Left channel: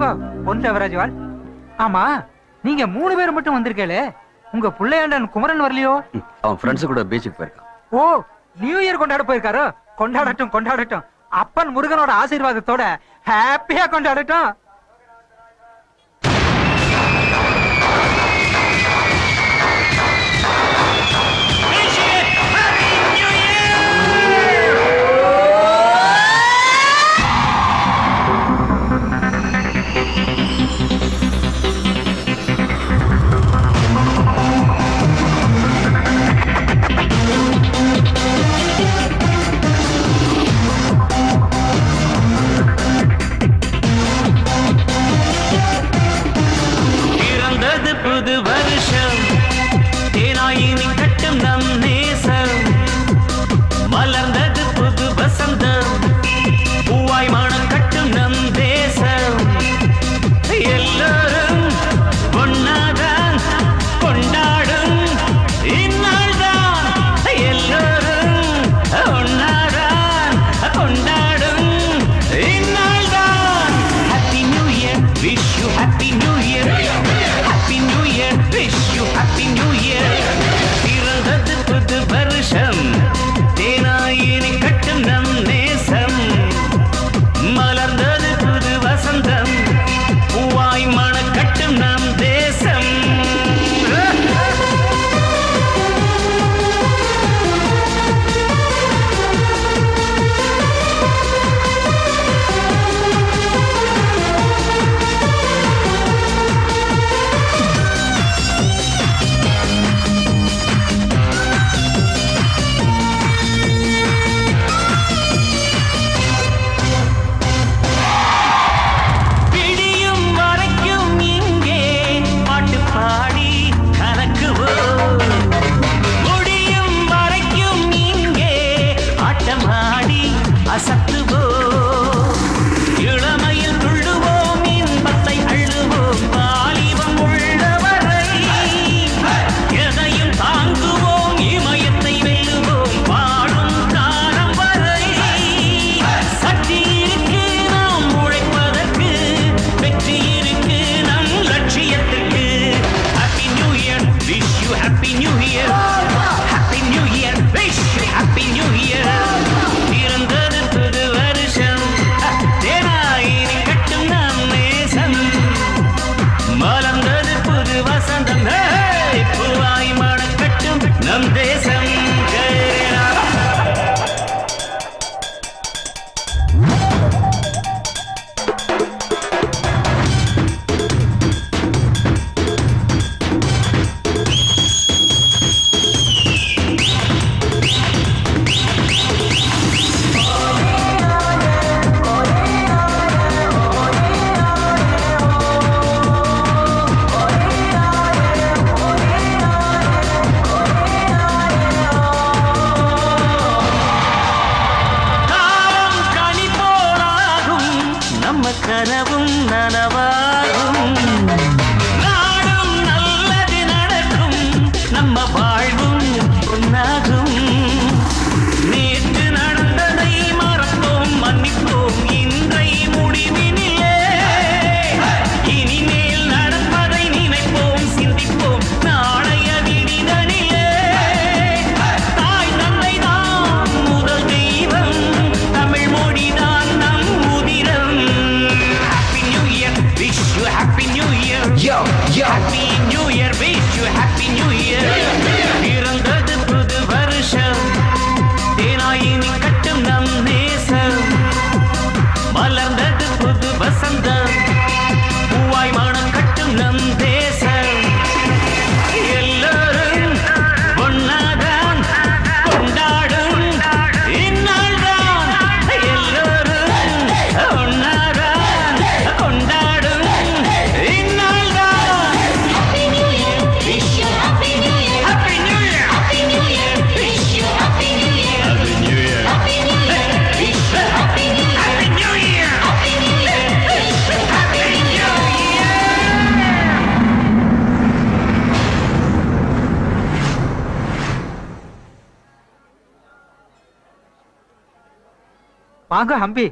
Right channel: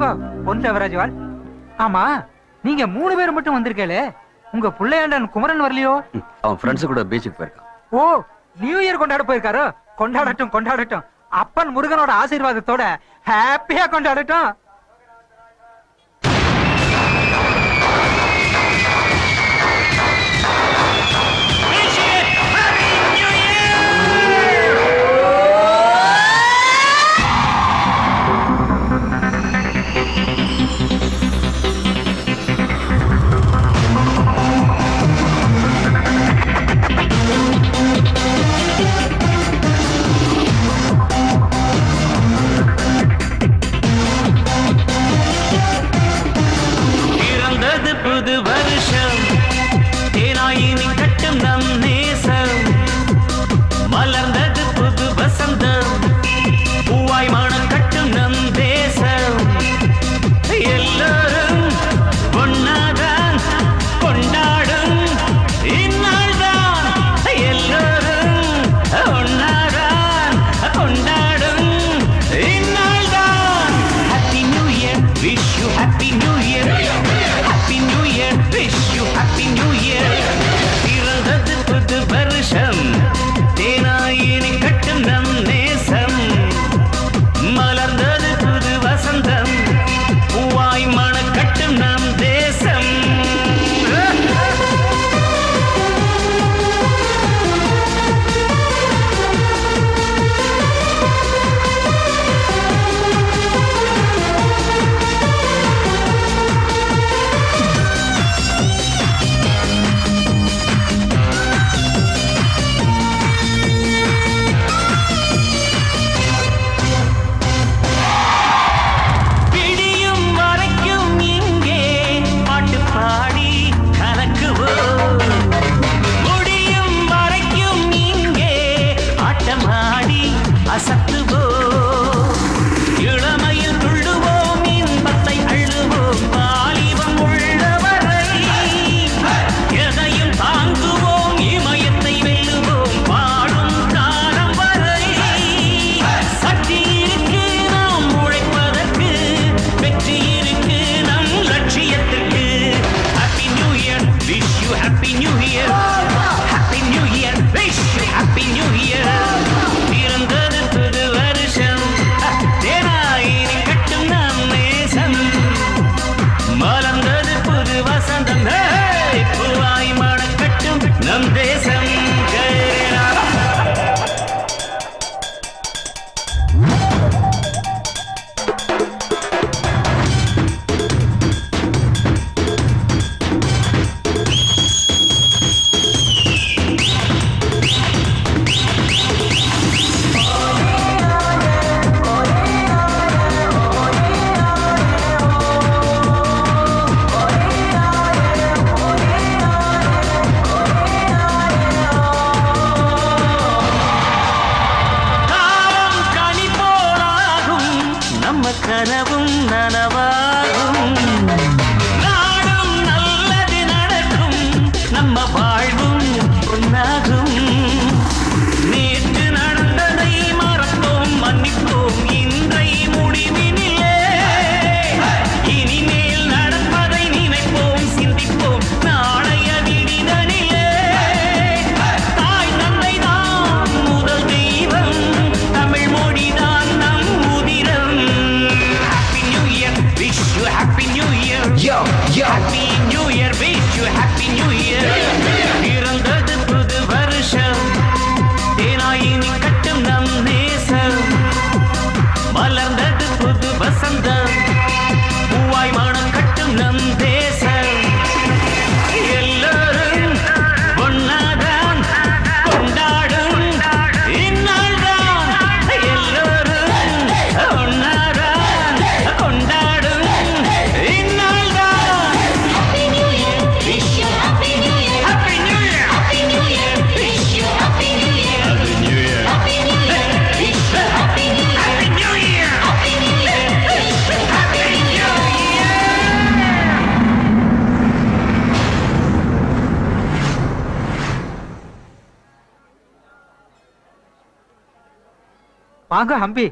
வாங்க பொன் தேவராஜ்வால். ஆமா, நீங்க 3 பேர் மட்டும் வந்திருக்கே, உங்க புள்ளையாண்டன் குமரன் வரலையோ? அவன் ஃப்ரெண்ட்ஸ் கூட பீச்சுக்கு போயிருக்கான். ஓ, நியூ இயர் கொண்டாட போயிருக்காரோ? கொண்டாடட்டும் கொண்டாடட்டும். அப்பன் முருகனோட ஆசீர்வாதத்தோட ஹாப்பியா கொண்டாடட்டும். வாங்க ஹம்பி,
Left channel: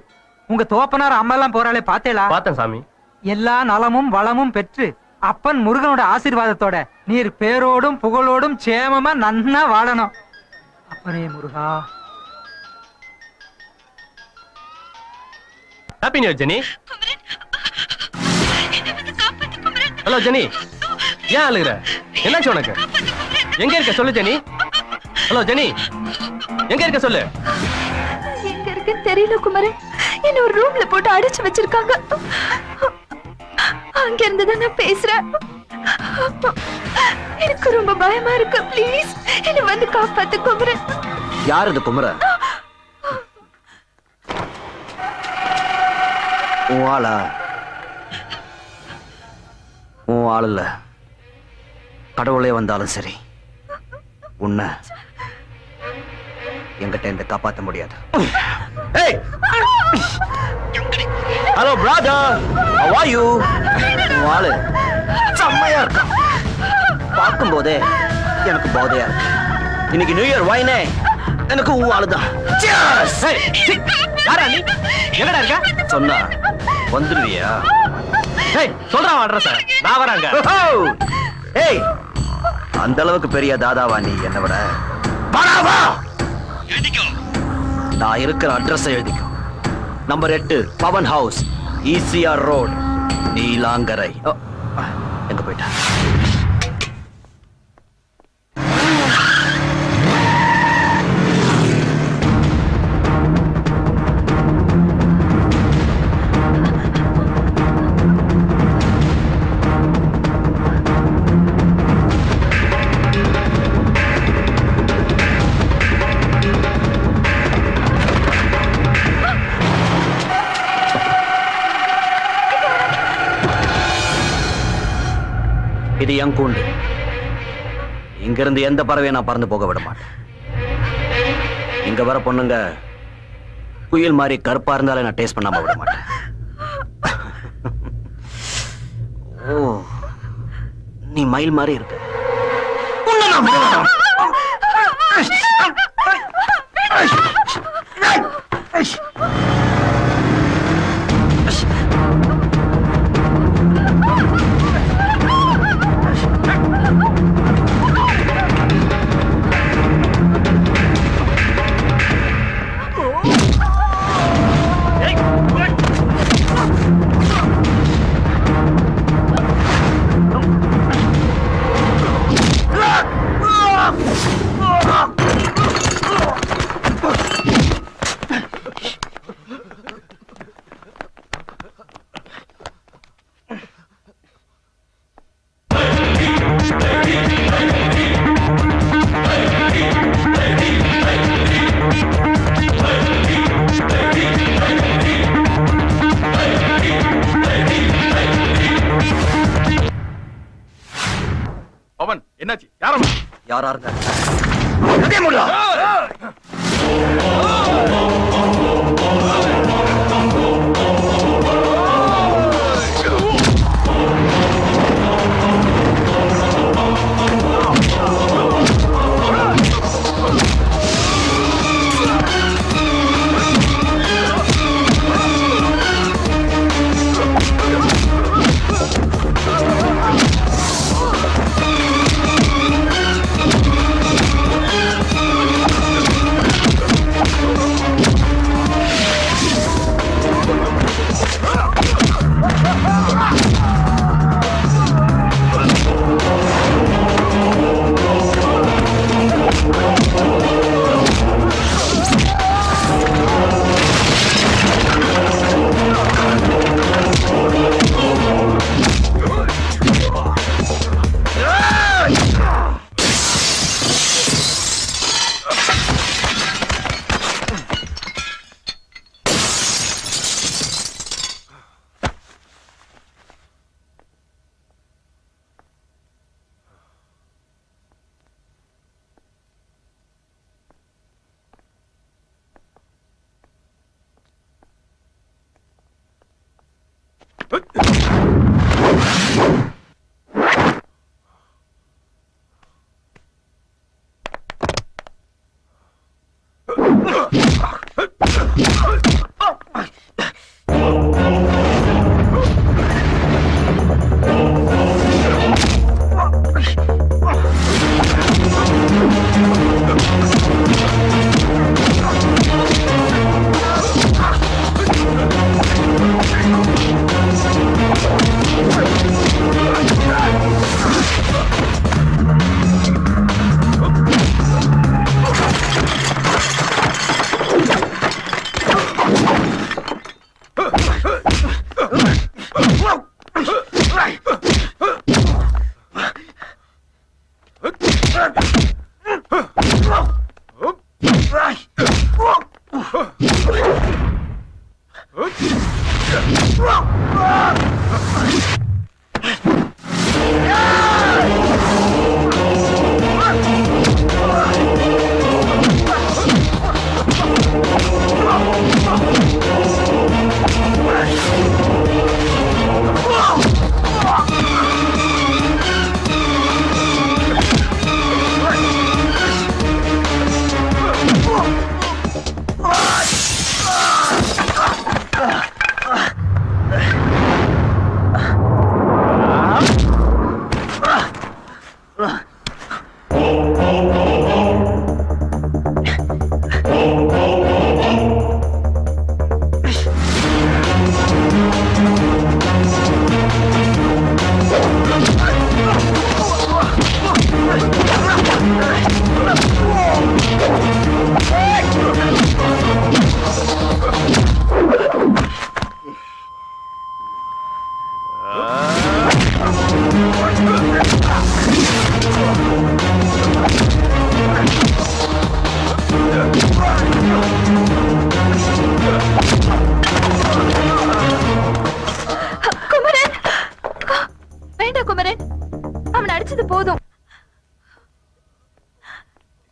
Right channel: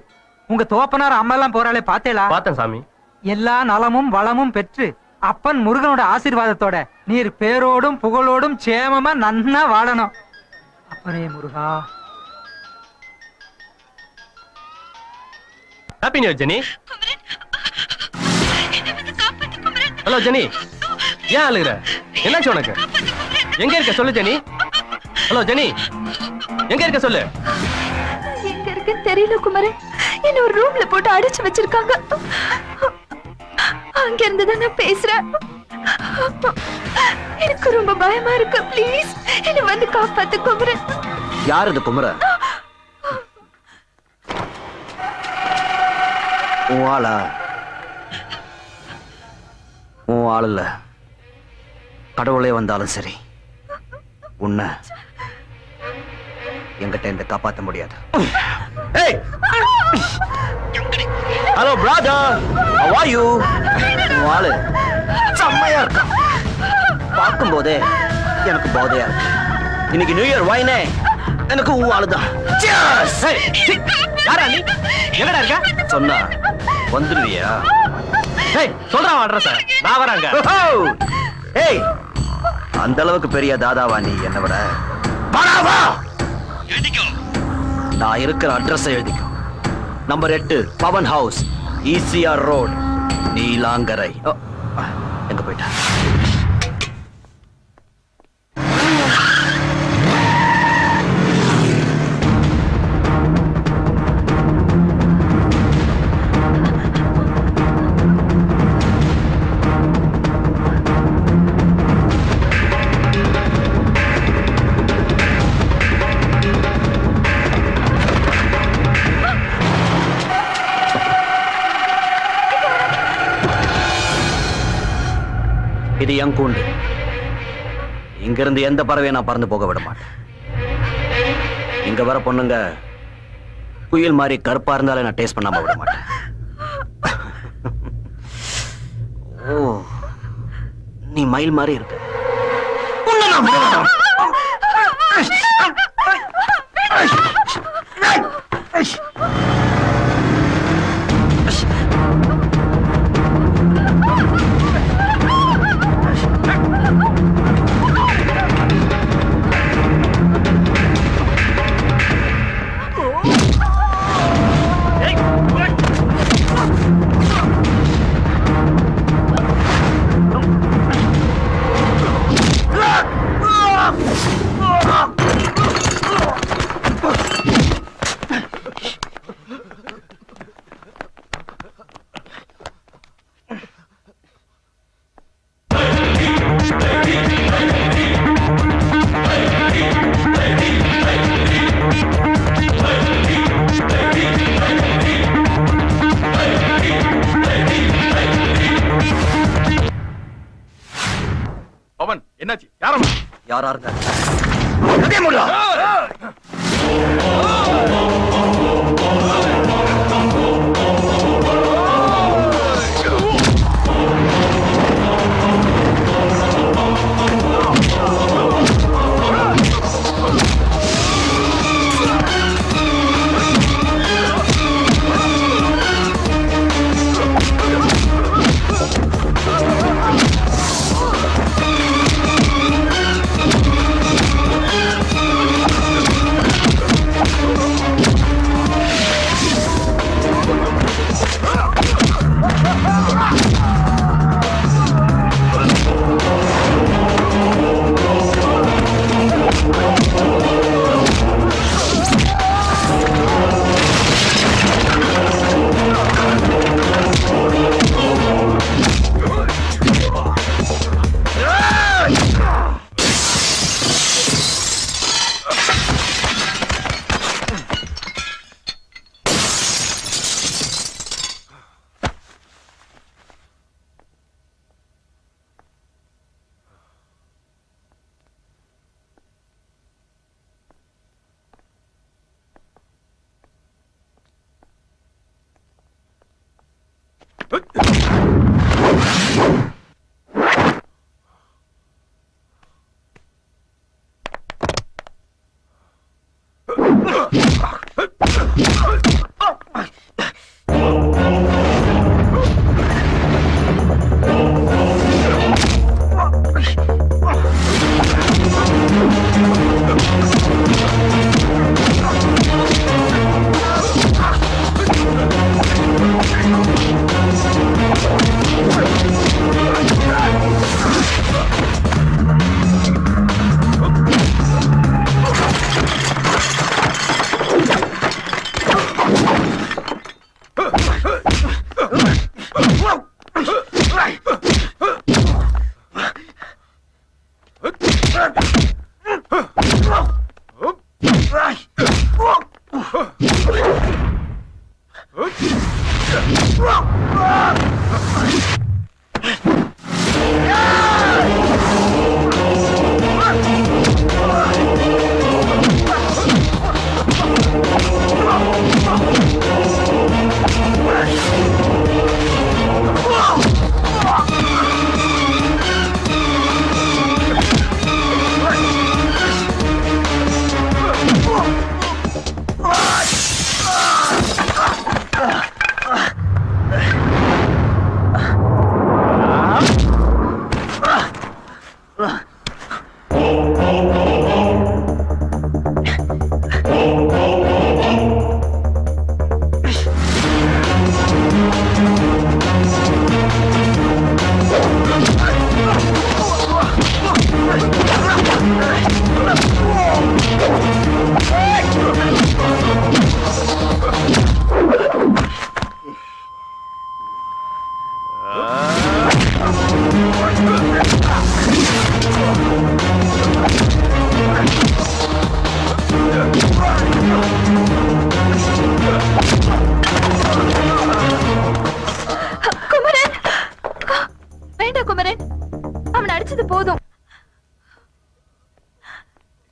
உங்க தோப்பனார் அம்மா எல்லாம் போறாளே பாத்தேளா? பார்த்தேன் சாமி. எல்லா நலமும் வளமும் பெற்று அப்பன் முருகனோட ஆசீர்வாதத்தோட நீர் பேரோடும் புகழோடும் சேமமா நன்னா வாழணும். அப்பனே முருகா. Happy new year Jenny. Hello Jenny, ஏன் அழுகுற? என்னாச்சு உனக்கு? எங்க இருக்க சொல்லு ஜெனி. ஹலோ ஜெனி, எங்க இருக்க சொல்லு. எங்க இருக்கு தெரியல குமரன். என்ன ஒரு ரூம்ல போட்டு அடைச்சு வச்சிருக்காங்க. அங்க இருந்துதான் நான் பேசுறேன். எனக்கு ரொம்ப பயமா இருக்கு. ப்ளீஸ் என்ன வந்து காப்பாத்து குமரன். யார் இது குமரன்? உன் ஆளா? உன் ஆள் இல்ல. கடவுளே வந்தாலும் சரி உன்னை என்கிட்ட இந்த காப்பாற்ற முடியாது. Hello brother, how are you? உன் ஆளு செம்மையா இருக்கு. பார்க்கும் போதே எனக்கு போதையா இருக்கு. இன்னைக்கு நியூ இயர் வாயினே எனக்கு உன் ஆளுதான். யாரா நீ? எங்கடா இருக்க? சொன்னா வந்துடுவியா? சொல்றா அட்ரஸ். நான் வராங்க. ஏய், அந்த அளவுக்கு பெரிய தாதாவா நீ என்ன விட? நான் இருக்கிற அட்ரஸ் எழுதிக்கோ. Number 8 Pavan house, ECR road, Neelankarai. எங்க போயிட்டா? இது என் கூண்டு. இங்கிருந்து எந்த பறவையை நான் பறந்து போக விட மாட்டேன். இங்க வர பொண்ணுங்க குயில் மாதிரி கருப்பா இருந்தாலே நான் டேஸ்ட் பண்ணாம விட மாட்டேன். ஓ, நீ மயில் மாதிரி இருக்க. பவன், என்னாச்சு? யாரா இருக்க?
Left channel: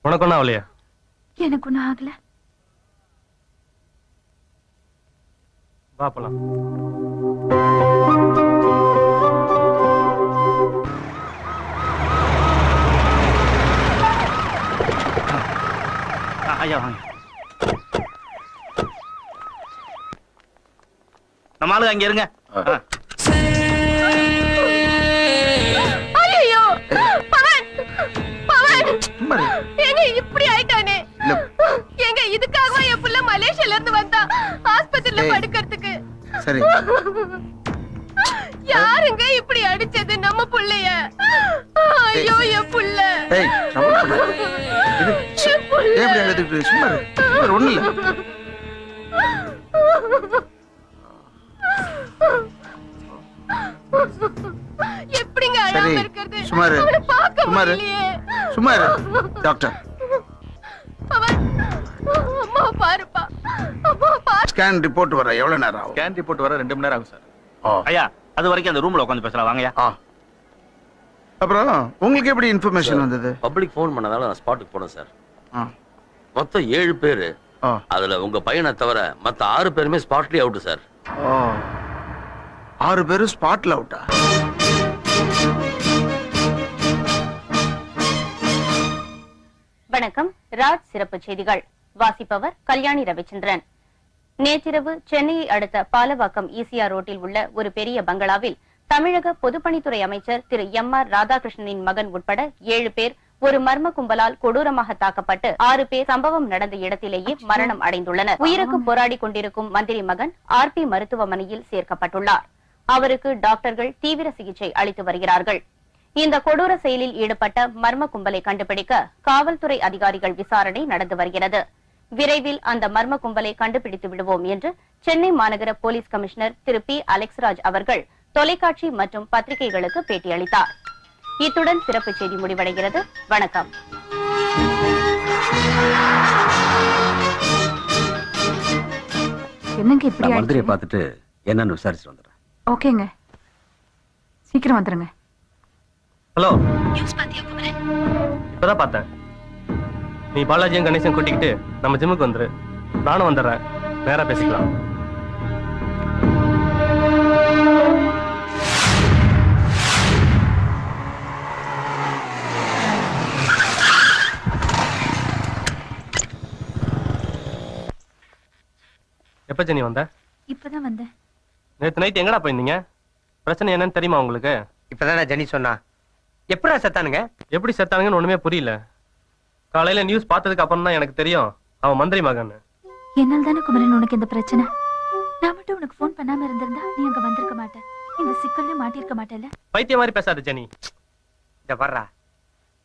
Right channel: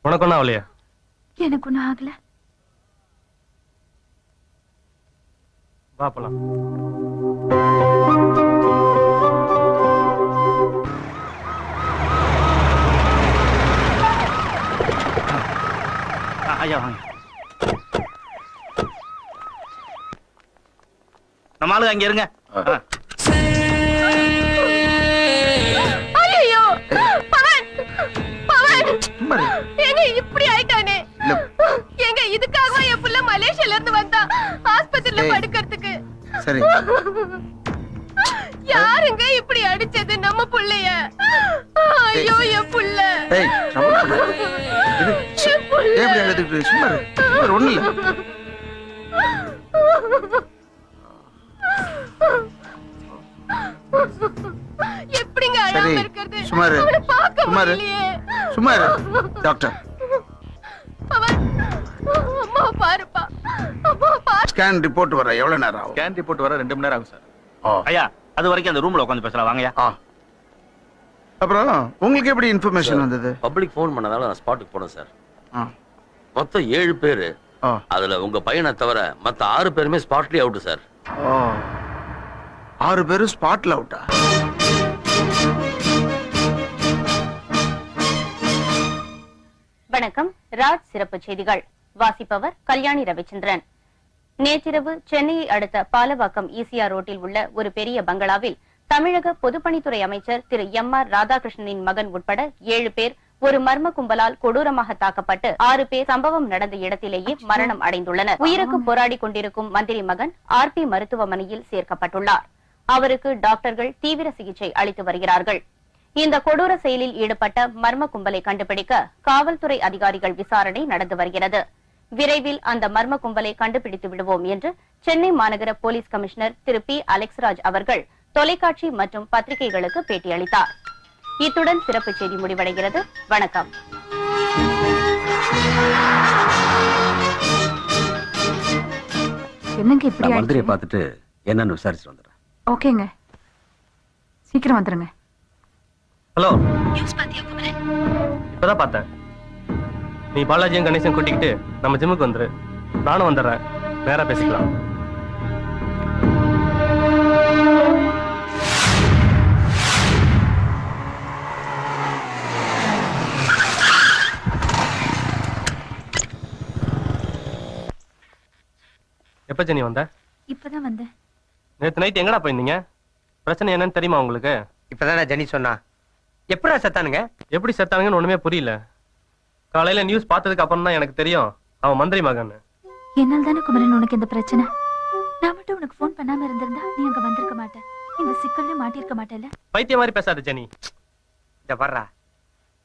உனக்கு ஒன்றும் ஆகலையா? எனக்கு ஒண்ணும் ஆகல. வா போலாம். ஐயா வாங்க. நம்ம ஆளு அங்க இருங்க. ஐயோ பவன், பவன் ஏங்க இப்படி ஆயிட்டானே? ஏங்க இதுக்காக என் புள்ள மலேசியால இருந்து வந்தா ஆஸ்பத்திரியில படுக்கிறதுக்கு. சரி. யாருங்க இப்படி அடிச்சது நம்ம புள்ளைய? ஐயோ என் புள்ள. ஏய் எப்படி அழுதுட்டு சும்மா ஒண்ணு இல்ல. எப்படிங்க சரி அழாம இருக்கிறது? சுமாரு அவனை பார்க்க சுமாரு முடியலையே. சுமாரு டாக்டர் பவன், அம்மாவை பாருப்பா, அம்மாவை பாரு. ஸ்கேன் ரிப்போர்ட் வர எவ்வளவு நேரம் ஆகும்? ஸ்கேன் ரிப்போர்ட் வர 2 மணி நேரம் ஆகும் சார். ஐயா அது வரைக்கும் அந்த ரூம்ல உட்காந்து பேசலாம் வாங்கயா. அப்புறம் உங்களுக்கு எப்படி இன்ஃபர்மேஷன் வந்தது? பப்ளிக் ஃபோன் பண்ணதால நான் ஸ்பாட்டுக்கு போனேன் சார். ஆ. மொத்தம் 7 பேரு. ஆ. அதுல உங்க பையனை தவிர மத்த 6 பேருமே ஸ்பாட்லயே அவுட் சார். 6 பேரும் ஸ்பாட்ல அவுட்டா? வணக்கம். ராஜ் சிறப்பு செய்திகள் வாசிப்பவர் கல்யாணி ரவிச்சந்திரன். நேற்றிரவு சென்னையை அடுத்த பாலவாக்கம் ஈசிஆர் ரோட்டில் உள்ள ஒரு பெரிய பங்களாவில் தமிழக பொதுப்பணித்துறை அமைச்சர் திரு எம்.ஆர். ராதாகிருஷ்ணனின் மகன் உட்பட 7 பேர் ஒரு மர்ம கும்பலால் கொடூரமாக தாக்கப்பட்டு 6 பேர் சம்பவம் நடந்த இடத்திலேயே மரணம் அடைந்துள்ளனர். உயிருக்கு போராடி கொண்டிருக்கும் மந்திரி மகன் RP மருத்துவமனையில் சேர்க்கப்பட்டுள்ளார். அவருக்கு டாக்டர்கள் தீவிர சிகிச்சை அளித்து வருகிறார்கள். இந்த கொடூர செயலில் ஈடுபட்ட மர்ம கும்பலை கண்டுபிடிக்க காவல்துறை அதிகாரிகள் விசாரணை நடந்து வருகிறது. விரைவில் அந்த மர்ம கும்பலை கண்டுபிடித்து விடுவோம் என்று சென்னை மாநகர போலீஸ் கமிஷனர் திரு P. அலெக்ஸ்ராஜ் அவர்கள் தொலைக்காட்சி மற்றும் பத்திரிகைகளுக்கு பேட்டியளித்தார். இத்துடன் சிறப்பு செய்தி முடிவடைகிறது. வணக்கம். என்னங்க இப்படி மந்திரியை பார்த்துட்டு என்னன்னு விசாரிச்சு வந்துடுறேன். ஓகேங்க, சீக்கிரம் வந்துருங்க. ஹலோ, இப்பதான் பார்த்தேன். நீ பாலாஜியும் கணேசன் கூட்டிக்கிட்டு நம்ம ஜிம்முக்கு வந்துரு. நானும் வந்துடுறேன். நேரா பேசிக்கலாம். எப்ப ஜெனி வந்த? இப்பதான் வந்தேன். நேத்து நைட் எங்கடா போயிருந்தீங்க? பிரச்சனை என்னன்னு தெரியுமா உங்களுக்கு? இப்பதான் ஜெனி சொன்னா. எப்படா செத்தானுங்க? எப்படி செத்தானுங்கன்னு ஒண்ணுமே புரியல. காலையில நியூஸ் பார்த்ததுக்கு அப்புறம் தான் எனக்கு தெரியும் அவன் மந்திரி மகன். என்னால் தானே குமரன் உனக்கு இந்த பிரச்சனை. நான் மட்டும் உனக்கு போன் பண்ணாம இருந்திருந்தா நீ அங்க வந்திருக்க மாட்டேன். இந்த சிக்கல்ல மாட்டிருக்க மாட்டேல்ல. பைத்திய மாதிரி பேசாத ஜெனி. இத வர்றா,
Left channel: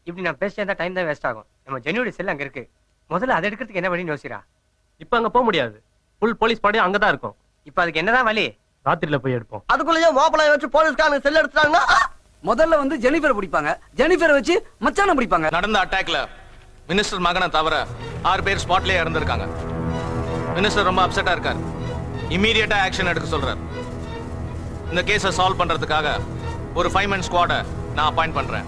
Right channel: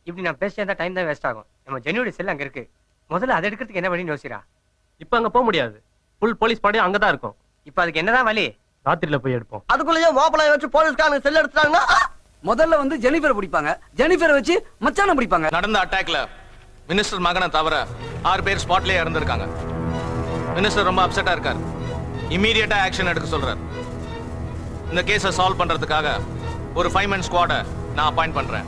இப்படி நான் பேசிட்டா டைம் தான் வேஸ்ட் ஆகும். நம்ம ஜெனியோட செல் அங்க இருக்கு. முதல்ல அதை எடுக்கிறதுக்கு என்ன வழி யோசிக்கிறா? இப்ப அங்க போக முடியாது. ஃபுல் போலீஸ் படையும் அங்கதான் இருக்கும். இப்ப அதுக்கு என்னதான் வழி? ராத்திரில போய் எடுப்போம். அதுக்குள்ளேயே ஓபனாய் வச்சு போலீஸ்காரங்க செல் எடுத்துட்டாங்கன்னா முதல்ல வந்து ஜெனிஃபரை பிடிப்பாங்க. ஜெனிஃபரை வச்சு மச்சான பிடிப்பாங்க. நடந்த அட்டாக்ல மினிஸ்டர் மகனை தவிர 6 பேர் ஸ்பாட்லயே இறந்திருக்காங்க. மினிஸ்டர் ரொம்ப அப்செட்டா இருக்கார். இமீடியட்டா ஆக்ஷன் எடுக்க சொல்றார். இந்த கேஸை சால்வ் பண்றதுக்காக ஒரு 5 man ஸ்குவாட நான் அப்பாயிண்ட் பண்றேன்.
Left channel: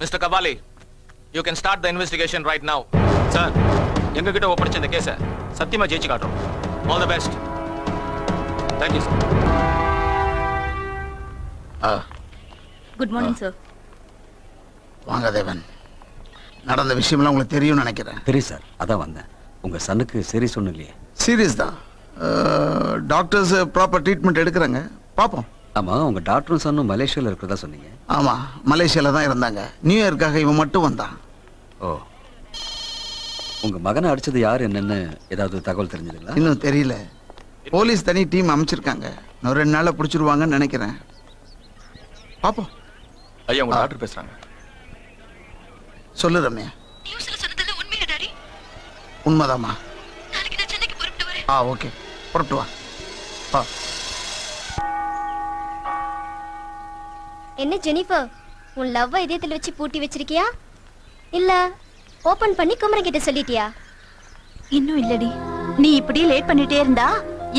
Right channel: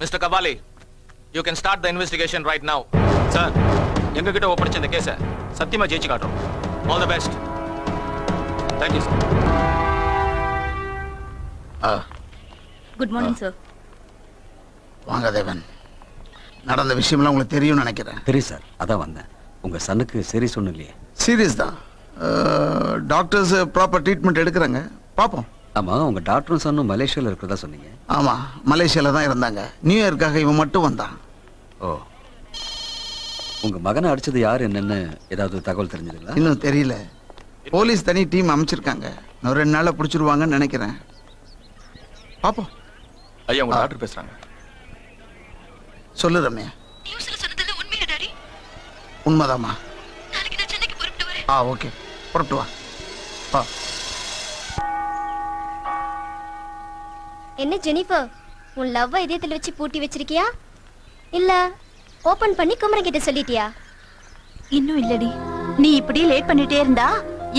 Mister Kabali, you can start the investigation right now. Sir, எங்க கிட்ட ஒப்படைச்ச இந்த கேஸை சத்தியமா ஜெயிச்சு காட்டும். All the best. Thank you sir. Good morning sir. வாங்க தேவன். நடந்த விஷயம்லாம் உங்களுக்கு தெரியும்னு நினைக்கிறேன். தெரியும் சார், அதான் வந்தேன். உங்க சனுக்கு சரி சொன்னலையே. சீரியஸ் தான். டாக்டர்ஸ் ப்ராப்பர் ட்ரீட்மெண்ட் எடுக்கிறாங்க. பார்ப்போம். ஆமா, உங்க டாக்டரும் சன்னும் மலேசியால இருக்கிறதா சொன்னீங்க. ஆமா, மலேசியால தான் இருந்தாங்க. நியூ இயர்க்காக இவன் மட்டும் வந்தான். ஓ, உங்க மகனை அடிச்சது யார் என்னன்னு ஏதாவது தகவல் தெரிஞ்சதுங்களா? இன்னும் தெரியல. போலீஸ் தனி டீம் அமைச்சிருக்காங்க. இன்னும் 2 நாள்ல பிடிச்சிருவாங்கன்னு நினைக்கிறேன். பாப்போம். ஐயா, உங்க டாக்டர் பேசுறாங்க. சொல்லு ரம்யா. உண்மைதாமா? ஓகே, புறப்பட்டு வா. என்ன ஜெனிஃபர், உன் லவ்வ இதயத்துல வச்சு பூட்டி வச்சிருக்கியா இல்ல ஓபன் பண்ணி குமரன் கிட்ட சொல்லிட்டியா? இன்னும் இல்லடி. நீ இப்படியே லேட் பண்ணிட்டே இருந்தா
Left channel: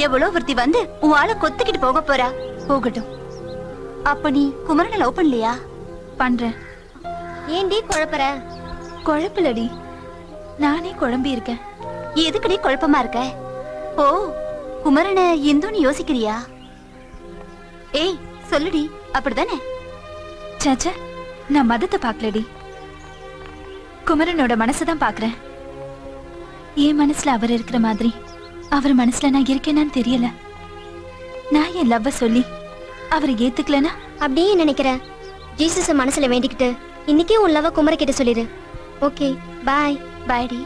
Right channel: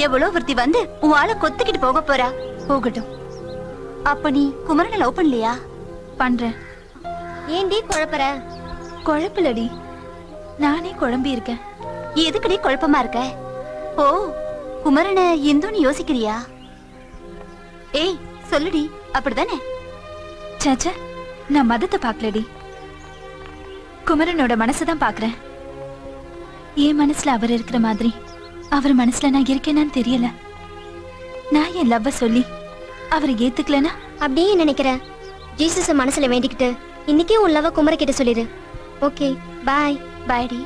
எவ்வளவு ஒருத்தி வந்து உன் ஆளை கொத்திக்கிட்டு போக போறா. போகட்டும். அப்ப நீ குமரனை லவ் பண்ணலையா? பண்றேன். ஏன்டி குழப்பற? குழப்பலடி, நானே குழம்பி இருக்கேன். எதுக்குடி குழப்பமா இருக்க? ஓ, குமரனை இந்துன்னு யோசிக்கிறியா? ஏய் சொல்லுடி, அப்படிதானே? சாச்சா, நான் மதத்தை பாக்கலடி, குமரனோட மனசுதான் பாக்குறேன். என் மனசுல அவர் இருக்கிற மாதிரி அவர் மனசுல நான் இருக்கேனான்னு தெரியல. நான் என் லவ்வ சொல்லி அவர் ஏத்துக்கலனா அப்படியே நினைக்கிற. ஜீசஸ மனசுல வேண்டிக்கிட்டு இன்னைக்கே உன் லவ் குமர கிட்ட சொல்லிடு. ஓகே, பாய். பாய்டி.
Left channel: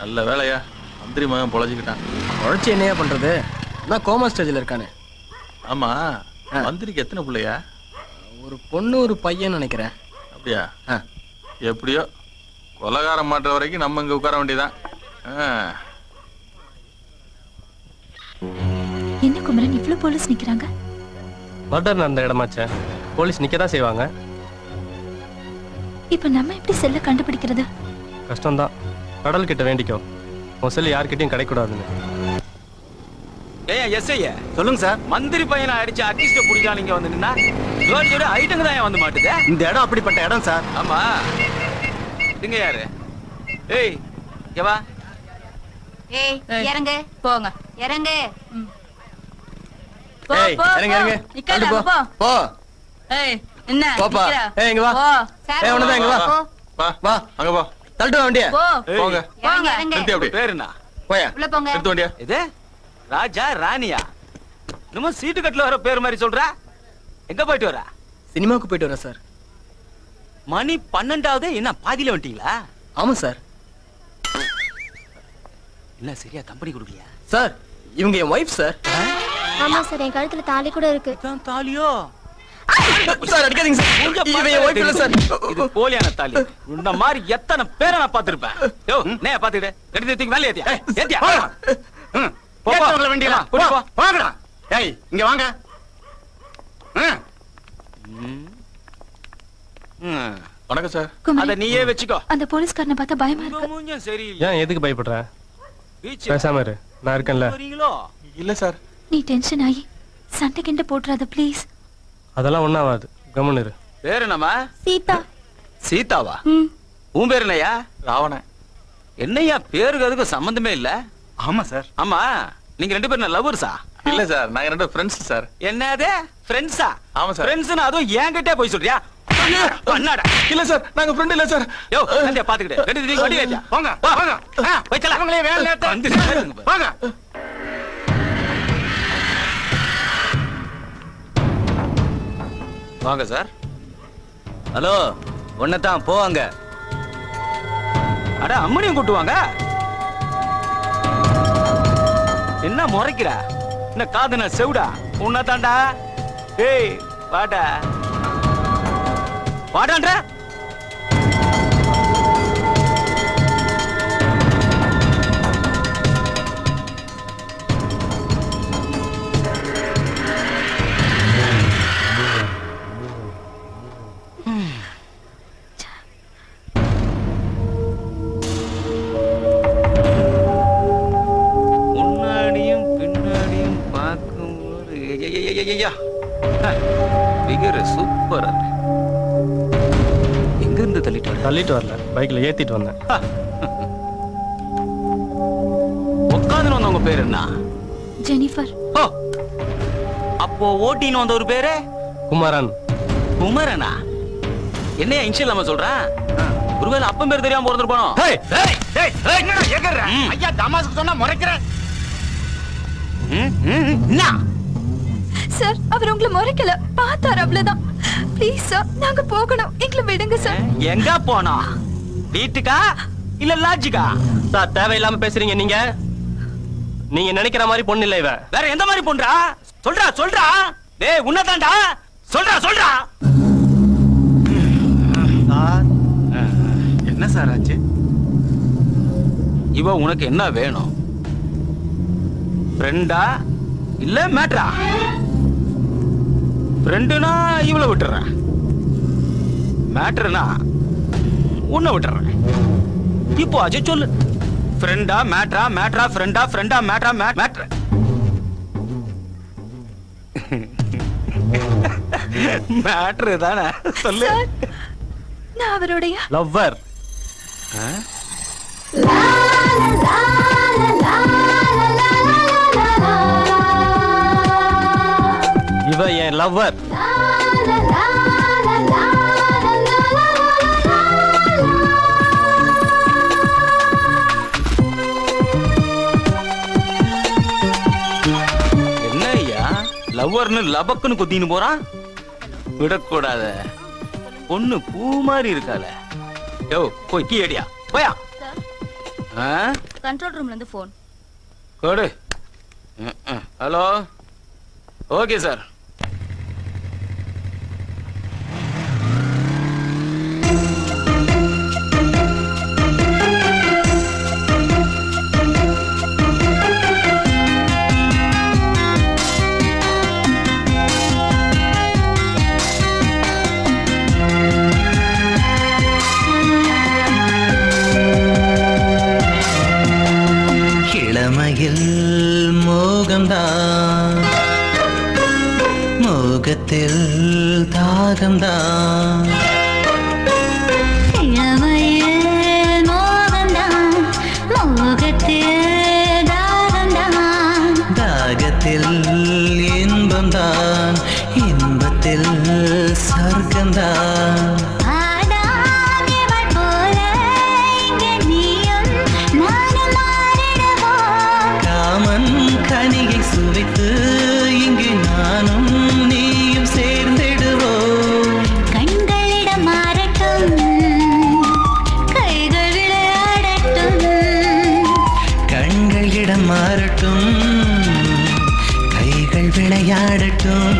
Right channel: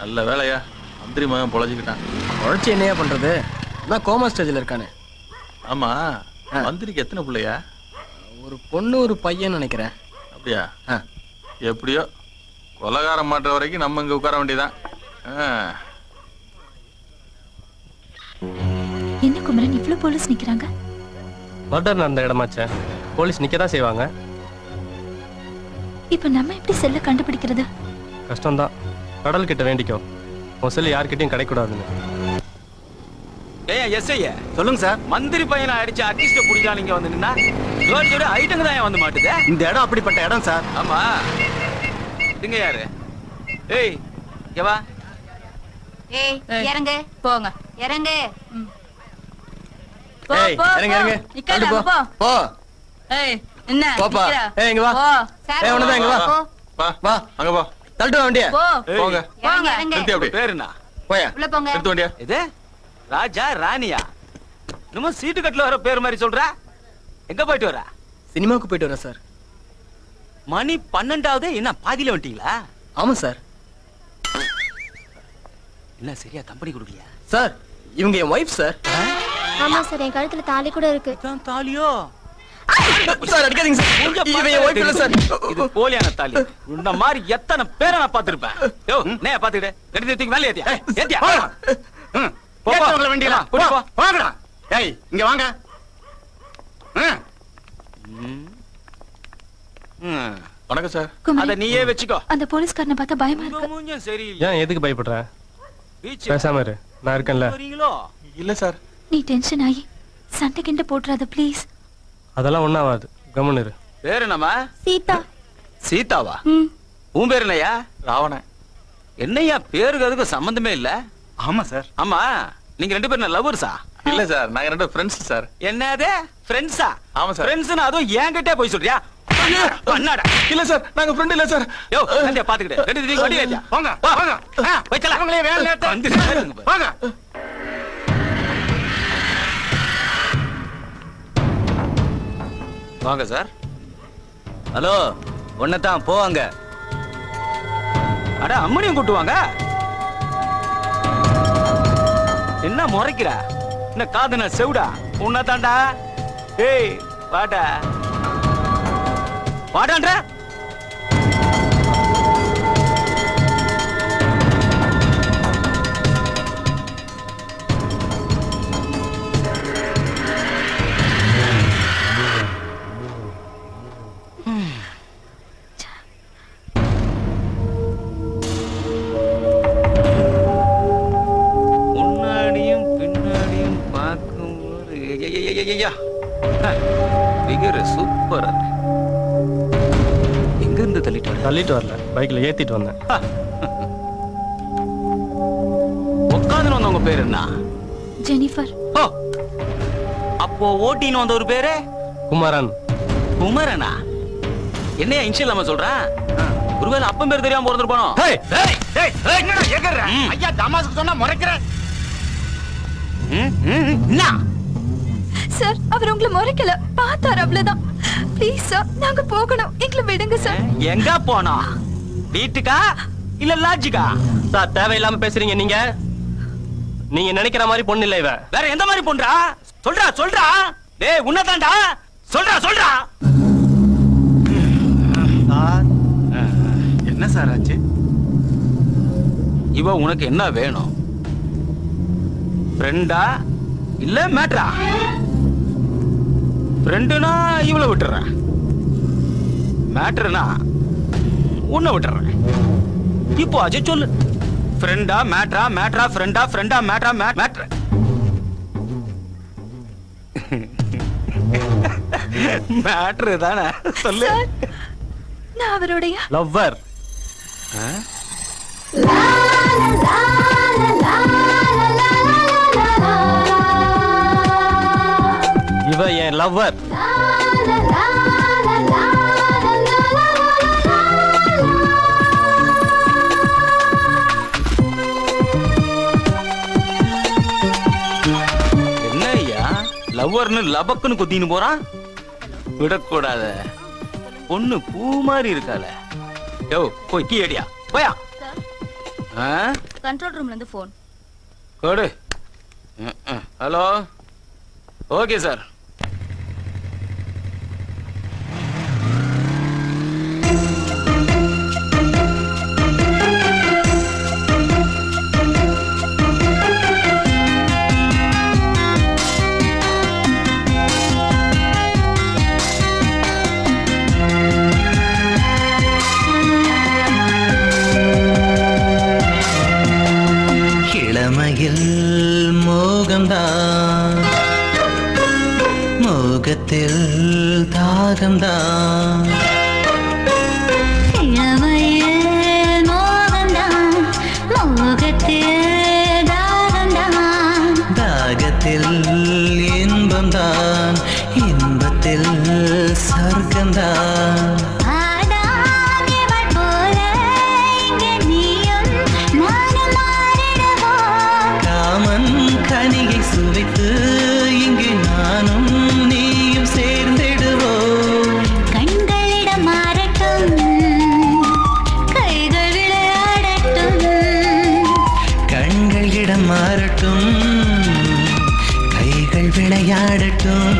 நல்ல வேலையா, மந்திரி மகன் பொழைச்சிக்கிட்டான். உழைச்சி என்னையா பண்றது? நான் கோமா ஸ்டேஜ்ல இருக்கானே. ஆமா, மந்திரிக்கு எத்தனை பிள்ளையா? ஒரு பொண்ணு ஒரு பையன் நினைக்கிறேன். அப்படியா? எப்படியோ கொலகாரம் மாட்டுற வரைக்கும் நம்ம இங்க உட்கார வேண்டியதான். என்ன குமரன், இவ்வளவு போலீஸ் நிக்கிறாங்க? மர்டர் நடந்த இடமாச்சே, போலீஸ் நிக்கதான் செய்வாங்க. இப்ப நம்ம எப்படி செல்ல கண்டுபிடிக்கிறது? கஷ்டம்தான். கடல் கிட்ட வேண்டிக்கோ, உன் செல்லு யார்கிட்டயும் கிடைக்கூடாதுன்னு. சொல்லுங்க சார். மந்திரி பையனை அடிச்சு அட்லீஸ்ட் புடிச்சா நீங்க வந்து நின்னா ஐட்டங்க தான் வந்து மாட்டுது. இந்த இடம் அப்படிப்பட்ட இடம் சார். ஆமா, இங்க யாரு? ஏய் இங்க வா. ஏய் இறங்க, போங்க. இறங்க. ஏய் இறங்க இறங்க. தள்ளு போ. போ. ஏய் என்ன போப்பா. நிக்கிற? ஏய் இங்க வா. ஏய் உனதான் இங்க வா. வா வா. அங்க போ. தள்ளிட்டு வா வண்டியா. போ. போங்க. இறங்க, இறங்க. நிறுத்தி அப்படி. பேர் என்ன? போயா. உள்ள போங்க. நிறுத்த வண்டியா. இது ராஜா ராணியா? நம்ம சீட்டு கட்டுல வர பேர் மாதிரி சொல்ற. எங்க போயிட்டு வர? சினிமாவுக்கு போயிட்டு வரேன் சார். மணி 12ஆவது. என்ன பாதியில வந்துட்டீங்களா? ஆமா சார். என்ன சரியா கம்பெனி கொடுக்கலையா? சார் இவங்க என் ஒய்ஃப் சார். ஆமா சார், என் கழுத்துல தாலி கூட இருக்கு. இதான் தாலியோ? சார் அடிக்காதீங்க சார். இவன் என் ஒய்ஃப் இல்ல சார். இது போலியான தாலி. இந்த மாதிரி எத்தனை பேரை நான் பாத்துருப்பேன். யோ நே பாத்துக்கிட்டு ரெண்டு தூக்கி மேல ஏத்தியா? ஏத்தியா? ஏத்தவங்கள வேண்டியலாம். வாங்கடா. ஏய் இங்க வாங்க. வணக்கம் சார். குமரன், அத நீயே வச்சுக்கோ. அந்த போலீஸ்காரனை பார்த்தா பயமா இருக்கு. மூஞ்சும் சரி. ஏன் எதுக்கு பயப்படுற? பீச் பேசாம இரு, நான் இருக்கேன்ல. வரீங்களோ? இல்ல சார். நீ டென்ஷன் ஆகி சண்டை கிண்ட போட்டுறாத ப்ளீஸ். அதெல்லாம் ஒண்ணாவாது, கம்முன்னு இரு. பேர் என்னம்மா? சீதா. சீதாவா? ம். உன் பேர் என்னையா? ராவணன். என்னையா பேருக்கு அதுக்கு சம்பந்தமே இல்ல. ஆமா சார். ஆமா, நீங்க ரெண்டு பேரும் லவ்வர்ஸா? இல்ல சார், நாங்க ரெண்டு ஃப்ரெண்ட்ஸ் சார். என்னது ஃப்ரெண்ட்ஸா? ஆமா சார். ஃப்ரெண்ட்ஸ்னா அதுவும் என்கிட்டே போய் சொல்றியா? பண்ணாடா. இல்ல சார், நாங்க ஃப்ரெண்ட் இல்ல சார். யோ நந்தியா பாத்துக்கிட்டு ரெண்டு தூக்கி வண்டி ஏத்தியா? வாங்க வாங்க. வைக்கல. அவங்களே வேலை நேரத்தை வாங்க. வாங்க சார். ஹலோ, ஒன்னதான் போவாங்க. அட அம்மனியும் கூட்டுவாங்க. என்ன முறைக்கிற? என்ன காதுன செவுடா? உன்னதாண்டா. ஏய் வாடா. வாடான்ற. முன்னாடியும் பின்னாடியும் பார்க்கும்போது பிகர் சூப்பரா. எங்க இருந்து தள்ளிட்டு வர? தள்ளிட்டு வரல, பைக்ல ஏத்திட்டு வந்தேன். உட்காந்து வந்தவங்க பேர் என்ன? ஜெனிஃபர். ஓ, அப்போ ஓட்டின்னு வந்த ஒரு பேரு குமரன். குமரனா? என்னையா இன்ஷியல் நம்ம சொல்றேன்? ஒருவேளை அப்பன் பேர் தெரியாம பிறந்திருப்பானோ? ஐயா தமாசுக்கு சொன்னா முறைக்கிறேன். சார், அவர் உங்களை முறைக்கல, பார்த்தார் அவ்வளவுதான். ப்ளீஸ் சார், நாங்க போகணும், எங்களை விடுங்க சார். எங்க போனோம்? வீட்டுக்கா இல்ல லாட்ஜுக்கா? சார் தேவையில்லாம பேசுறீங்க நீங்க. நீங்க நினைக்கிற மாதிரி பொண்ணு இல்ல இவ. வேற எந்த மாதிரி பொண்ணுடா? சொல்றா சொல்றா. டேய் உன்னதான்டா. சொல்றா சொல்றா. என்ன சார் ஆச்சு? இவ உனக்கு என்ன வேணும்? ஃப்ரெண்டா இல்ல மேட்ரா? ஃப்ரெண்டுனா இவளை விட்டுறேன். மேட்ருனா உன்னை விட்டுறேன். இப்போ அஜய் சொல்லு, ஃப்ரெண்டா மேட்ரா, மேட்ரா ஃப்ரெண்டா, ஃப்ரெண்டா மேட்ரா, மேட்ரா மேட்ரு தானே சொல்லு. நான் அவருடைய லவ்வர். இவ என் லவ்வர். என்ன ஐயா லவ்வர்னு லபக்குன்னு குத்தின்னு போறான்? விடக்கூடாத, பொண்ணு பூ மாதிரி இருக்கால. யோ போய் கீ அடியா போயா. கண்ட்ரோல் ரூம்ல இருந்து போன் கொடு. Hello, okay sir. மோகத்தில் தாகம்தான், தாகத்தில் இன்பம்தான், இன்பத்தில் சொர்க்கம்தான். காமன் கனியை சுவைத்து இங்கு நானும் நீயும் சேர்ந்திடுவோம். கண்களிடம் மாறட்டும், கைகள் விளையாடட்டும். கண்களிடம் மாறட்டும், கைகள் விளையாடட்டும்.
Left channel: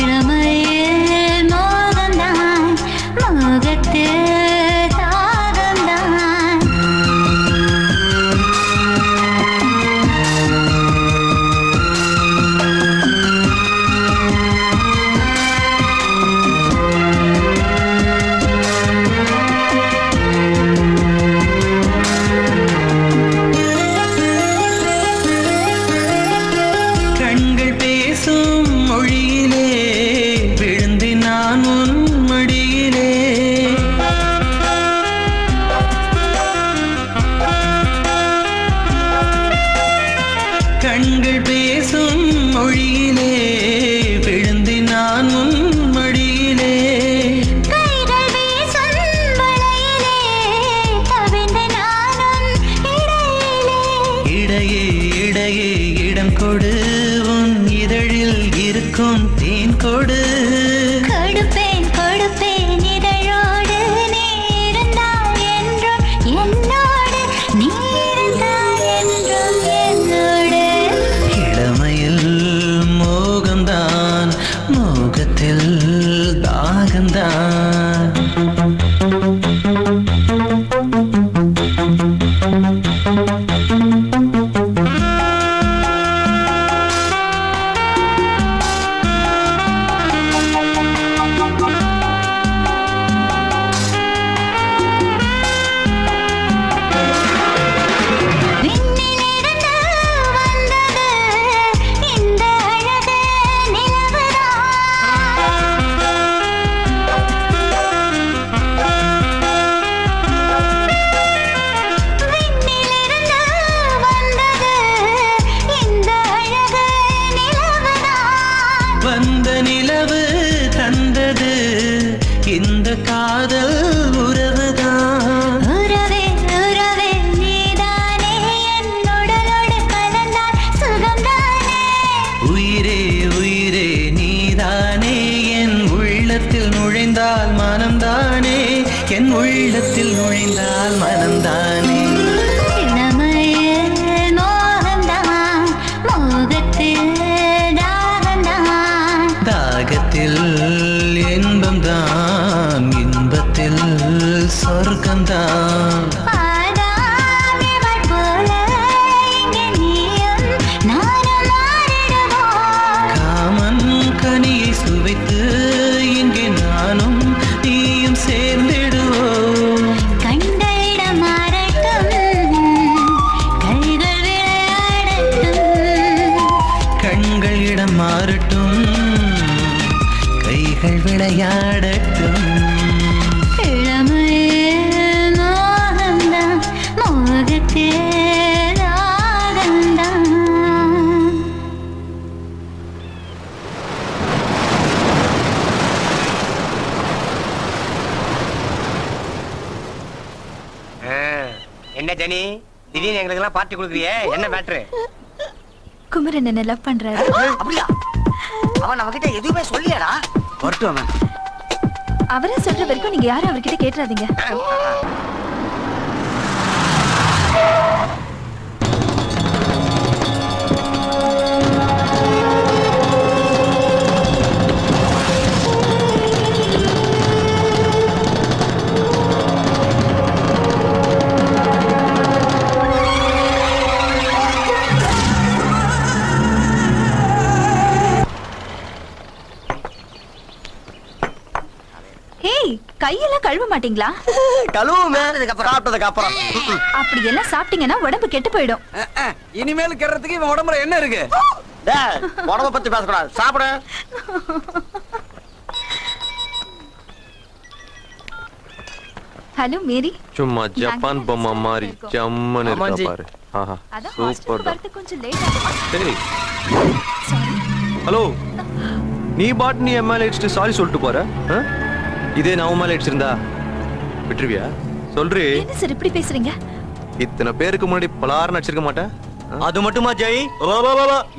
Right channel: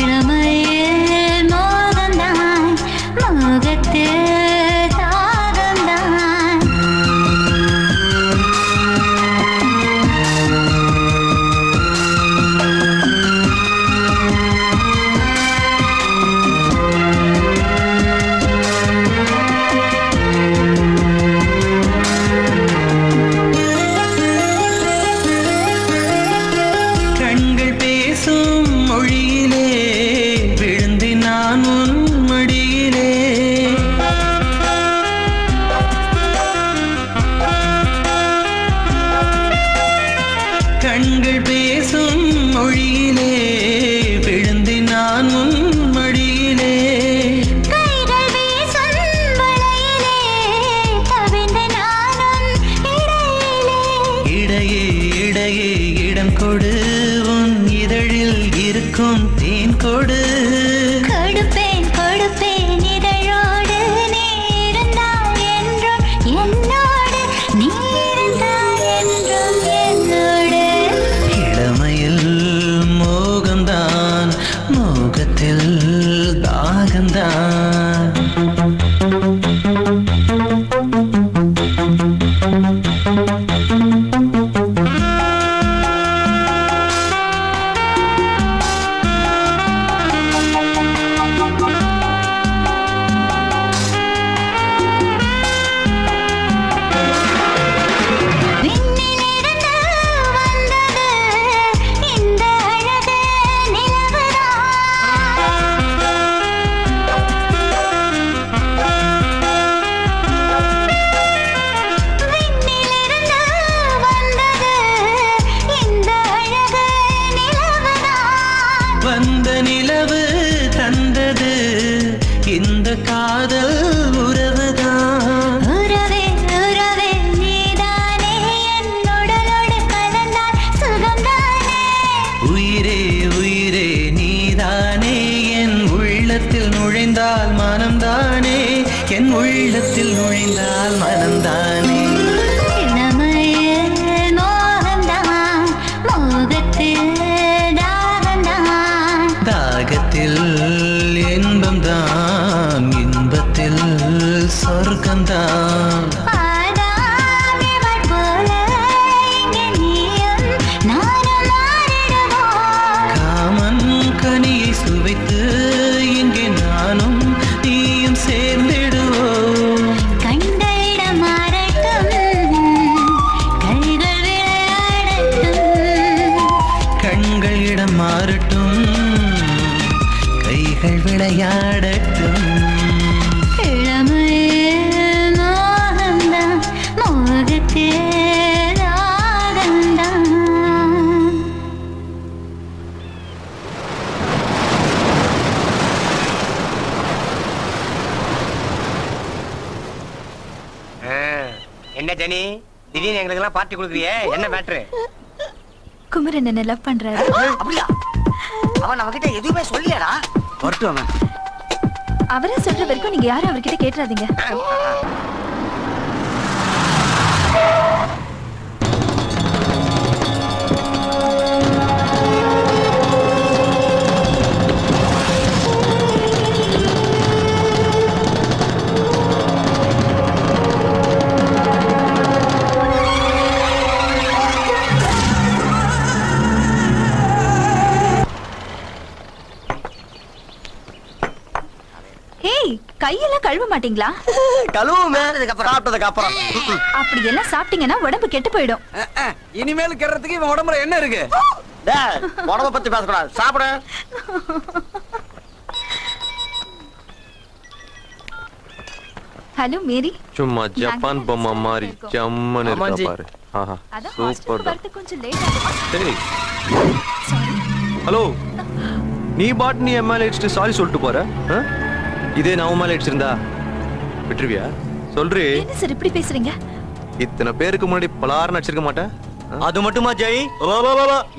இளமையில் மோகம்தான், மோகத்தில் தாகம்தான். கண்கள் பேசும் மொழியிலே விழுந்து நான் உன் மடியிலே. கண்கள் பேசும் மொழியிலே விழுந்து நான் உன் மடியிலே. கைகள் வீசும் வளையிலே கவிழ்ந்து நானும் இடையிலே. இடையே இடையே இடம் கொடு, உன் இதழில் இருக்கும் தேன் கொடு. கொடுப்பேன் கொடுப்பேன் இதழோடு, நீ இருந்தால் என்றும் என்னோடு, நீ இருந்தால் என்றும் என்னோடு. இளமையில் மோகம்தான், மோகத்தில் தாகம்தான். விண்ணிலிருந்து வந்தது இந்த அழகு நிலவுதான். விண்ணிலிருந்து வந்தது இந்த அழகு நிலவுதான். வந்த நிலவு தந்தது இந்த காதல் உறவுதான். உறவே உறவே நீதானே, என் உடலோடு கலந்தால் சுகம்தானே. உயிரே உயிரே நீதானே, என் உள்ளத்தில் நுழைந்தால் மனம்தானே, என் உள்ளத்தில் நுழைந்தால் மனம்தானே. இளமையில் மோகம்தான், மோகத்தில் தாகம்தான். தாகத்தில் இன்பம்தான், இன்பத்தில் சொர்க்கம்தான். ஆடாமிவள் போல இங்கு நீயும் நானும் மாறிடுவோம். காமன் கனியை சுவைத்து இங்கே நானும் நீயும் சேர்ந்திடுவோம். கண்கள் விளையாடட்டும். என்ன ஜெனி, திடீர்னு எங்களுக்கு எல்லாம் பார்ட்டி கொடுக்குறியே, என்ன மேட்ரு? குமரன் என்ன லவ் பண்றாரு. அப்படியா? அவன் நம்ம கிட்ட எதுவுமே சொல்லியாடா? வரட்டும் அவன். அவரே சொல்ற வரைக்கும் நீங்க யாரும் அவர்கிட்ட கேட்டுறாதீங்க. கையெல்லாம் கழுவ மாட்டீங்களா? கழுவுமே, சாப்பிட்டதுக்கு அப்புறம். அப்படி எல்லாம் சாப்பிட்டீங்கன்னா உடம்பு கெட்டு போயிடும். இனிமேல் கெடுறதுக்கு இவன் உடம்புல என்ன இருக்கு? உடம்ப பத்தி பேசக்கூடாது, சாப்பிட. Hello Mary. சும்மா ஜப்பான் பொம்மை மாதிரி ஜம்மன் இருக்கா பாரு. சூப்பர். கொஞ்சம் லேட் ஆகும். சரி. ஹலோ, நீ பாட்டு நீ எம்எல்ஏ அடிச்சுட்டு சாரி சொல்லிட்டு போற. இதே நான் உன் மேல அடிச்சிருந்தா விட்டுருவியா? சொல்றி. என்ன சார் இப்படி பேசுறீங்க? இத்தனை பேருக்கு முன்னாடி பலாரம் அடிச்சிருக்க மாட்டேன். அது மட்டுமா ஜெய்?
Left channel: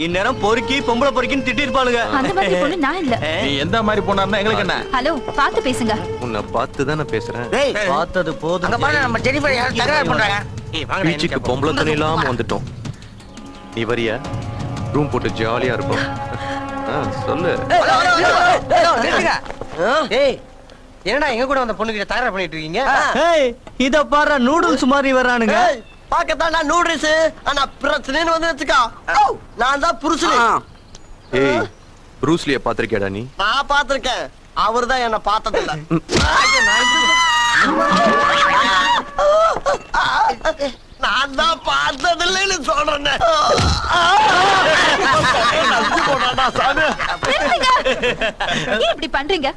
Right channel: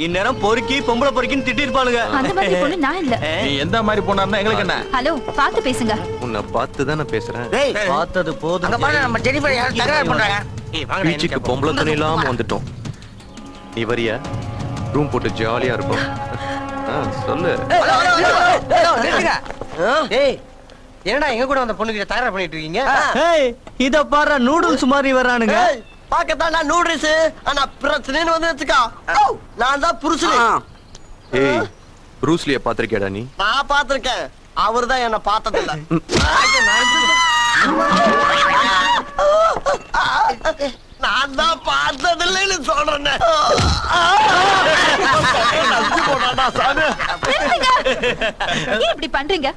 இந்நேரம் பொறுக்கி பொம்பளை பொறுக்கின்னு திட்டிருப்பாளுங்க. அந்த மாதிரி பொண்ணு நான் இல்ல. நீ எந்த மாதிரி பொண்ணா எங்களுக்கு என்ன? ஹலோ, பார்த்து பேசுங்க. உன்னை பார்த்து தான் நான் பேசுறேன். பார்த்தது போதும். நம்ம ஜெனிஃபர் யாரும் தகராறு பண்றாங்க. பீச்சுக்கு பொம்பளை தண்ணி இல்லாம வந்துட்டோம். நீ வரியா? ரூம் போட்டு ஜாலியா இருக்கும். சொல்லு. என்னடா எங்க கூட அந்த பொண்ணு கிட்ட தகராறு பண்ணிட்டு இருக்கீங்க? இத பாரு, நூடுல்ஸ் மாதிரி வரானுங்க. பாக்கத்தான் நூடுல்ஸ், ஆனா பிரச்சனைன்னு வந்து வச்சுக்கா, நான் தான் புருஷன். ஏய், ப்ரூஸ்லிய பாத்திருக்கேடா நீ? நான் பாத்திருக்கேன், அவரு தான் என்ன பார்த்தது இல்ல. நான் தான் பார்த்தது இல்லைன்னு சொல்றேன். ஏன் இப்படி பண்றீங்க?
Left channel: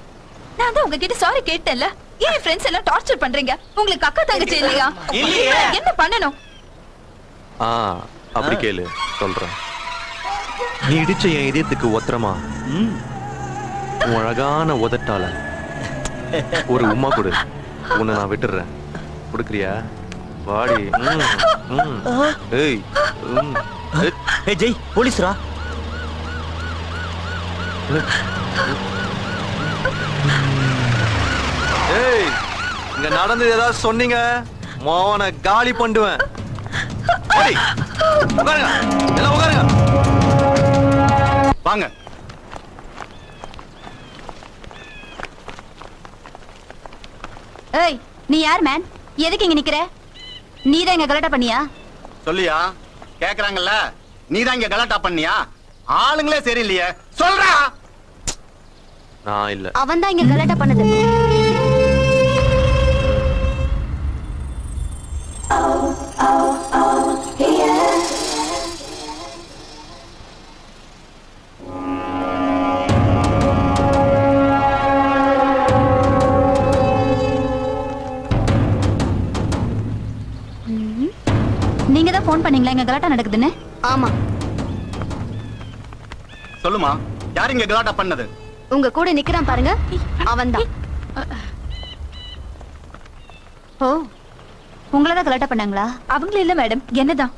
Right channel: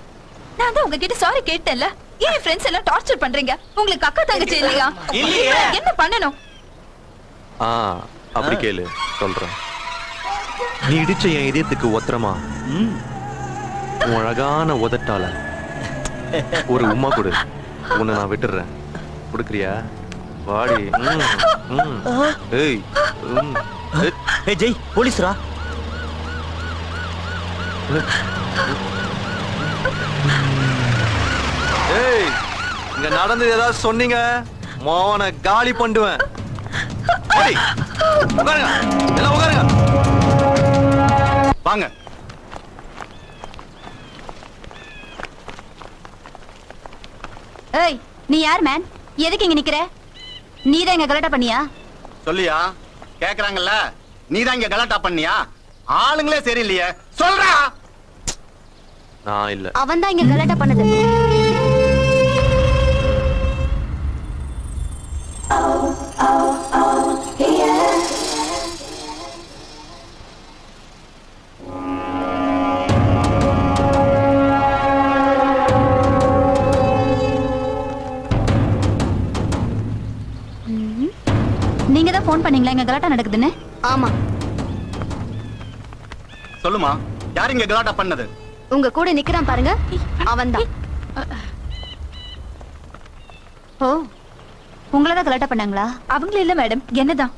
நான் தான் உங்ககிட்ட சாரி கேட்டேன்ல. ஏன் ஃப்ரெண்ட்ஸ் எல்லாம் டார்ச்சர் பண்றீங்க? உங்களுக்கு அக்கா தங்கச்சி இல்லையா? என்ன பண்ணணும்? அப்படி கேளு, சொல்றேன். நீ இடிச்ச என் இதயத்துக்கு ஒத்தரமா உன் அழகான உதட்டால ஒரு உம்மா கொடு. உன்னை நான் விட்டுறேன். கொடுக்குறியா? வாடி. ஏய், ஜெய், போலீஸ்ரா. ஏய், இங்க நடந்தது ஏதாவது சொன்னீங்க மோன காலி பண்ணுவேன். எல்லாம் உட்காருங்க. வாங்க. ஏய், நீ யார் மேன்? எதுக்கு இங்க நிக்கிற? நீ தான் இங்க கலாட்டா பண்ணியா? சொல்லியா? கேக்குறாங்கல்ல, நீ தான் இங்க கலாட்டா பண்ணியா? ஆளுங்களே சரியில்லையே, சொல்றா. நான் இல்ல. அவன் தான் இங்க கலாட்டா பண்ணது. நீங்க தான் போன் பண்ணீங்களா இங்க கலாட்டா நடக்குதுன்னு? ஆமா. சொல்லுமா, யார் இங்க கலாட்டா பண்ணது? உங்க கூட நிக்கிறான் பாருங்க, அவன்தான். ஓ, உங்களதான் கலாட்டா பண்ணாங்களா? அவங்கள இல்ல மேடம், என்னதான்.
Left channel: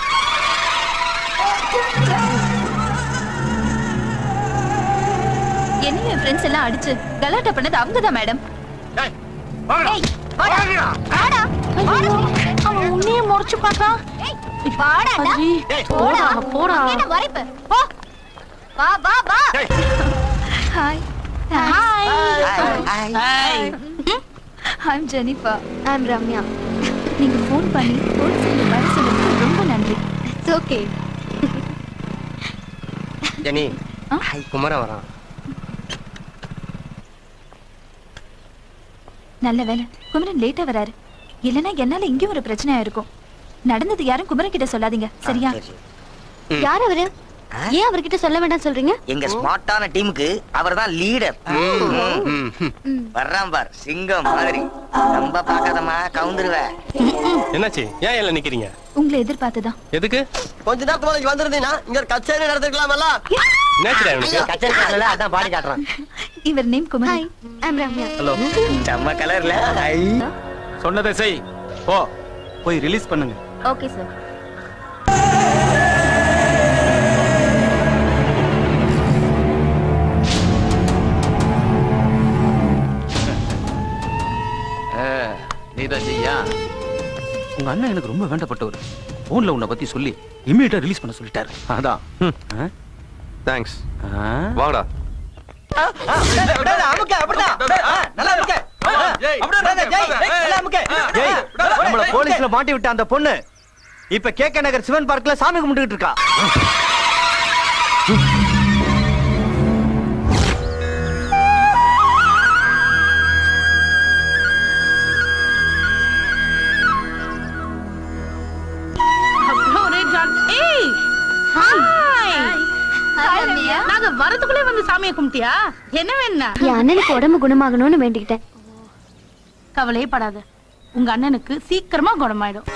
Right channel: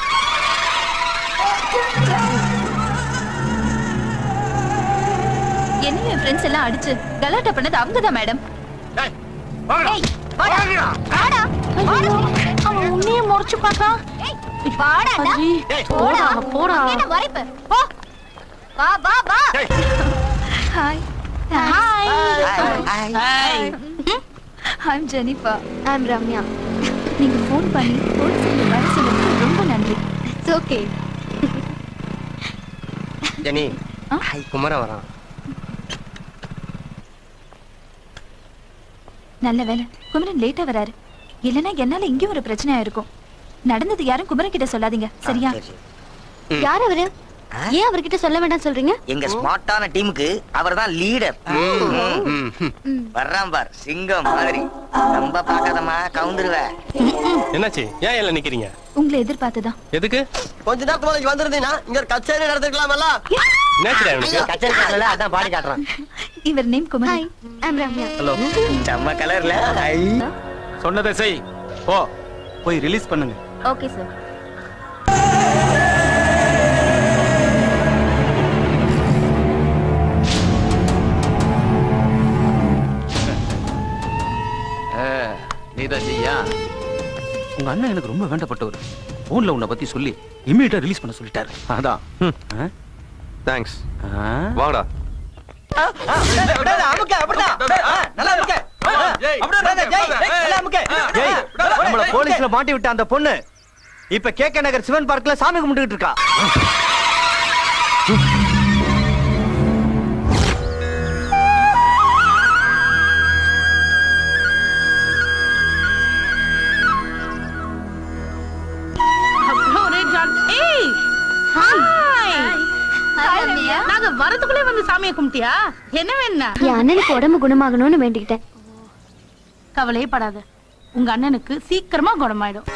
என்ன என் ஃப்ரெண்ட்ஸ் எல்லாம் அடிச்சு கலாட்டா பண்ணது அவங்கதான் மேடம். அவன் உன்னையே முறைச்சு பார்த்தான். Hi. I'm Jennifer. I'm Ramya. நீங்க ஃபோன் பண்ணி போலீஸ்ல வர சொன்னதுக்கு ரொம்ப நன்றி. It's okay. ஜெனி, குமர வரான். நல்ல வேலை குமரன் லேட்டா வராரு. இல்லனா என்னால இங்க ஒரு பிரச்சனையா இருக்கும். நடந்தது யாரும் குமரன் கிட்ட சொல்லாதீங்க, சரியா? யார் அவரு? ஏன் அவர்கிட்ட சொல்ல வேண்டாம் சொல்றீங்க? எங்க ஸ்மார்ட்டான டீமுக்கு அவர்தான் லீடர். வர்றான் பார் சிங்கம் மாதிரி. ரொம்ப பாக்காதமா கவுந்துருவ. என்னாச்சு? ஏன் எல்லாம் நிக்கிறீங்க? உங்களை எதிர்பார்த்துதான். எதுக்கு? கொஞ்ச நேரத்துக்கு முன்னாடி வந்திருந்தீங்கன்னா இங்க ஒரு கச்சேரி நடந்துக்கலாமல்ல. என்னாச்சுடா இவனுக்கு? கச்சேரி காட்டல அதான் பாடி காட்டுறான். இவர் name Kumari. I'm Ramya. Hello. செம்ம கலர்ல. சொன்னதை செய். போ. போய் ரிலீஸ் பண்ணுங்க. Okay sir. நீதான் செய்யா? உங்க அண்ணன் எனக்கு ரொம்ப வேண்டப்பட்டவர். போன்ல உன்னை பத்தி சொல்லி இம்மீடியட்டா ரிலீஸ் பண்ண சொல்லிட்டாரு. அதான். தேங்க்ஸ். வாடா. நம்மள போலீஸ்ல மாட்டி விட்ட அந்த பொண்ணு இப்ப கேக்க நகர் சிவன் பார்க்ல சாமி கும்பிட்டுக்கிட்டு இருக்கா. நாங்க வரதுக்குள்ளே வந்து சாமியை கும்பிட்டியா? என்ன வேணா? என் அண்ணனுக்கு உடம்பு குணமாகணும்னு வேண்டிக்கிட்டேன். கவலையே படாத, உங்க அண்ணனுக்கு சீக்கிரமா குணமாயிடும்.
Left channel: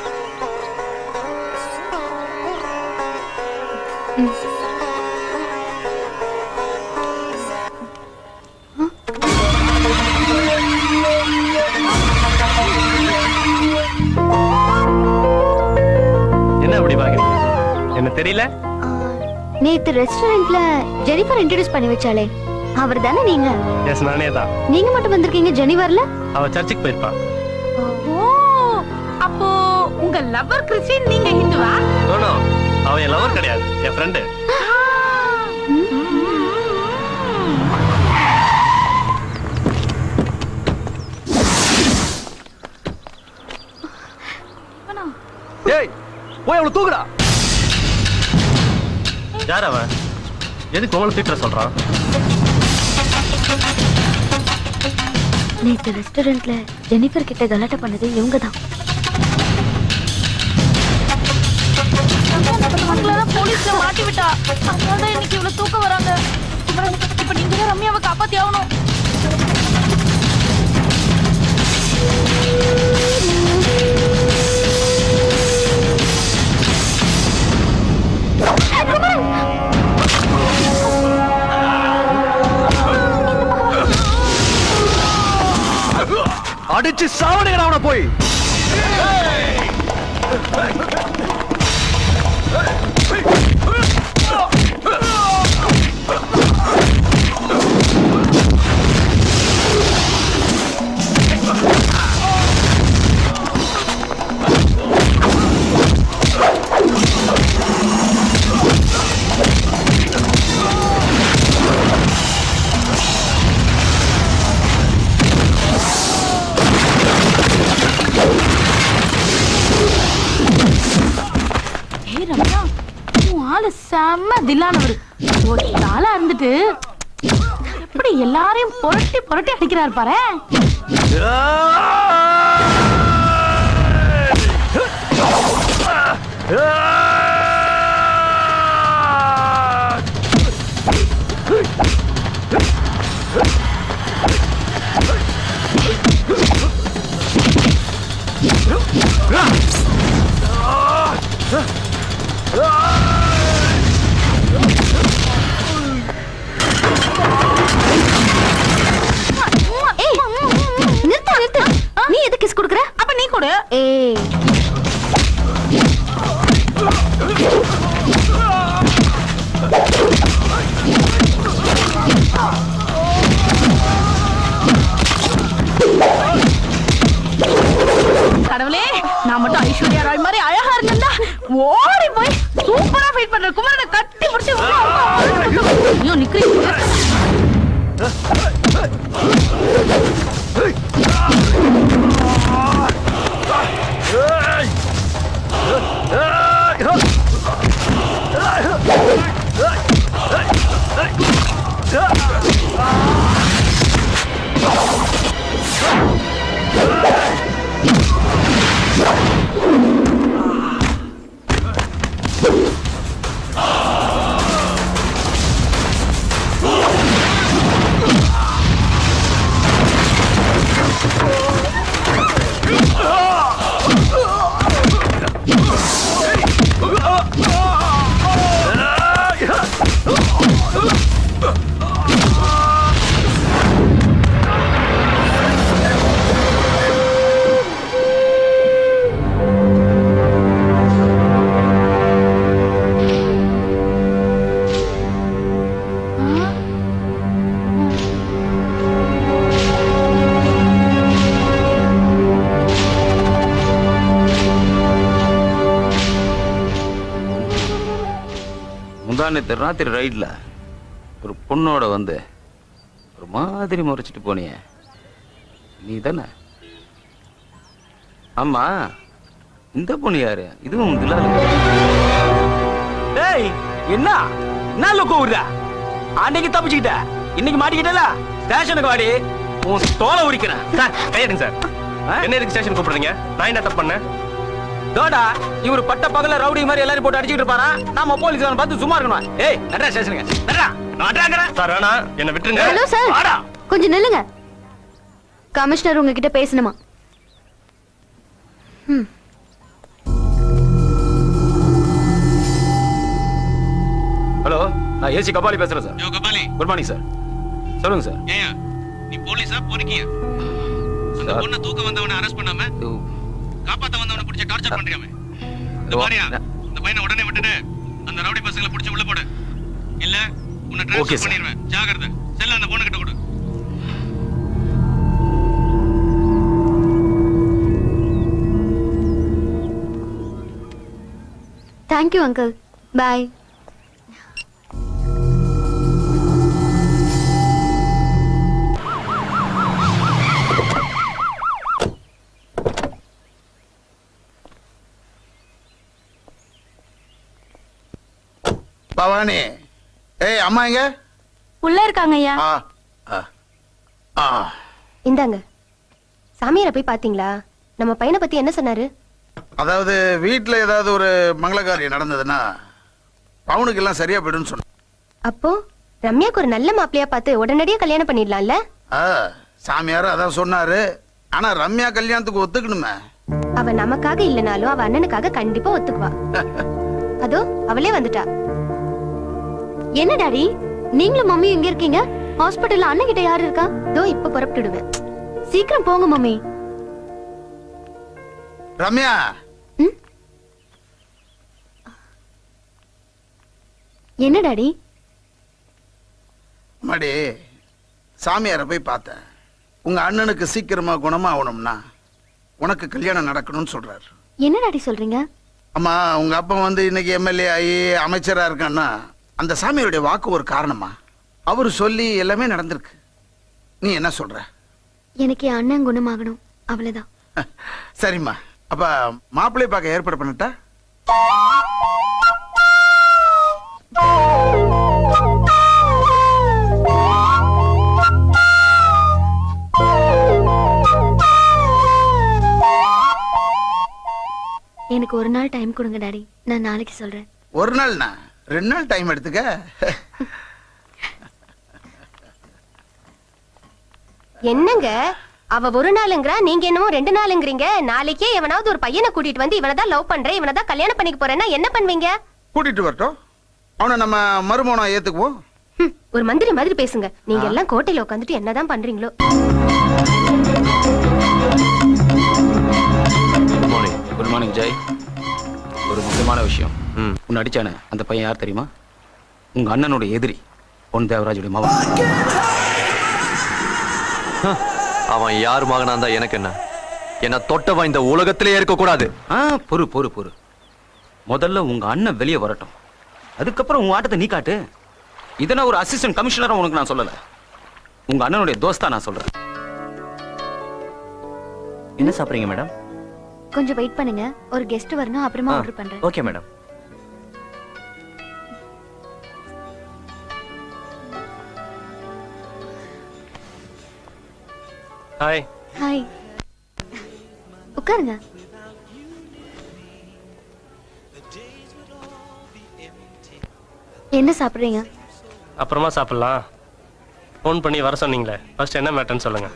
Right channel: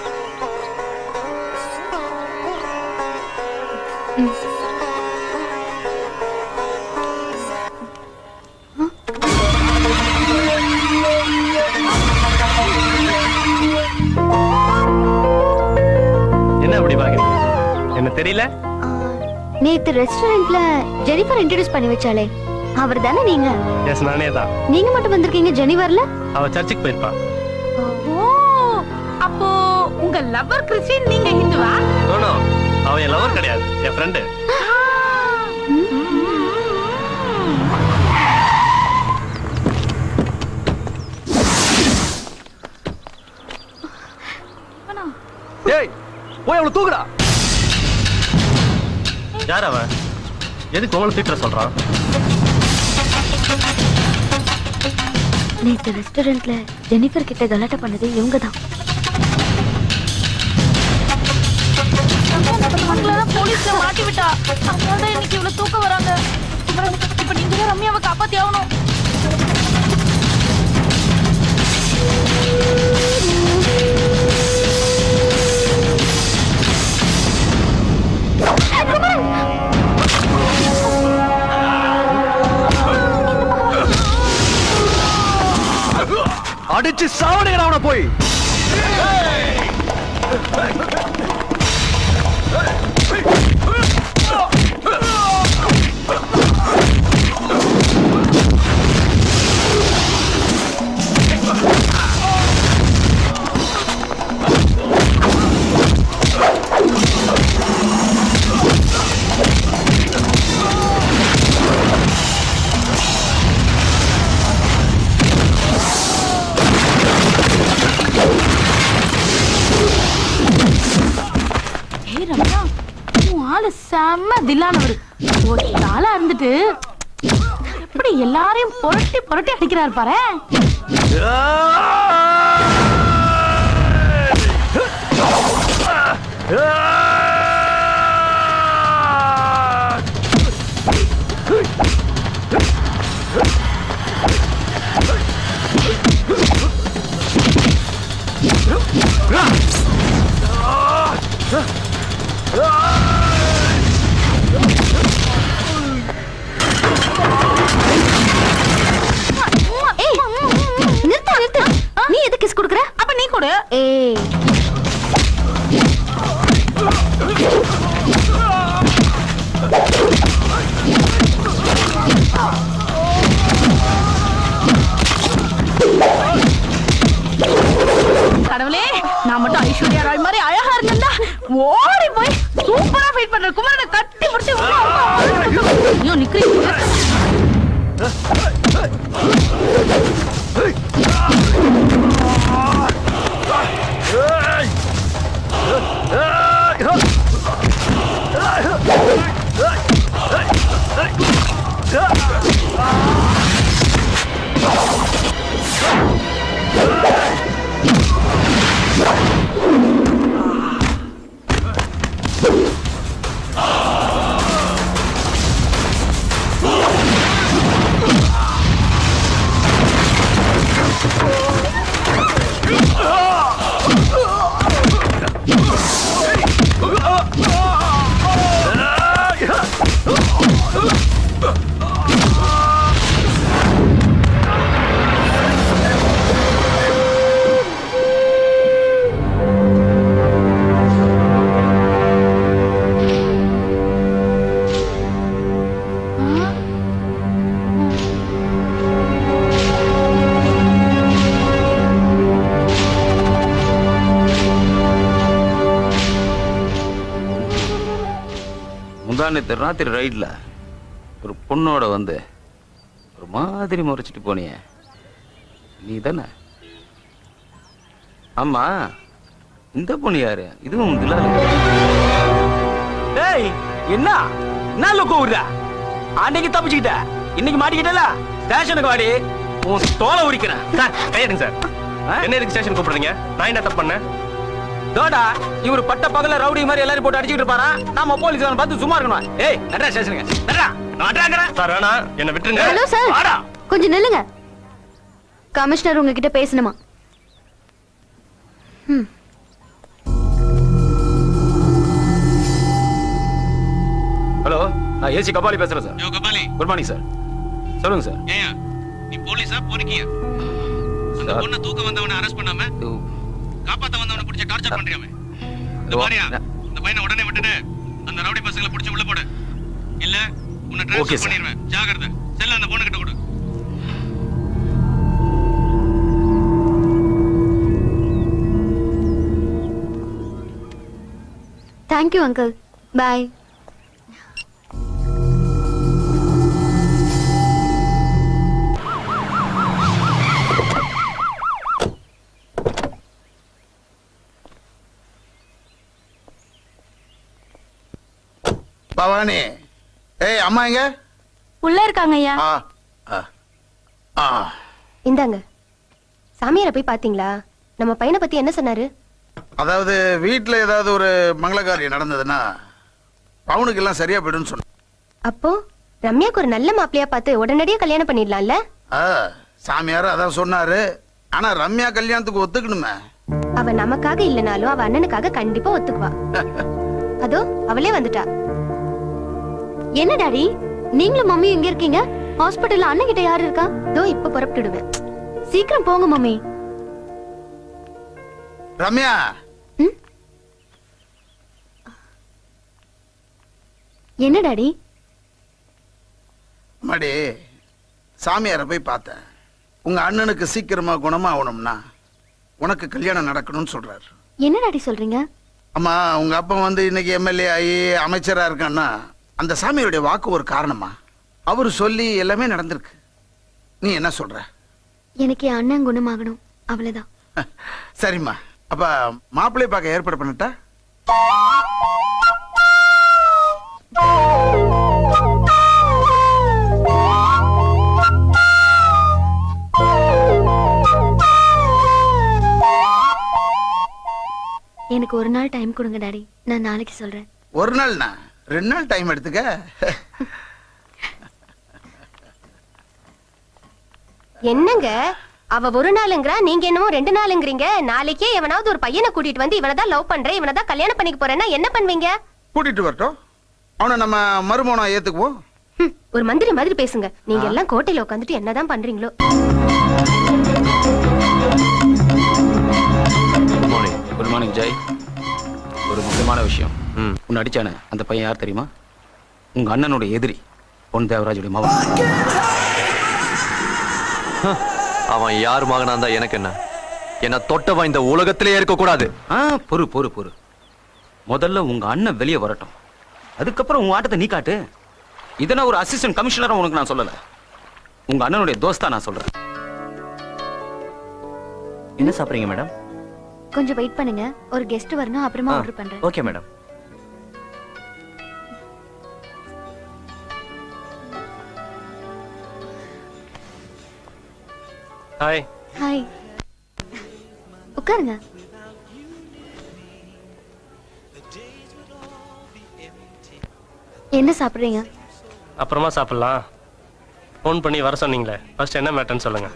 என்ன அப்படி பாக்குறீங்க? என்ன தெரியல? நேத்து ரெஸ்டாரண்ட்ல ஜெனிஃபர் இன்ட்ரோடியூஸ் பண்ணி வச்சாலே அவர் தானே நீங்க? எஸ், நானே தான். நீங்க மட்டும் வந்திருக்கீங்க, ஜெனி வரல? அவ சர்ச்சுக்கு போயிருப்பா. அப்போ உங்க லவர் கிறிஸ்டியன், நீங்க ஹிந்துவா? நோ, அவ என் லவர் கிடையாது, என் ஃப்ரெண்டு. ஏய், போய் அவளை தூக்குடா. யார் அவன்? எதுக்கு உங்களை திட்ட சொல்றான்? நேத்து ரெஸ்டாரண்ட்ல ஜெனிஃபர் கிட்ட கலாட்டா பண்ணது இவங்க தான். போலீஸ்ல மாட்டி விட்டா, அதனால இன்னைக்கு இவ்வளவு தூக்கம் வராங்க. இப்ப நீங்க தான் ரம்யாவை காப்பாத்தி ஆகணும். அடிச்சு சாவடிங்க அவனை போய். செம்ம தில்லானவர். ஒரு நாளா இருந்துட்டு எப்படி எல்லாரையும் புரட்டி புரட்டி அடிக்கிறாரு பாரு. நீ எதுக்கு கிஸ் கொடுக்கற? அப்ப நீ கொடு. கடவுளே, நான் மட்டும் ஐஸ்வர்யா ராய் மாதிரி அழகா இருந்தா ஓடி போய் சூப்பரா ஃபீட் பண்ற குமாரனை கட்டி பிடிச்சு ஐயோ நிக்கிறீங்க. நேற்று ராத்திரி ரைட்ல ஒரு பொண்ணோட வந்து ஒரு மாதிரி முறைச்சிட்டு போனியே நீ தானே? ஆமா, இந்த பொண்ணு யாரு? இதுவும் டேய், என்ன நல்ல கூவுறா? அன்னைக்கு தப்பிச்சுக்கிட்ட, இன்னைக்கு மாட்டிக்கிட்டல. ஸ்டேஷனுக்கு வாடி, உன் தோலை உரிக்கிறேன். Sir கையெடுங்க sir. என்ன எதுக்கு ஸ்டேஷன் கூப்பிடுறீங்க? நான் என்ன தப்பு பண்ணேன்? தோடா, இவரு பட்ட பகல ரவுடி மாதிரி எல்லாரும் போட்டு அடிச்சிட்டு இருப்பாரா? நாம போலீஸ் பார்த்து சும்மா இருக்கணும். ஏய், நடரா ஸ்டேஷனுக்கு, நடரா. சார் வேணா, என்ன விட்டுருங்க. ஹலோ சார், வாடா. கொஞ்சம் நில்லுங்க. கமிஷனர் உங்ககிட்ட பேசணுமா? ஹலோ, நான் ஏசி கபாலி பேசுறேன் sir. Kabali, good morning sir. சொல்லுங்க சார். ஏயா நீ போலீஸா பொறுக்கியா? அந்த பொண்ணை தூக்க வந்தவனை அரெஸ்ட் பண்ணாம காப்பாத்த வந்தவனை பிடிச்ச டார்ச்சர் பண்றியாமே. இந்த மாதிரியா இந்த பையனை உடனே விட்டுட்டு அந்த ரவுடி பசங்களை பிடிச்சு உள்ள போடு. இல்ல உன்னை ட்ரான்ஸ்ஃபர் பண்ணிடுவேன். ஜாகிரதை. செல்ல அந்த பொண்ணு கிட்ட கொடு. Thank you uncle. பாய். பவானி, ஏய் அம்மா எங்க? உள்ள இருக்காங்க ஐயா. இந்தாங்க. சாமியாரை போய் பாத்தீங்களா? நம்ம பையனை பத்தி என்ன சொன்னாரு? அதாவது வீட்டுல ஏதாவது ஒரு மங்களகாரியம் நடந்ததுன்னா பவுனுக்கு எல்லாம் சரியா போயிடும்னு சொன்ன. அப்போ ரம்யாக்கு ஒரு நல்ல மாப்பிளையா பார்த்து உடனடியா கல்யாணம் பண்ணிடலாம்ல? சாமியார் அதான் சொன்னாரு. ஆனா ரம்யா கல்யாணத்துக்கு ஒத்துக்கணுமே. அவ நமக்காக இல்லனாலும் அவ அண்ணனுக்காக கண்டிப்பா ஒத்துக்குவா. அதோ அவளே வந்துட்டா. என்ன டாடி, நீங்களும் மம்மி எங்க இருக்கீங்க? ஹாஸ்பிடல்ல அண்ணன் கிட்ட யாரு இருக்கா? தோ இப்ப புறப்பட்டுடுவேன். சீக்கிரம் போங்க மம்மி. ரம்யா, என்ன டாடி? மடி, சாமியாரை போய் பார்த்தேன். உங்க அண்ணனுக்கு சீக்கிரமா குணமா ஆகணும்னா உனக்கு கல்யாணம் நடக்கணும்னு சொல்றாரு. என்ன டாடி சொல்றீங்க? அம்மா, உங்க அப்பா வந்து இன்னைக்கு எம்எல்ஏ ஆகி அமைச்சரா இருக்கான்னா அந்த சாமியோட வாக்கு ஒரு காரணமா? அவரு சொல்லி எல்லாமே நடந்திருக்கு. நீ என்ன சொல்ற? எனக்கு என் அண்ணன் குணமாகணும், அவ்வளவுதான். சரிம்மா, அப்ப மாப்பிள்ளை பார்க்க ஏற்பாடு பண்ணிட்டா? எனக்கு ஒரு நாள் டைம் கொடுங்க டாடி, நான் நாளைக்கு சொல்றேன். ஒரு நாள்னா 2 நாள் டைம் எடுத்துக்க. என்னங்க அவ ஒரு நாளுங்கிறா, நீங்க என்னமோ 2 நாளுங்கிறீங்க. நாளைக்கே எவனாவது ஒரு பையனை கூட்டிட்டு வந்து இவனதான் லவ் பண்றேன், இவனதான் கல்யாணம் பண்ணிக்க போறேன்னா என்ன பண்ணுவீங்க? கூட்டிட்டு வரட்டும், அவனை நம்ம மருமகனா ஏத்துக்குவோம். ஒரு மந்திரி மாதிரி பேசுங்க. நீங்க எல்லாம் கோட்டையில உட்காந்துட்டு என்னதான் பண்றீங்களோ. Good morning Jai. ஒரு முக்கியமான விஷயம். உன்னை அடிச்சானே அந்த பையன் யார் தெரியுமா? உங்க அண்ணனுடைய எதிரி, பொன் தேவராஜுடைய மகன். அவன் யார் மகனா இருந்தா எனக்கு என்ன? என்ன தொட்டவன் இந்த உலகத்திலே இருக்க கூடாது. பொறு பொறு பொறு. முதல்ல உங்க அண்ணன் வெளியே வரட்டும், அதுக்கப்புறம் உங்க ஆட்டத்தை நீ காட்டு. இதை நான் ஒரு அசிஸ்டன்ட் கமிஷனரா உனக்கு நான் சொல்லல, உங்க அண்ணனுடைய தோஸ்தா நான் சொல்றேன். என்ன சாப்பிடுறீங்க மேடம்? கொஞ்சம் வெயிட் பண்ணுங்க, ஒரு கெஸ்ட் வரணும், அப்புறமா ஆர்டர் பண்றேன். Okay madam. ஹாய். ஹாய். உட்காருங்க. என்ன சாப்பிடுறீங்க? அப்புறமா சாப்பிடலாம். ஃபோன் பண்ணி வர சொன்னீங்களே, ஃபர்ஸ்ட் என்ன மேட்டர்னு சொல்லுங்க.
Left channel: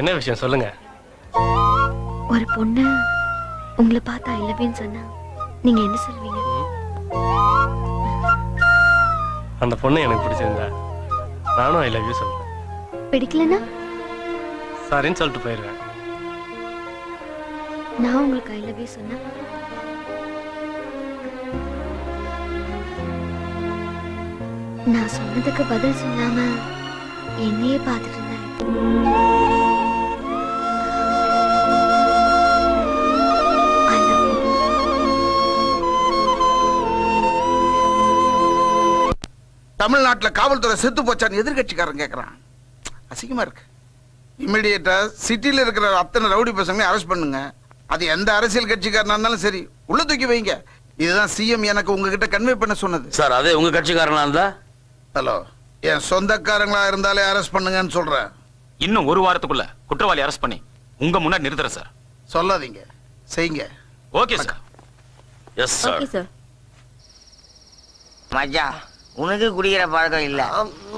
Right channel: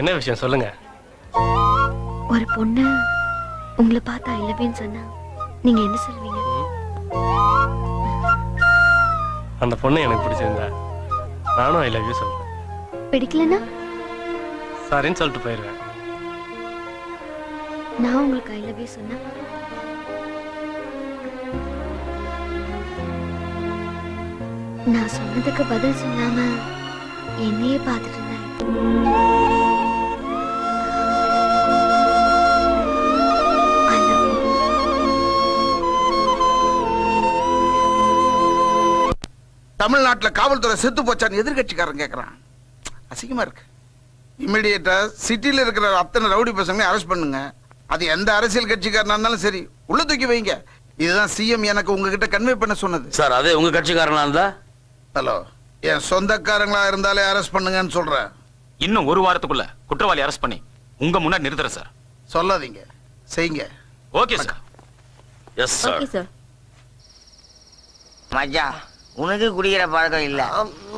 என்ன விஷயம் சொல்லுங்க. ஒரு பொண்ணு உங்களை பார்த்தா ஐ லவ் யூன்னு சொன்னா நீங்க என்ன சொல்வீங்க? அந்த பொண்ணு எனக்கு பிடிச்சிருந்தா நானும் ஐ லவ் யூ சொல்றேன். பிடிக்கலனா சாரின்னு சொல்லிட்டு போயிடுவேன். நான் உங்களுக்கு ஐ லவ் யூ சொன்னா நான் சொன்னதுக்கு பதில் சொல்லாம என்னையே பார்த்துட்டு இருந்தேன். I love you. தமிழ்நாட்டுல காவல்துறை செத்து போச்சான்னு எதிர்கட்சிக்காரன் கேக்குறான். அசிங்கமா இருக்கு. இமிடியேட்டா சிட்டில இருக்கிற அத்தனை ரவுடி பசங்க அரெஸ்ட் பண்ணுங்க. அது எந்த அரசியல் கட்சிக்காரனா இருந்தாலும் சரி, உள்ள தூக்கி வைங்க. இதுதான் சிஎம் எனக்கு உங்ககிட்ட கன்வே பண்ண சொன்னது. சார் அதே உங்க கட்சிக்காரனா இருந்தா? ஹலோ, என் சொந்தக்காரங்களா இருந்தாலே அரெஸ்ட் பண்ணுங்கன்னு சொல்றேன். இன்னும் ஒரு வாரத்துக்குள்ள குற்றவாளி அரெஸ்ட் பண்ணி உங்க முன்னாடி நிறுத்துறேன் சார். சொல்லாதீங்க, செய்யுங்க. Okay sir. Yes sir. Okay sir. மச்சான், உனக்கு குடிக்கிற பழக்கம் இல்ல.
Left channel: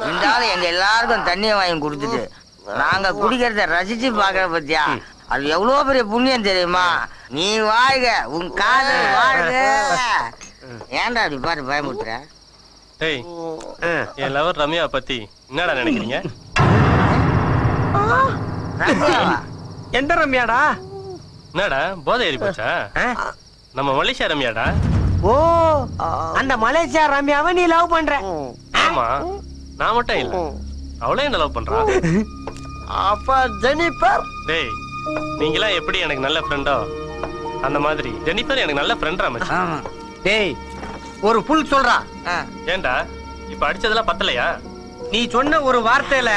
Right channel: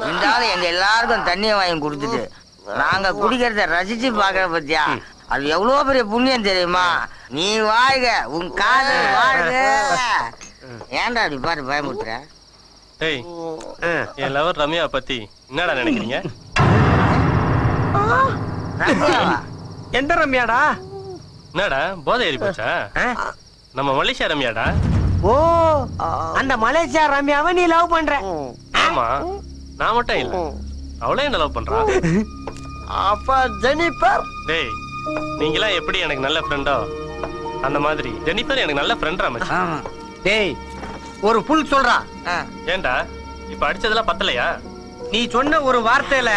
இருந்தாலும் எங்க எல்லாருக்கும் தண்ணியை வாங்கி கொடுத்துட்டு நாங்க குடிக்கிறத ரசிச்சு பாக்குற பத்தியா, அது எவ்வளவு பெரிய புண்ணியம் தெரியுமா? நீ வாழ்க, உன் காதல் வாழ்க. ஏன்டா அப்படி பார்த்து பயமுறுத்துற? ஏய், என் லவர் ரம்யா பத்தி என்னடா நினைக்கிறீங்க? எந்த ரம்யாடா? என்னடா போதை ஏறி போச்சா? நம்ம மலேசியா ரம்யாடா. ஓ, அந்த மலேசியா ரம்யாவை நீ லவ் பண்ற? ஆமா, நான் மட்டும் இல்ல, அவளே என்ன லவ் பண்றா. அப்ப ஜெனிஃபர்? டேய், நீங்களா எப்படி எனக்கு நல்ல ஃப்ரெண்டோ அந்த மாதிரி ஜெனிஃபர் எனக்கு நல்ல ஃப்ரெண்டா மச்சான். டேய், ஒரு புல் சொல்றா. ஏன்டா இப்ப அடிச்சதெல்லாம் பத்தலையா? நீ சொன்ன ஒரு வார்த்தையில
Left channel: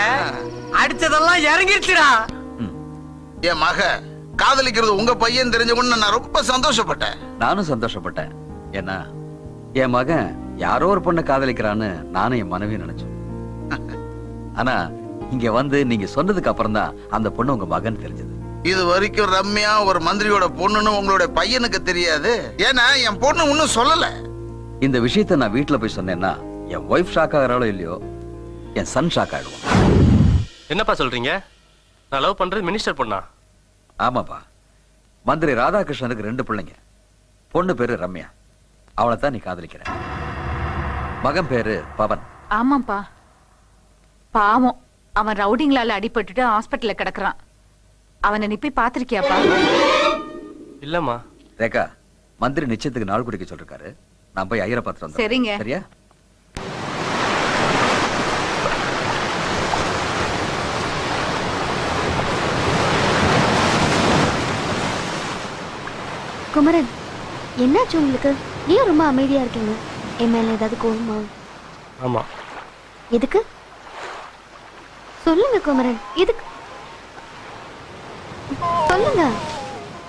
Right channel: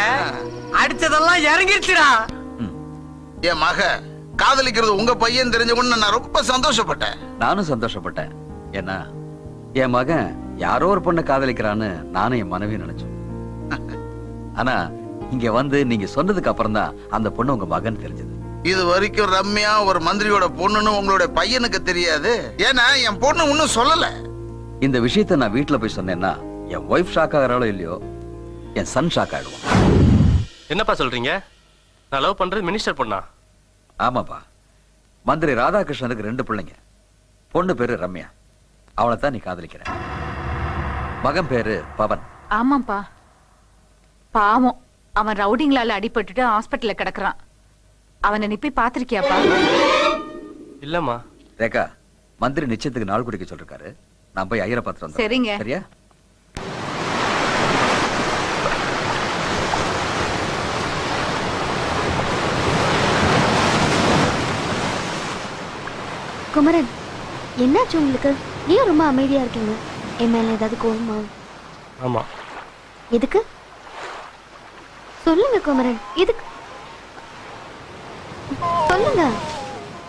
அடிச்சதெல்லாம் இறங்கிடுச்சுடா. என் மக காதலிக்கிறது உங்க பையன் தெரிஞ்ச உடனே நான் ரொம்ப சந்தோஷப்பட்டேன். நானும் சந்தோஷப்பட்டேன். ஏன்னா என் மகன் யாரோ ஒரு பொண்ணை காதலிக்கிறான்னு நானும் என் மனைவி நினைச்சேன். ஆனா இங்க வந்து நீங்க சொன்னதுக்கு அப்புறம் தான் அந்த பொண்ணு உங்க மகன் தெரிஞ்சது. இது வரைக்கும் ரம்யா ஒரு மந்திரியோட பொண்ணுன்னு உங்களுடைய பையனுக்கு தெரியாது. ஏன்னா என் பொண்ணு ஒன்னும் சொல்லல. இந்த விஷயத்த நான் வீட்டுல போய் சொன்னேன்னா என் ஒய்ஃப் ஷாக் ஆகிறாளோ இல்லையோ, என் சன் ஷாக் ஆயிடுவான். என்னப்பா சொல்றீங்க? நான் லவ் பண்றது மினிஸ்டர் பொண்ணா? ஆமாப்பா, மந்திரி ராதாகிருஷ்ணனுக்கு 2 பிள்ளைங்க. பொண்ணு பேரு ரம்யா, அவளை தான் நீ காதலிக்கிற. மகன் பேரு பவன். ஆமாப்பா, பாவம், அவன் ரவுடிங்களால அடிபட்டுட்டு ஹாஸ்பிட்டல்ல கிடக்குறான். அவனை நீ போய் பாத்திருக்கியாப்பா? இல்லம்மா. ரேகா, மந்திரி நிச்சயத்துக்கு நாள் குடிக்க சொல்லிருக்காரு. நான் போய் ஐயரை பார்த்துட்டு வந்தேன். சரிங்க. சரியா? குமரன், என்னாச்சு உங்களுக்கு? ஏன் ரொம்ப அமைதியா இருக்கீங்க? என் மேல ஏதாவது கோவமா? ஆமா. எதுக்கு சொல்லுங்க குமரன், எதுக்கு சொல்லுங்க.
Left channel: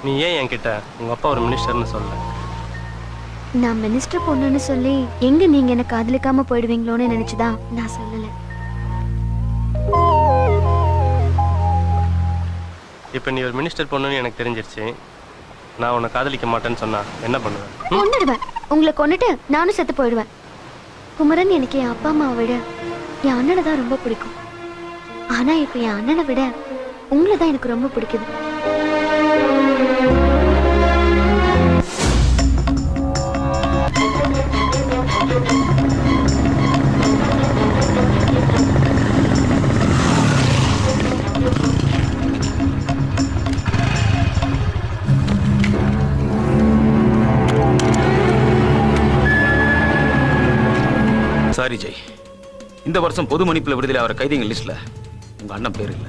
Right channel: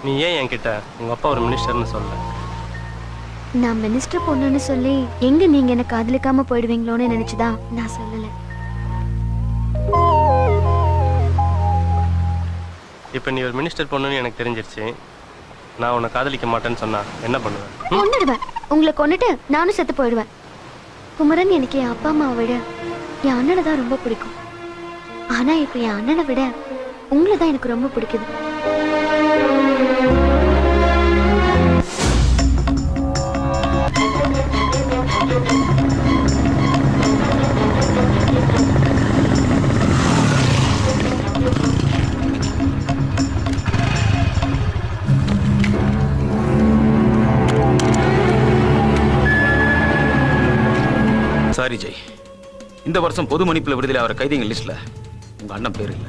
நீ ஏன் என்கிட்ட உங்க அப்பா ஒரு மினிஸ்டர்னு சொல்ல? நான் மினிஸ்டர் பொண்ணுன்னு சொல்லி எங்க நீங்க என்ன காதலிக்காம போயிடுவீங்களோன்னு நினைச்சுதான் நான் சொல்லல. இப்ப நீ ஒரு மினிஸ்டர் பொண்ணுன்னு எனக்கு தெரிஞ்சிருச்சு. நான் உன்னை காதலிக்க மாட்டேன்னு சொன்னா என்ன பண்ணுவேன்? கொன்னுடுவேன். உங்களை கொன்னுட்டு நானும் செத்து போயிடுவேன். குமரன், எனக்கு என் அப்பா அம்மாவை விட என் அண்ணனை தான் ரொம்ப பிடிக்கும். ஆனா இப்ப என் அண்ணனை விட உங்களை தான் எனக்கு ரொம்ப பிடிக்குது. சாரி ஜெய், இந்த வருஷம் பொது மன்னிப்புல விடுதலை ஆகிற கைதிகள் லிஸ்ட்ல உங்க அண்ணன் பேர் இல்ல.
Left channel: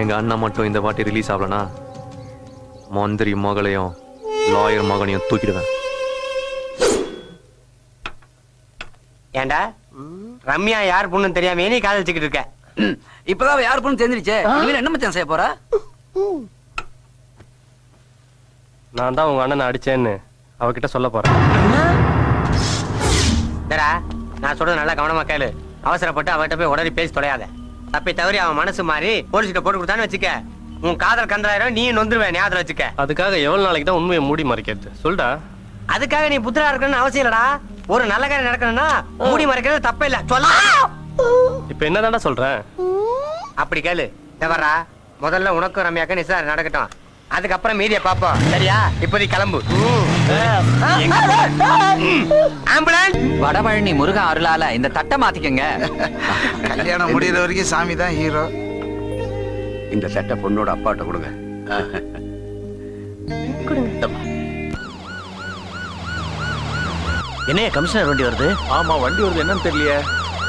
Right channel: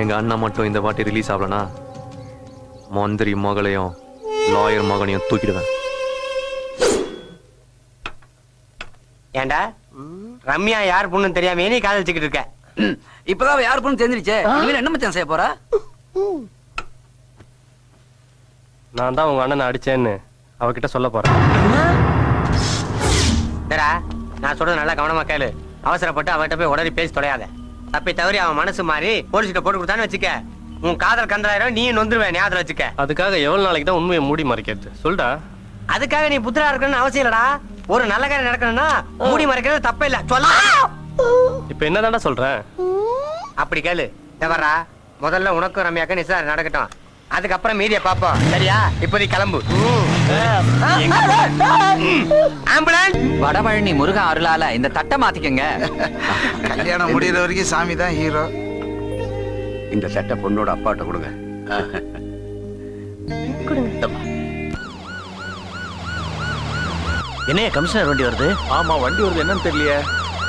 எங்க அண்ணன் மட்டும் இந்த வாட்டி ரிலீஸ் ஆகலனா மந்திரி மகளையும் லாயர் மகனையும் தூக்கிடுவேன். ஏண்டா ரம்யா யார் பொண்ணு தெரியாம நீ காதலிச்சுக்கிட்டு இருக்க? இப்பதான் யார் பொண்ணு தெரிஞ்சிருச்சே. என்ன மச்சான் செய்ய போறா? நான் தான் உங்க அண்ணனை அடிச்சேன்னு அவகிட்ட சொல்ல போறேன். நான் சொல்றது நல்லா கவனமா கேளு. அவசரப்பட்டு அவகிட்ட போய் உடனே பேசி தொலையாத. தப்பி தவறி அவன் மனசு மாறி போலீஸ்கிட்ட போட்டு கொடுத்தான்னு வச்சுக்க, உன் காதல் கந்தாயிரம் நீ நொந்துருவேன். ஞாபகம் வச்சுக்க. அதுக்காக எவ்வளவு நாளைக்கு தான் உண்மையை மூடி மறைக்கிறது? சொல்டா. அதுக்காக நீ புத்திரா இருக்கணும்னு அவசியம் இல்லடா. ஒரு நல்ல காரியம் நடக்கணும்னா மூடி மறைக்கிறது தப்பே இல்ல. சொல்ல இப்ப என்னதான்டா சொல்றேன்? அப்படி கேளு. தேவரா, முதல்ல உனக்கும் ரம்யாக்கும் நிச்சயம் நடக்கட்டும். அதுக்கப்புறம் மீதிய பாப்போம். சரியா? இப்போதை கிளம்பு. வடபழனி முருகன் அருளால இந்த தட்டை மாத்திக்கங்க. கல்யாணம் முடிகிற வரைக்கும் சாமி தான் ஹீரோ. இந்த சட்டை பொண்ணோட அப்பாட்ட கொடுங்க. என்ன கமிஷனர் வண்டி வருது? ஆமா, வண்டி வருது. என்னன்னு தெரியலையே.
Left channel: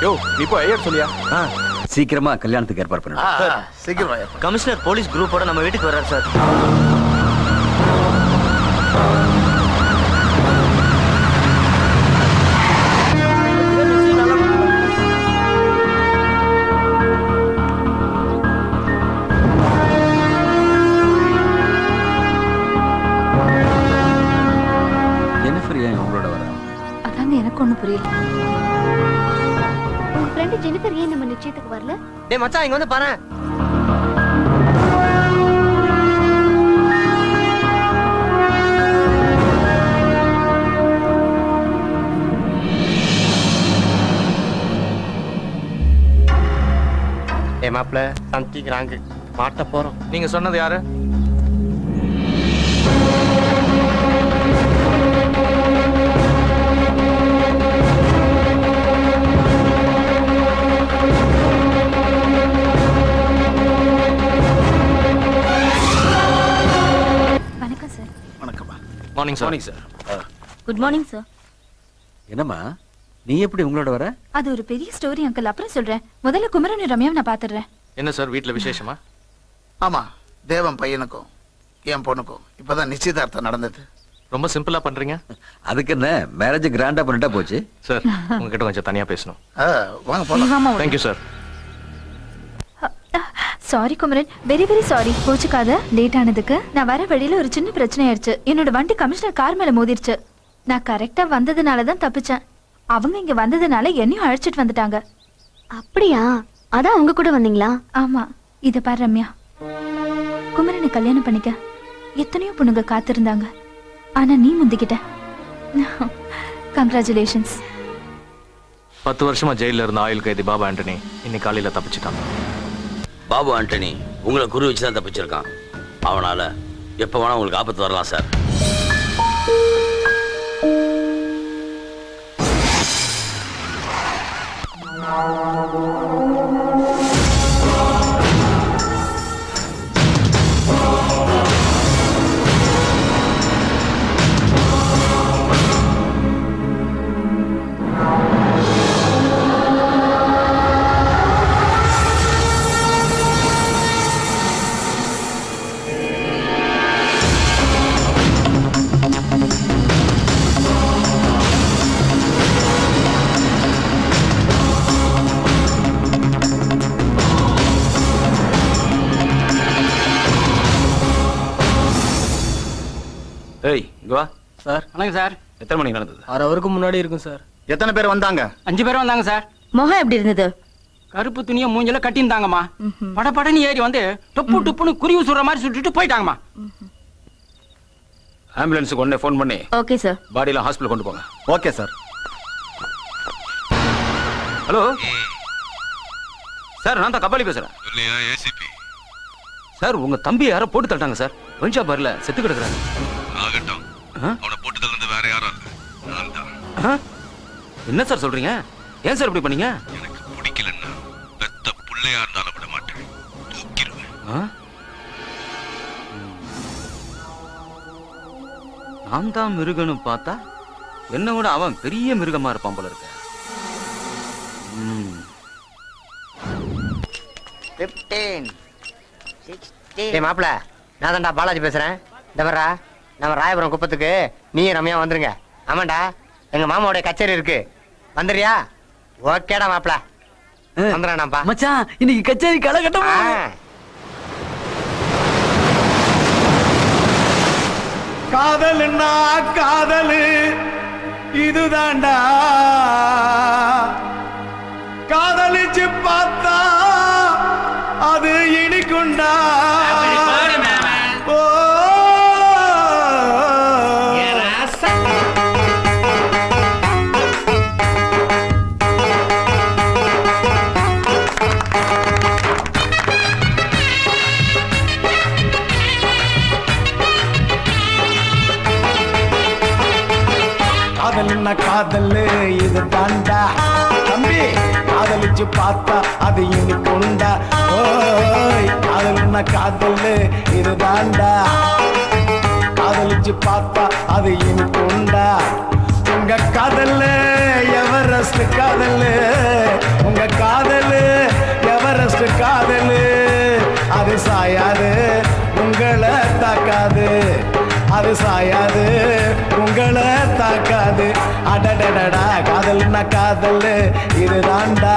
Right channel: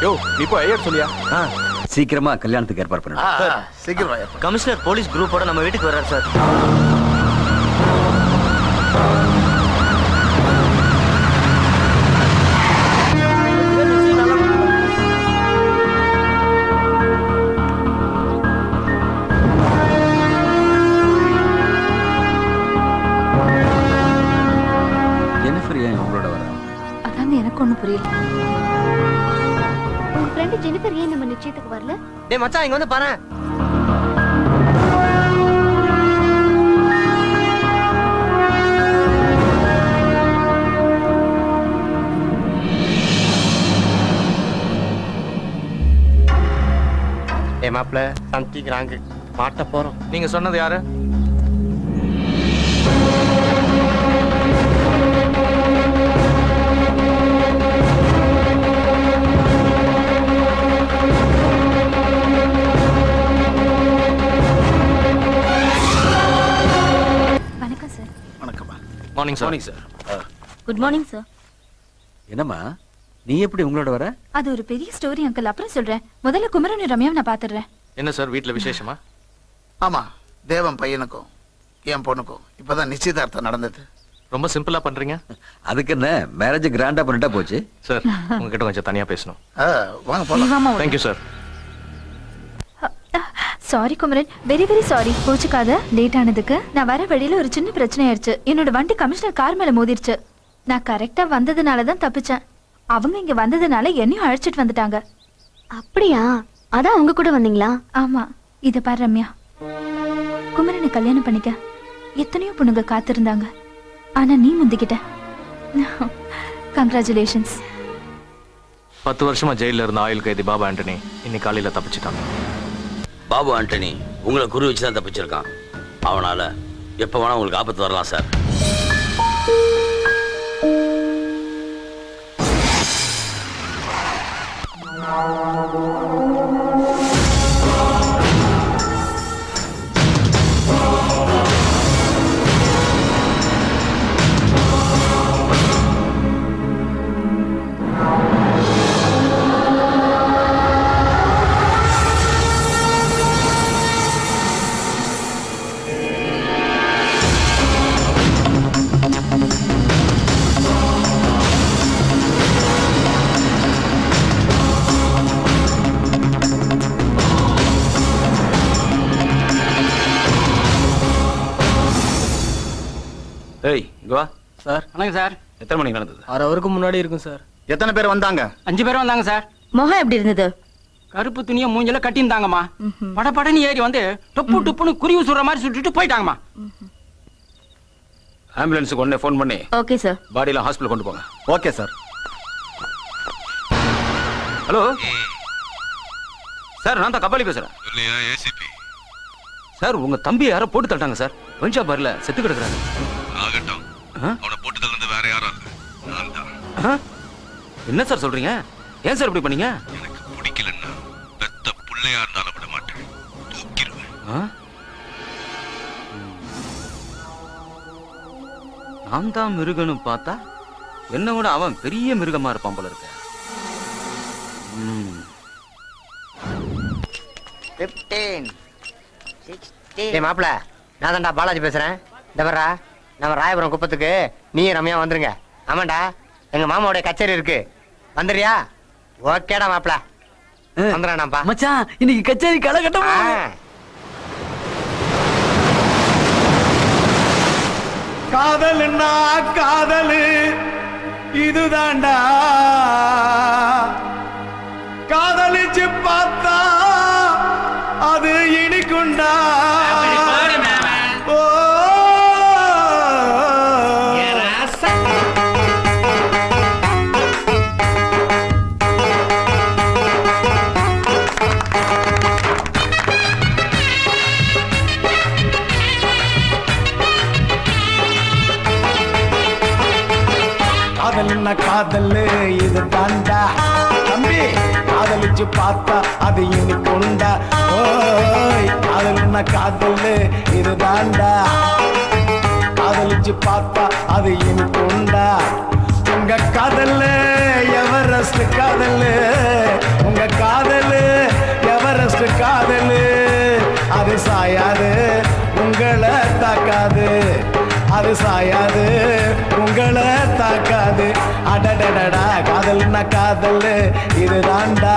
யோ, நீ போய் ஐயர் சொல்லியா? சீக்கிரமா கல்யாணத்துக்கு ஏற்பாடு பண்ணுங்க. சீக்கிரம். கமிஷனர் போலீஸ் குரூப்போட நம்ம வீட்டுக்கு வர்றாரு சார். உங்களோட வர? அதான் எனக்கு ஒண்ணு புரியல. உங்க ஃப்ரெண்ட் ஜெனிஃபர் ஏன் நம்ம நிச்சயத்துக்கு வரல? டேய் மச்சான் இங்க வந்து பாரு. மாப்பிள்ள சம்திங் ராங்கு மாட்ட போறோம். நீங்க சொன்னது யாரு? வணக்கம் சார். வணக்கம்மா. Morning sir. Morning sir. Good morning sir. என்னம்மா நீ எப்படி உங்களோட வர? அது ஒரு பெரிய ஸ்டோரி அங்கிள், அப்புறம் சொல்றேன். முதல்ல குமரன் ரம்யாவை நான் பாத்துறேன். என்ன சார் வீட்ல விசேஷமா? ஆமா, தேவன் பையனுக்கும் என் பொண்ணுக்கும் இப்பதான் நிச்சயதார்த்தம் நடந்தது. ரொம்ப சிம்பிளா பண்றீங்க. அதுக்கு என்ன மேரேஜ் கிராண்டா பண்ணிட்டா போச்சு. சார் உங்ககிட்ட கொஞ்சம் தனியா பேசணும். வாங்க போலாம். Thank you sir. Sorry Kumaran, very very sorry. கோச்சுக்காத, லேட் ஆனதுக்கு. நான் வர வழியில ஒரு சின்ன பிரச்சனை ஆயிடுச்சு. என்னோட வண்டி கமிஷனர் கார் மேல மோதிருச்சு. நான் கரெக்டா வந்ததுனாலதான் தப்பிச்சேன். அவங்க இங்க வந்ததுனால என்னையும் அழைச்சிட்டு வந்துட்டாங்க. அப்படியா? அதான் உங்க கூட வந்தீங்களா? ஆமா. இத பாரு ரம்யா, குமரனை கல்யாணம் பண்ணிக்க எத்தனையோ பொண்ணுங்க காத்திருந்தாங்க. ஆனா நீ முந்திக்கிட்ட. கங்க்ராச்சுலேஷன்ஸ். 10 வருஷமா ஜெயில இருந்த ஆயுள் கைதி பாபு ஆண்டனி இன்னைக்கு காலையில தப்பிச்சிட்டாங்க. பாபு ஆண்டனி உங்களை குறி வச்சுதான் தப்பிச்சிருக்கான். அவனால எப்ப வேணா உங்களுக்கு ஆபத்து வரலாம் சார். ஏய் இங்க வா. சார் வணக்கம் சார். எத்தனை மணிக்கு நடந்தது? 6 ஹவருக்கு முன்னாடி இருக்கும் சார். எத்தனை பேர் வந்தாங்க? 5 பேர் வந்தாங்க சார். முகம் எப்படி இருந்தது? கருப்பு துணியை மூஞ்சில கட்டியிருந்தாங்கம்மா. படபடன்னு ஏறி வந்து டொப்பு டொப்புன்னு குருவி சுடுற மாதிரி சுட்டுட்டு போயிட்டாங்கம்மா. ஆம்புலன்ஸுக்கு உடனே ஃபோன் பண்ணி ஓகே சார். பாடியில ஹாஸ்பிடல் கொண்டு போங்க. Okay sir. ஹலோ சார், நான் தான் கபாலி பேசுறேன். சார் உங்க தம்பி யாரோ போட்டு தட்டாங்க சார். வஞ்சா பார்ல செத்து கிடக்குறாங்க. என்ன சார் சொல்றீங்க? ஏன் சார் இப்படி பண்ணீங்க? நான் தான் மிருகன்னு பார்த்தா என்ன விட அவன் பெரிய மிருகமா இருப்பான் போல இருக்க. 15 16. ஏய் மாப்பிள்ள, நான் தான்டா பாலாஜி பேசுறேன். இந்த வர்றா, நம்ம ராயபுரம் குப்பத்துக்கு நீ ரம்யா வந்துருங்க. ஆமாண்டா, எங்க மாமாவோட கச்சேரி இருக்கு, வந்துடுறியா? ஓகேடா மாப்பிள்ள, வந்துடுறான்ப்பா. மச்சான் இன்னைக்கு கச்சேரி கலகட்டம். காதல்னா காதலு இதுதாண்டா, காதலிச்சு பார்த்தா அது இனிக்குண்டா. காதல்னா காதலு இது தாண்டா தம்பி, காதலிச்சு பார்த்தா அது இனிக்குண்டா. ஓய் காதல்னா காதலு இது தாண்டா, காதலிச்சு பார்த்தா அது இனிக்குண்டா. உங்க காதல் எவரெஸ்ட் காதல், உங்க காதல் எவரெஸ்ட் காதல். அது சாயாது உங்களை தாக்காது, அது சாயாது உங்களை தாக்காது. அடடடடா காதல்னா காதல் இதுதாண்டா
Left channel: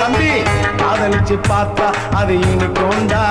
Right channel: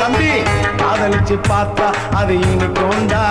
தம்பி, காதலிச்சு பார்த்தா அது இனிக்குண்டா.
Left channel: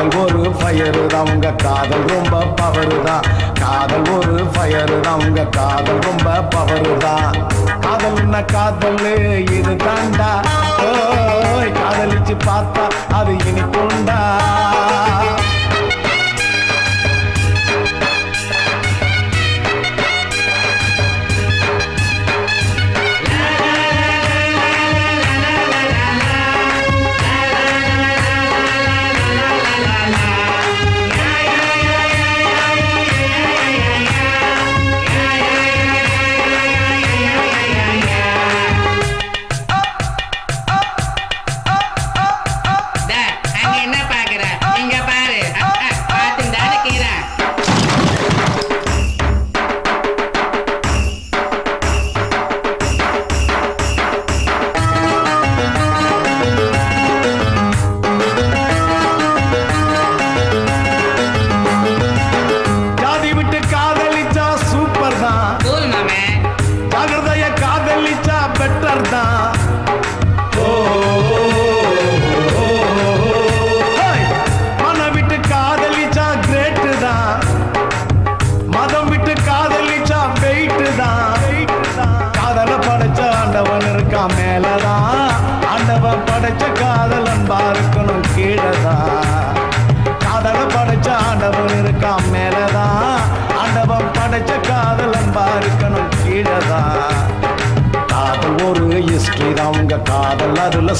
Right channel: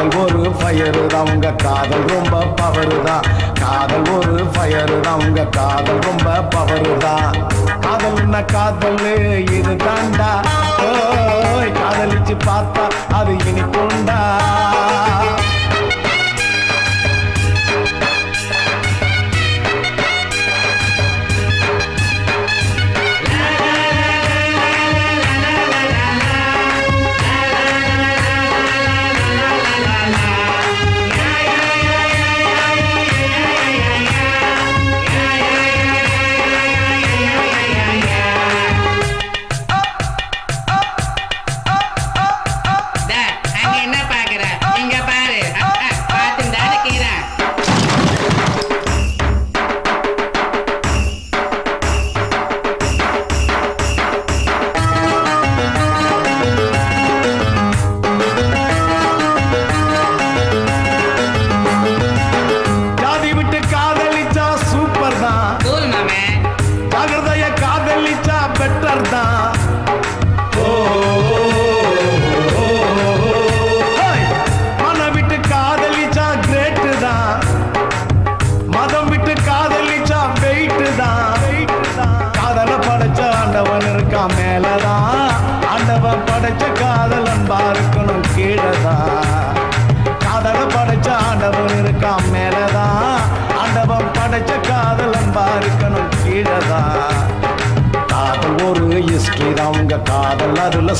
காதல் ஒரு ஃபயரு தான் உங்க காதல் ரொம்ப பவரு தான் காதல் ஒரு ஃபயரு தான் உங்க காதல் ரொம்ப பவரு தான் காதல்னா காதல் இது தாண்டா ஓய் காதலிச்சு பார்த்தா அது இனிப்புண்டா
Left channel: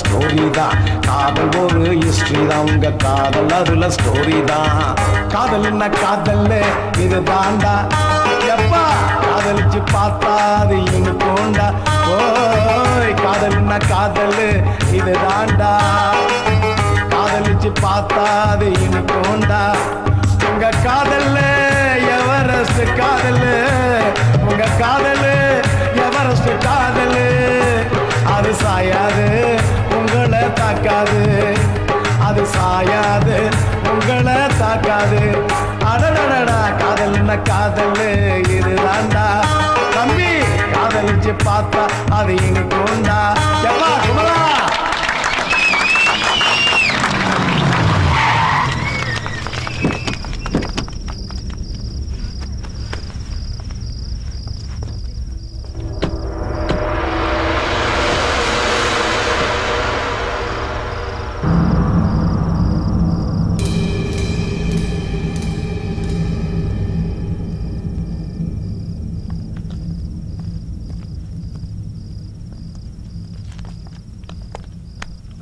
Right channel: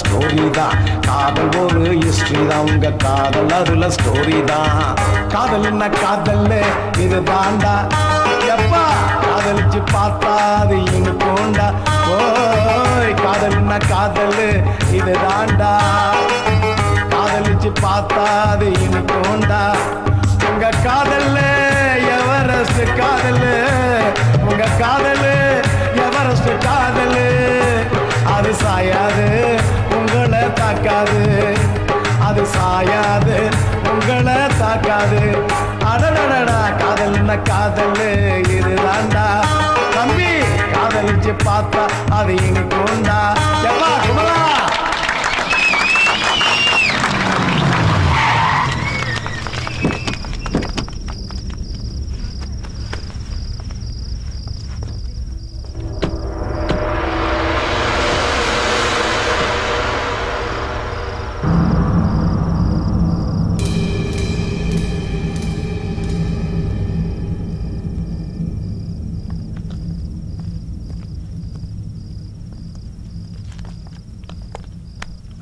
ஸ்டோரி தான் காதல் ஒரு ஹிஸ்டரி தான் உங்க காதல் அதுல ஸ்டோரி தான் காதல்னா காதல் இது தாண்டா எப்பா காதலிச்சு பார்த்தா அது இன்னும் போண்டா ஓய் காதல்னா காதல் இது தாண்டா காதலிச்சு பார்த்தா அது இன்னும் போண்டா உங்க காதல் எவரெஸ்ட் காதல் உங்க காதல் எவரெஸ்ட் காதல் அது சாயாது உங்களை தாக்காது அது சாயாது உங்களை தாக்காது அடடடா காதல்னா காதல் இதுதாண்டா தம்பி காதலிச்சு பார்த்தா அது இன்னைக்கு உண்டா எப்பா குமரா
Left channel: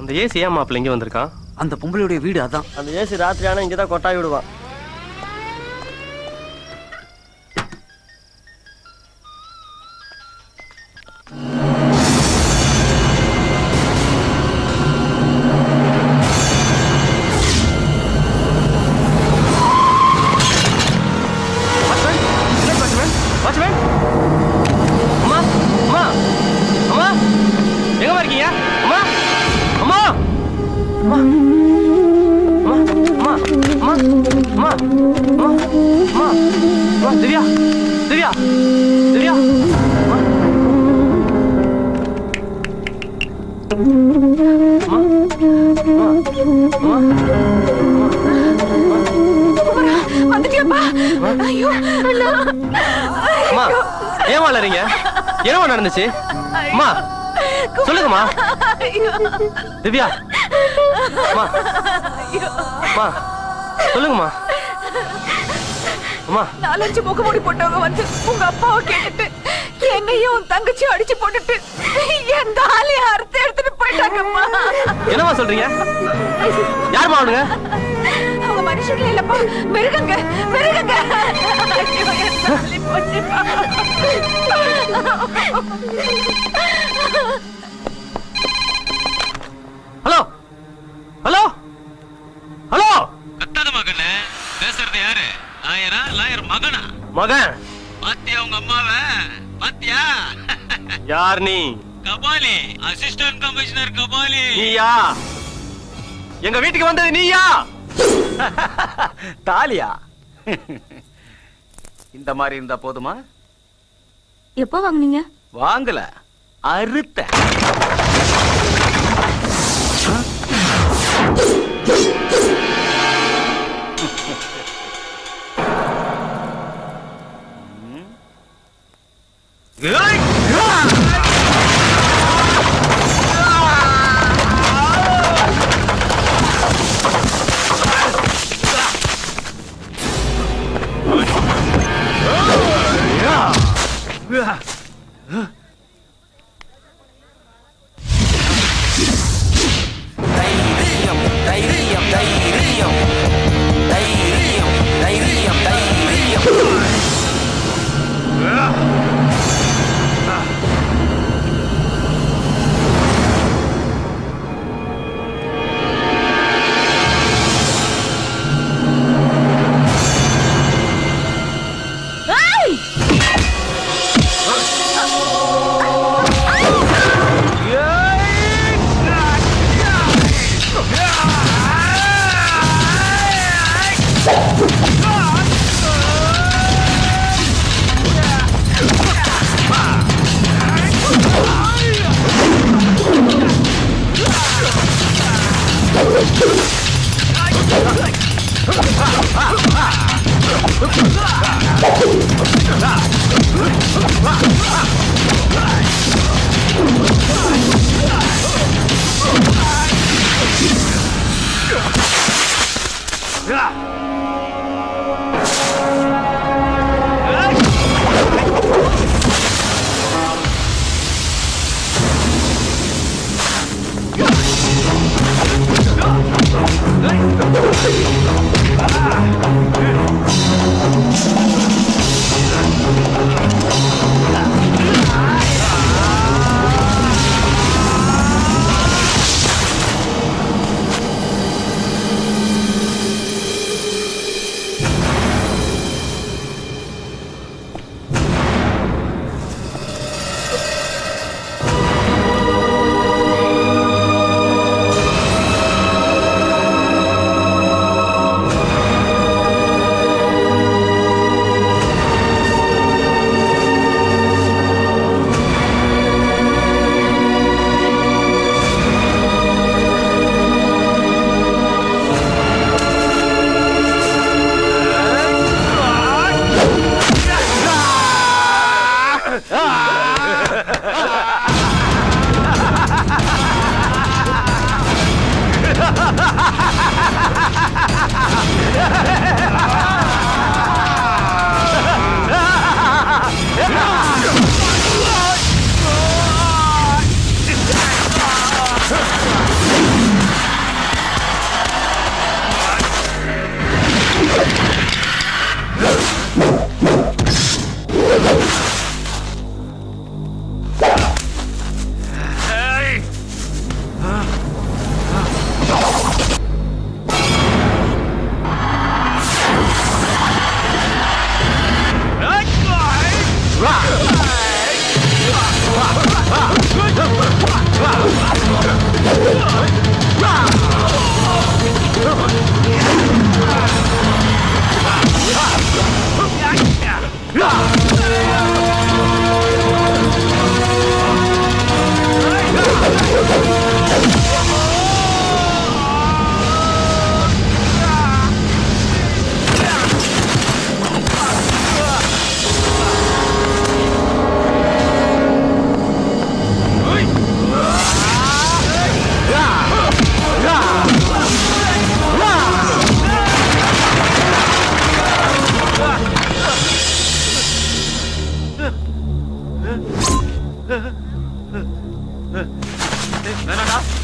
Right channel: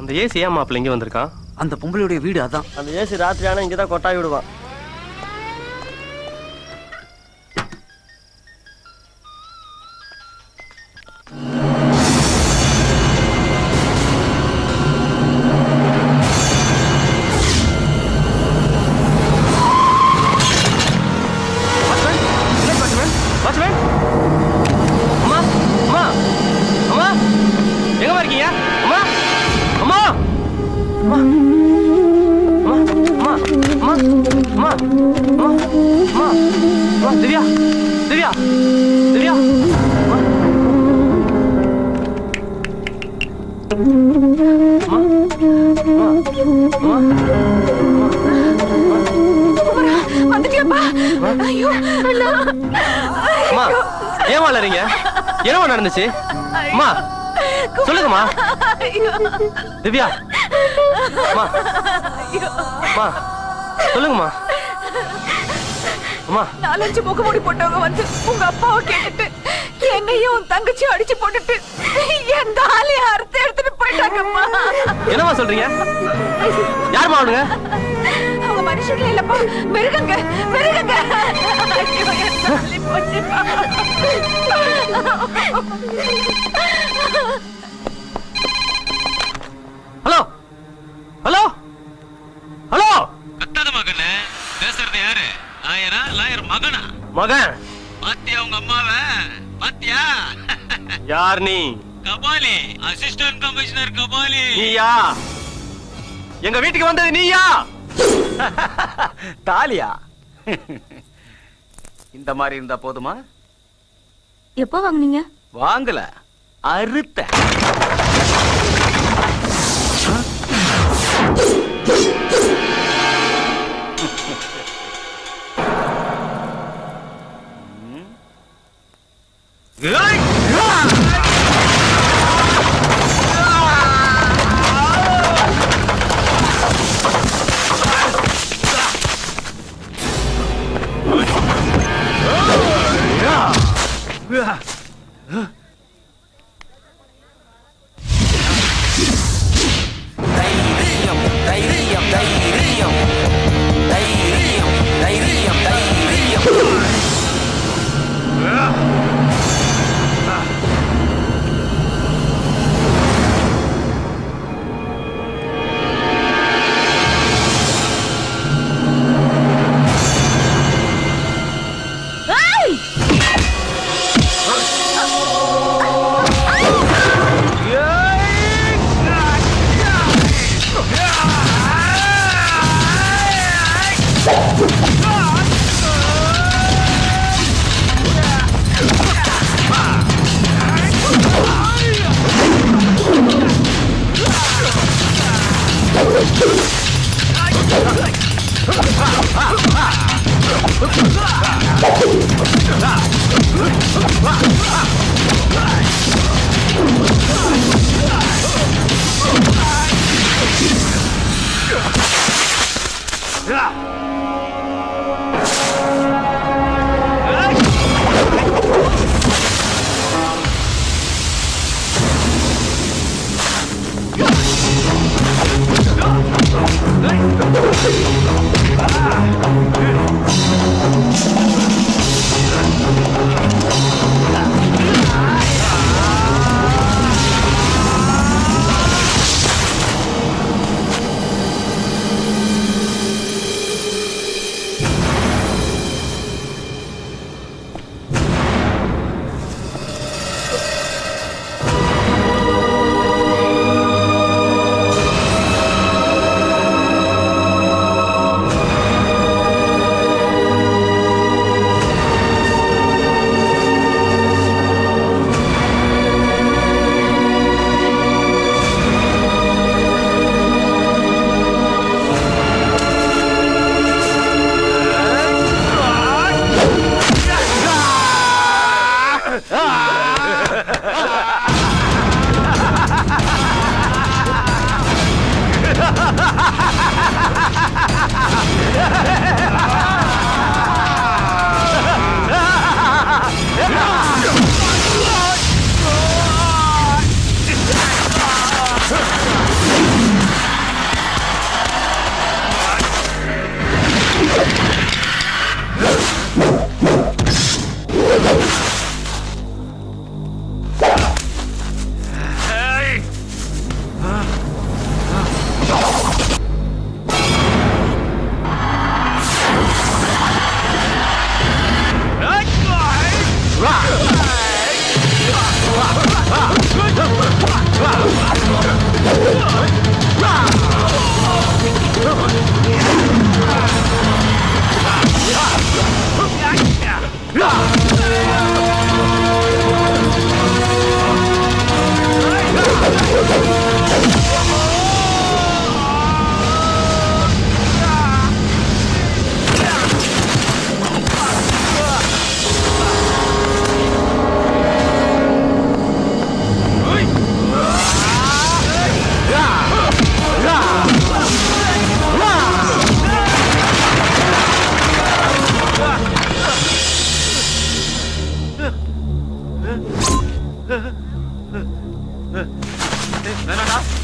அந்த ஏசி ஏன் மாப்பிள்ள இங்க வந்திருக்கான்? அந்த பொம்பளையுடைய வீடு அதான். அந்த ஏசி ராத்திரி ஆனா இங்கதான் கொட்டாய் விடுவான். என்னவா நடந்துச்சு? அம்மா சொல்லுங்கம்மா. திவ்யா சொல்லுங்கம்மா. அம்மா 4-5 முகமூடி போட்டவங்க வந்து உங்க அப்பாவை கேட்டுட்டு என்னையும் உன் தங்கச்சியும் அடிச்சு போட்டுட்டு என் தாலியை அறுத்து எடுத்துட்டு போயிட்டாங்கம்மா. என்னவா சொல்றீங்க? யாருமா அவனுங்க? அவங்க மனுஷங்களே இல்லப்பா, மிருகங்க மிருகங்க. Hello hello hello. அத்தாத மகனே, பேசுறது யாரு? லாயரா? லாயர் மகனா? மகன். பாத்தியா உங்க அம்மாவை? பாத்தியா? யார் நீ? Kabali, assistant commissioner Kabali. நீயா? எங்க வீட்டுக்கு வந்தது நீயா? தாலியா? இந்த மாதிரி இருந்தா போதுமா? எப்போ வாங்குனீங்க? வாங்கல, அறுத்த.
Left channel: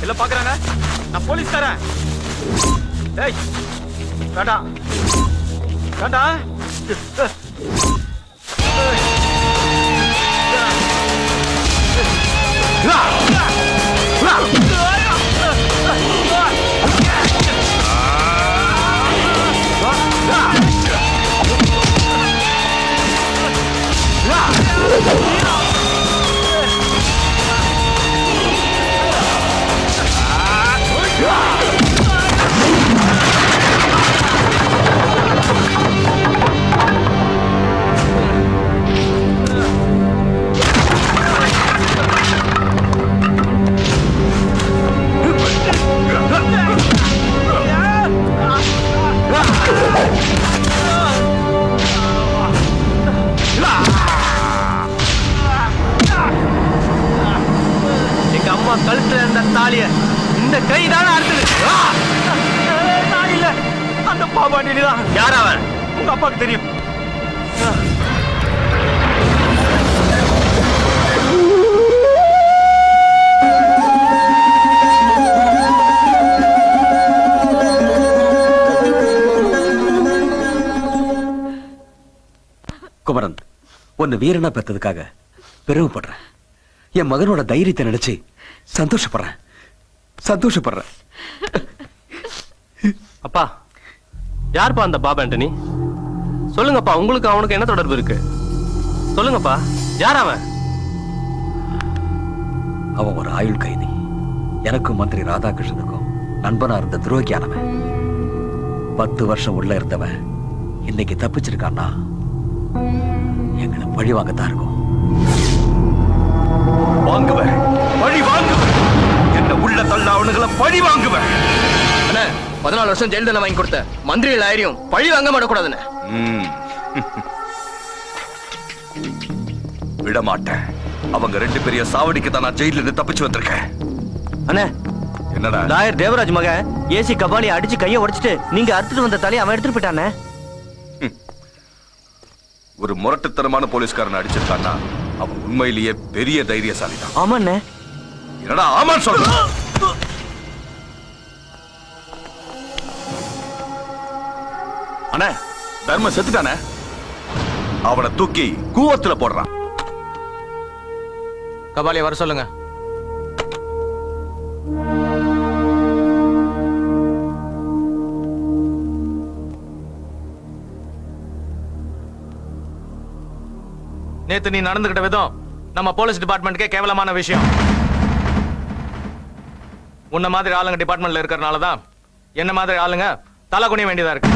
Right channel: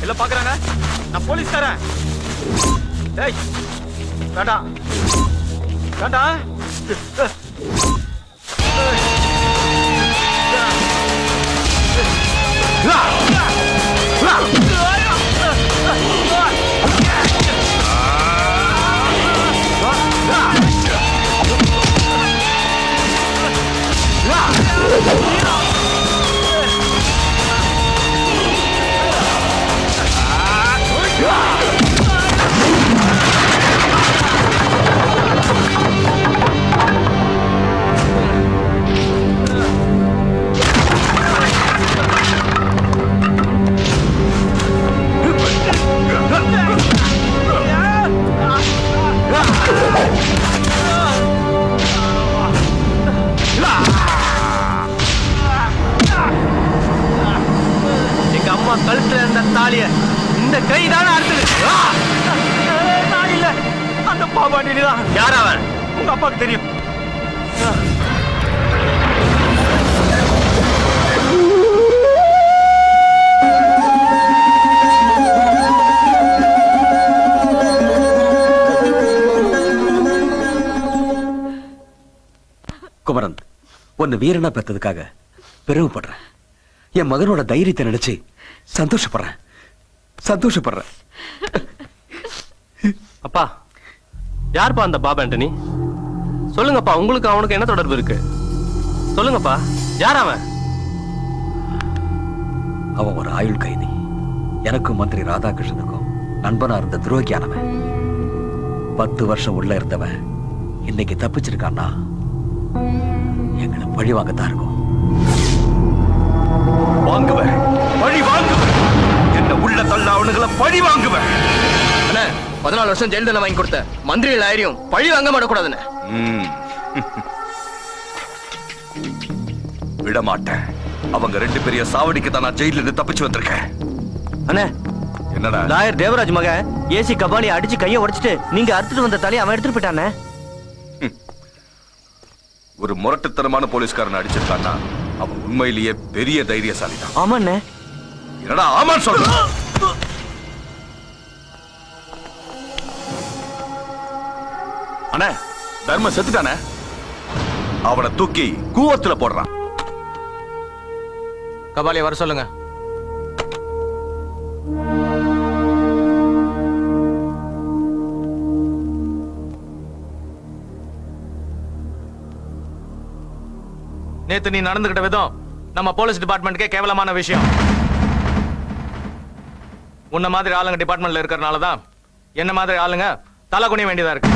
எல்லாம் பாக்குறாங்க. நான் போலீஸ்காரன். டேய் வேண்டாம் வேண்டாம். அப்பாவுக்கு தெரியும். குமரன், உன்னை வீரனா பெற்றதுக்காக பெருமைப்படுறேன். என் மகனோட தைரியத்தை நினைச்சு சந்தோஷப்படுறேன். அப்பா, யாருப்பா அந்த பாபு ஆண்டனி? சொல்லுங்கப்பா, உங்களுக்கு அவனுக்கு என்ன தொடர்பு இருக்கு? சொல்லுங்கப்பா, யார் அவன்? அவன் ஒரு ஆயுள் கைதி. எனக்கும் மந்திரி ராதாகிருஷ்ணனுக்கும் நண்பனா இருந்த துரோகியானவன். 10 வருஷம் உள்ள இருந்தவன் இன்னைக்கு தப்பிச்சிருக்கான்னா எங்களை பழி வாங்கத்தான் இருக்கும். வாங்குவேன், பழி வாங்குவேன். என்ன உள்ள தள்ள அவனுங்களை பழி வாங்குவேன். 14 வருஷம் ஜெயில் தண்டனை வாங்கி கொடுத்த மந்திரிகள் ஆயிரம் பழி வாங்க மாட்டக்கூடாதுன்னு விட மாட்டேன். அவங்க 2 பெரிய சாவடிக்கு தான் நான் ஜெயில இருந்து தப்பிச்சு வந்திருக்கேன். அண்ணே, என்னடா? லாயர் தேவராஜ் மக ஏசி கபாலி அடிச்சு கைய உடைச்சிட்டு நீங்க அறுத்துட்டு வந்த தலையை அவன் எடுத்துட்டு போயிட்டானே. ஒரு முரட்டுத்தனமான போலீஸ்காரன் அடிச்சிருக்கான்னா அவன் உண்மையிலேயே பெரிய தைரியசாலி தான். ஆமாண்ணே. என்னடா ஆமா சொல்ற? அண்ணே, தர்ம செத்துட்டானே. அவனை தூக்கி கூவத்துல போடுறான். கபாலியை வர சொல்லுங்க. நேத்து நீ நடந்துகிட்ட விதம் நம்ம போலீஸ் டிபார்ட்மெண்ட்கே கேவலமான விஷயம். உன்ன மாதிரி ஆளுங்க டிபார்ட்மெண்ட்ல இருக்கறனாலதான் என்ன மாதிரி ஆளுங்க தலை குனிய வேண்டியதா இருக்கு.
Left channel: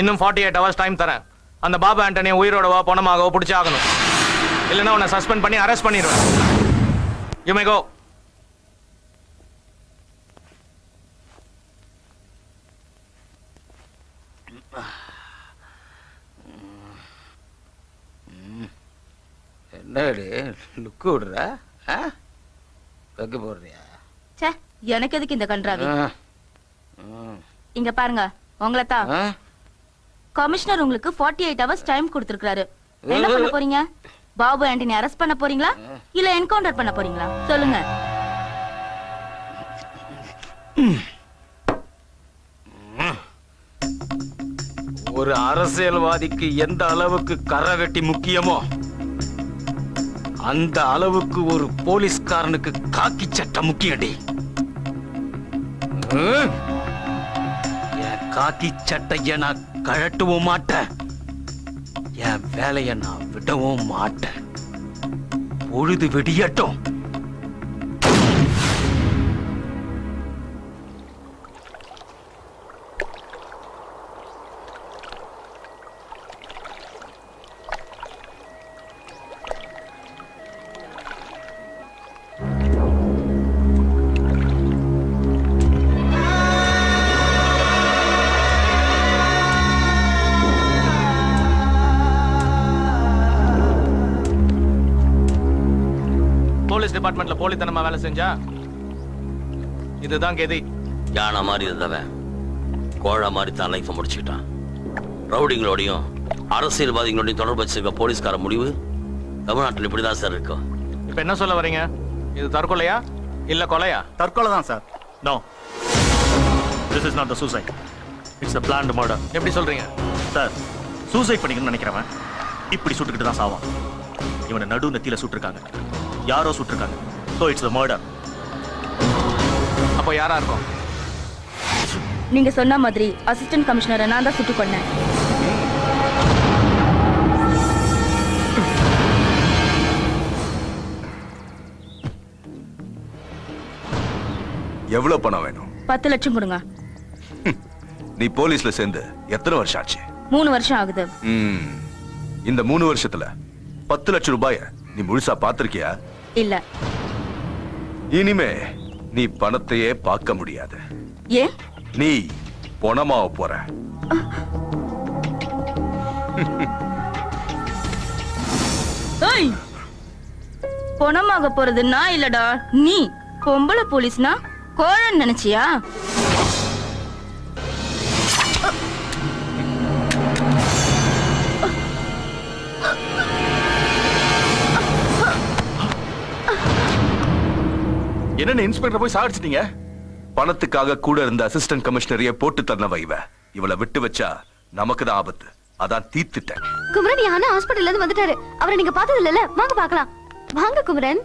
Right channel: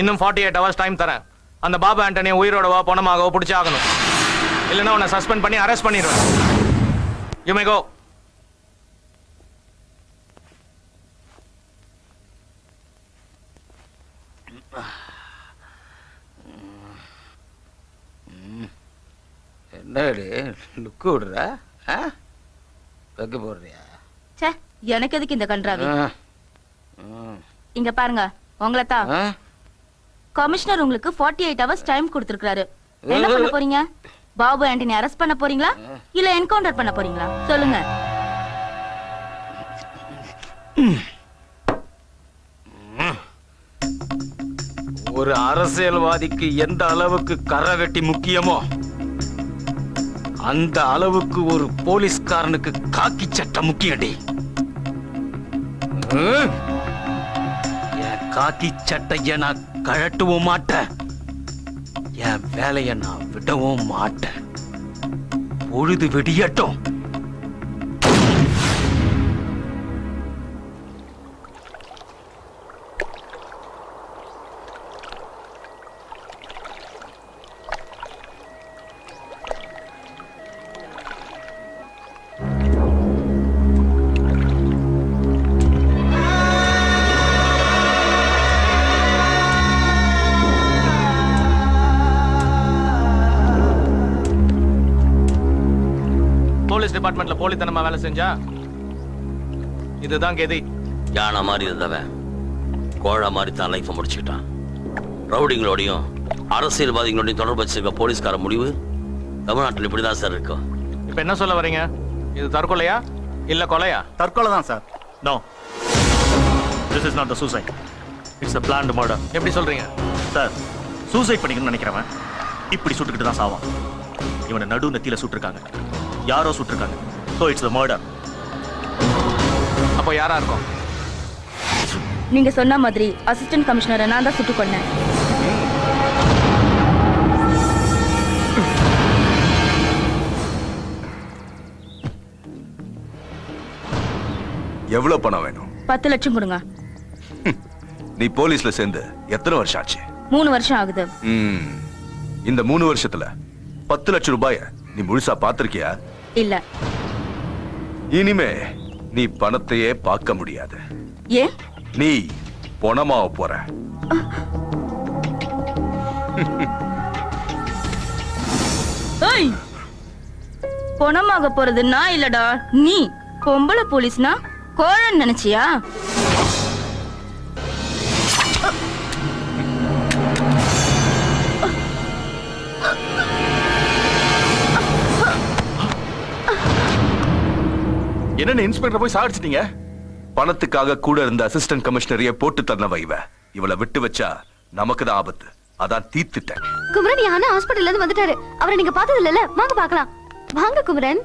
இன்னும் 48 hours டைம் தரேன். அந்த பாபு ஆண்டனியை உயிரோடவோ பணமாகவோ பிடிச்சி ஆகணும். இல்லைன்னா உன்னை சஸ்பெண்ட் பண்ணி அரெஸ்ட் பண்ணிடுவேன். யூ மே கோ. என்னடி லுக்கு விடுற? வைக்க போடுறியா? எனக்கு எதுக்கு இந்த கன்றாவி? இங்க பாருங்க, உங்களை தான் கமிஷனர் உங்களுக்கு 48 hours டைம் கொடுத்திருக்காரு. என்ன பண்ண போறீங்க? பாபு ஆண்டனி அரெஸ்ட் பண்ண போறீங்களா இல்ல என்கவுண்டர் பண்ண போறீங்களா? சொல்லுங்க. ஒரு அரசியல்வாதிக்கு எந்த அளவுக்கு கரை வெட்டி முக்கியமோ அந்த அளவுக்கு ஒரு போலீஸ்காரனுக்கு காக்கி சட்டை முக்கியடி. என் காக்கி சட்டைய நான் கழட்டவும் மாட்டேன், என் வேலையை நான் விடவும் மாட்டேன். பொழுது விடியட்டும். டிபார்ட்மெண்ட்ல போலித்தனமா வேலை செஞ்சா இதுதான் கெதி. யானை மாதிரி இருந்தவன் கோழ மாதிரி தான் லைஃப் முடிச்சுக்கிட்டான். ரவுடிங்களோடையும் அரசியல்வாதிகளோடையும் தொடர்பு வச்சிருக்க போலீஸ்கார முடிவு தமிழ்நாட்டில் இப்படிதான் சார் இருக்கும். இப்ப என்ன சொல்ல வரீங்க? இது தற்கொலையா இல்ல கொலையா? தற்கொலை தான் sir. No, this is not the suicide, it's a planned murder. எப்படி சொல்றீங்க சார்? சூசைட் பண்ணிக்கணும்னு நினைக்கிறவன் இப்படி சுட்டுக்கிட்டு தான் சாவான். இவனை நடு நெத்தியில சுட்டிருக்காங்க, யாரோ சுட்டிருக்காங்க. So it's a murder. அப்போ யாரா இருக்கும்? நீங்க சொன்ன மாதிரி அசிஸ்டன்ட் கமிஷனரை நான் தான் சுட்டுக் கொன்னேன். எவ்வளவு பணம் வேணும்? 10 லட்சம் கொடுங்க. நீ போலீஸ்ல சேர்ந்து எத்தனை வருஷம் ஆச்சு? 3 வருஷம் ஆகுது. இந்த 3 வருஷத்துல 10 லட்சம் ரூபாய நீ முழுசா பாத்திருக்கியா? இல்ல. இனிமே நீ பணத்தையே பார்க்க முடியாது. ஏன்? நீ பணமாவ போற. பணமாக போறது நான் இல்லடா, நீ. பொம்பளை போலீஸ்னா கோழன்னு நினைச்சியா? என்னென்ன இன்ஸ்பெக்டர் போய் சாடிச்சிட்டீங்க? பணத்துக்காக கூட இருந்த அசிஸ்டன்ட் கமிஷனரையே போட்டு தரனவ இவளை விட்டு வச்சா நமக்கு தான் ஆபத்து. அதான் தீர்த்துட்டேன். குமரன் யானை ஹாஸ்பிடல்ல இருந்து வந்துட்டாரு. அவரை நீங்க பார்த்தது இல்லல? வாங்க பார்க்கலாம். வாங்க குமரன்.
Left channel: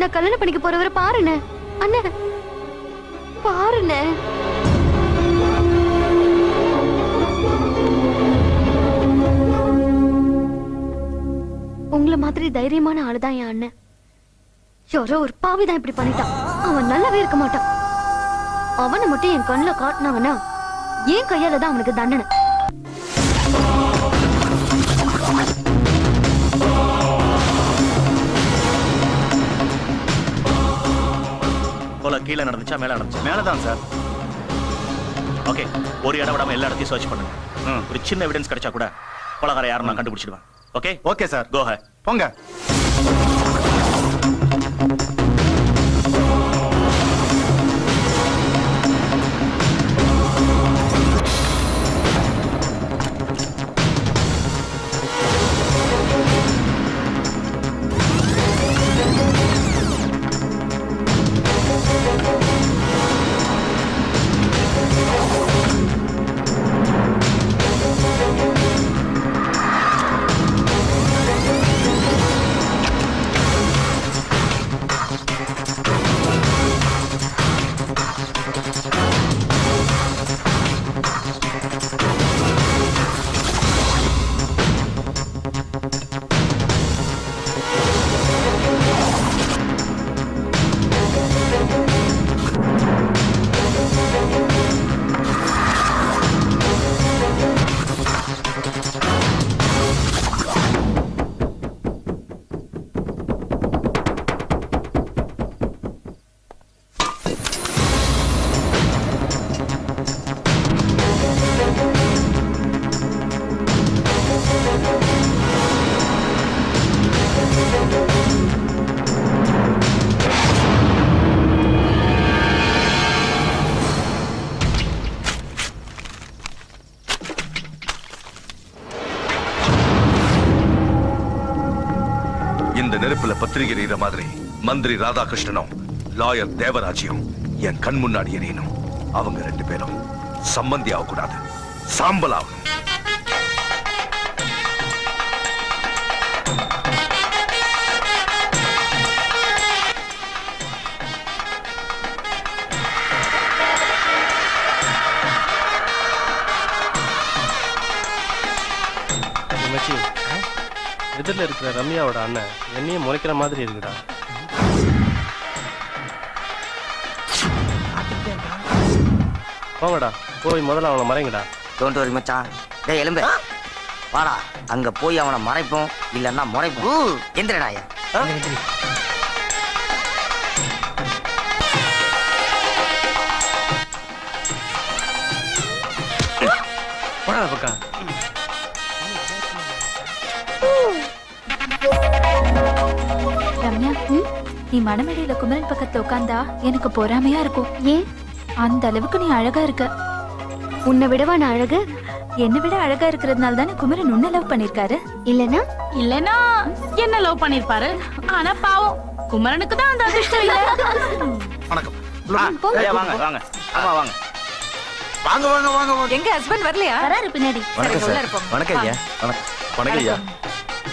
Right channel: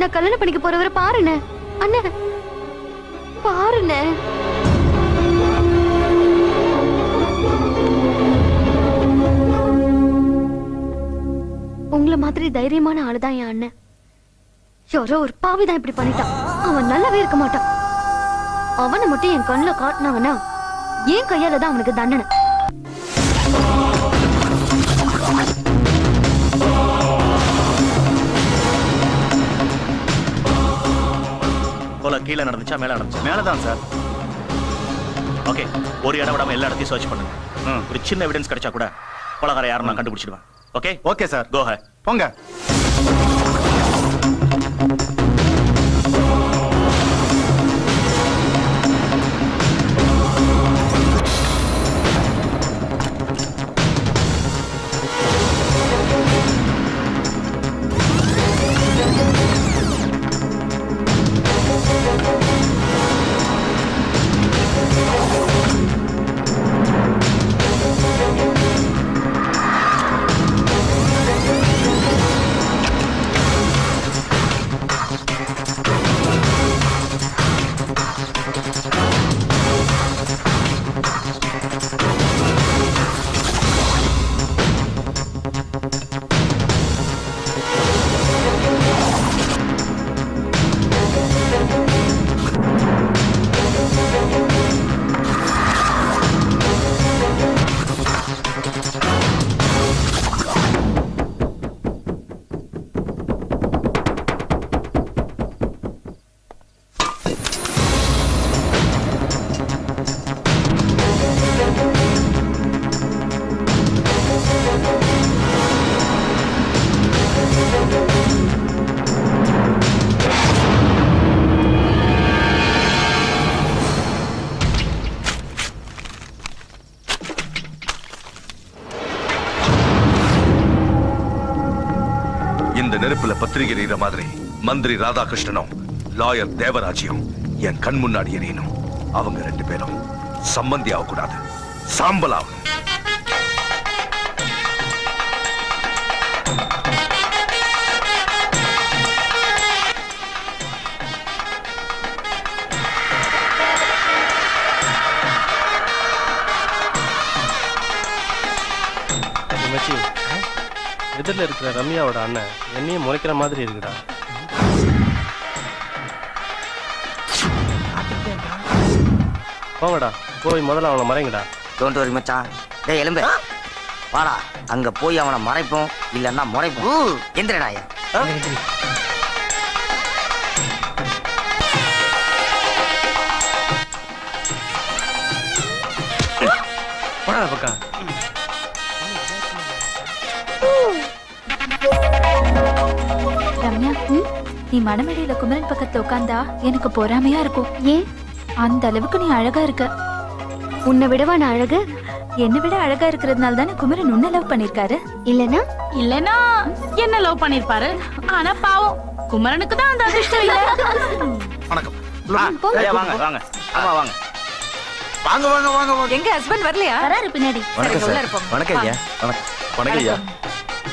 நான் கல்யாணம் பண்ணிக்க போறவரை பாருண்ணே. அண்ணே பாருண்ணே. உங்களை மாதிரி தைரியமான ஆளுதான் என் அண்ணன். யாரோ ஒரு பாவிதான் இப்படி பண்ணிட்டான். அவன் நல்லாவே இருக்க மாட்டான். அவனை மட்டும் என் கண்ணுல காட்டினவனா என் கையால தான் அவனுக்கு தண்டனை. கீழே நடந்துச்சா மேல நடந்துச்சா? மேலதான் சார். ஓகே, ஒரு இடம் விடாம எல்லா இடத்தையும் சர்ச் பண்ணுங்க. ஒரு சின்ன எவிடன்ஸ் கிடைச்சா கூட கொலகார யாரும் நான் கண்டுபிடிச்சிடுவேன். ஓகே ஓகே சார், கோ ஹெட். போங்க. இந்த நெருப்புல பத்திரிகை எறிகிற மாதிரி மந்திரி ராதாகிருஷ்ணனும் லாயர் தேவராஜியும் என் கண் முன்னாடி எரியணும். அவங்க 2 பேரும் சம்பந்தி ஆகக்கூடாது, சாம்பலாகும். எதிரில் இருக்கிற ரம்யாவோட அண்ணன் என்னையும் முறைக்கிற மாதிரி இருக்குடா. போங்கடா, போய் முதல்ல அவனை மறைங்கடா. டோன்ட் வரி மச்சான். டேய் எலும்பு வாடா, அங்க போய் அவனை மறைப்போம், இல்லன்னா முறைப்போம். எந்திரடா. போடா பக்கா. ரம்யா, நீ மணமேடையில குமரன் பக்கத்துல உட்கார்ந்தா எனக்கு பொறாமையா இருக்கும். ஏன்? அந்த அளவுக்கு நீ அழகா இருக்க. உன்னை விடவா நான் அழகு? என்னை விட அழகா இருக்கிறதுனால தானே குமரன் உன்னை லவ் பண்ணிருக்காரு. இல்லனா என்ன லவ் பண்ணிருப்பாரு. ஆனா பாவம் குமரனுக்கு தான் அந்த அதிர்ஷ்டம் இல்ல. வணக்கம். வாங்க வாங்க வாங்க வாங்க வாங்க வாங்க வாங்க. எங்க ஹஸ்பண்ட் வரலையா? வராரு பின்னாடி. வணக்கம் ஐயா. வணக்கம் ஐயா.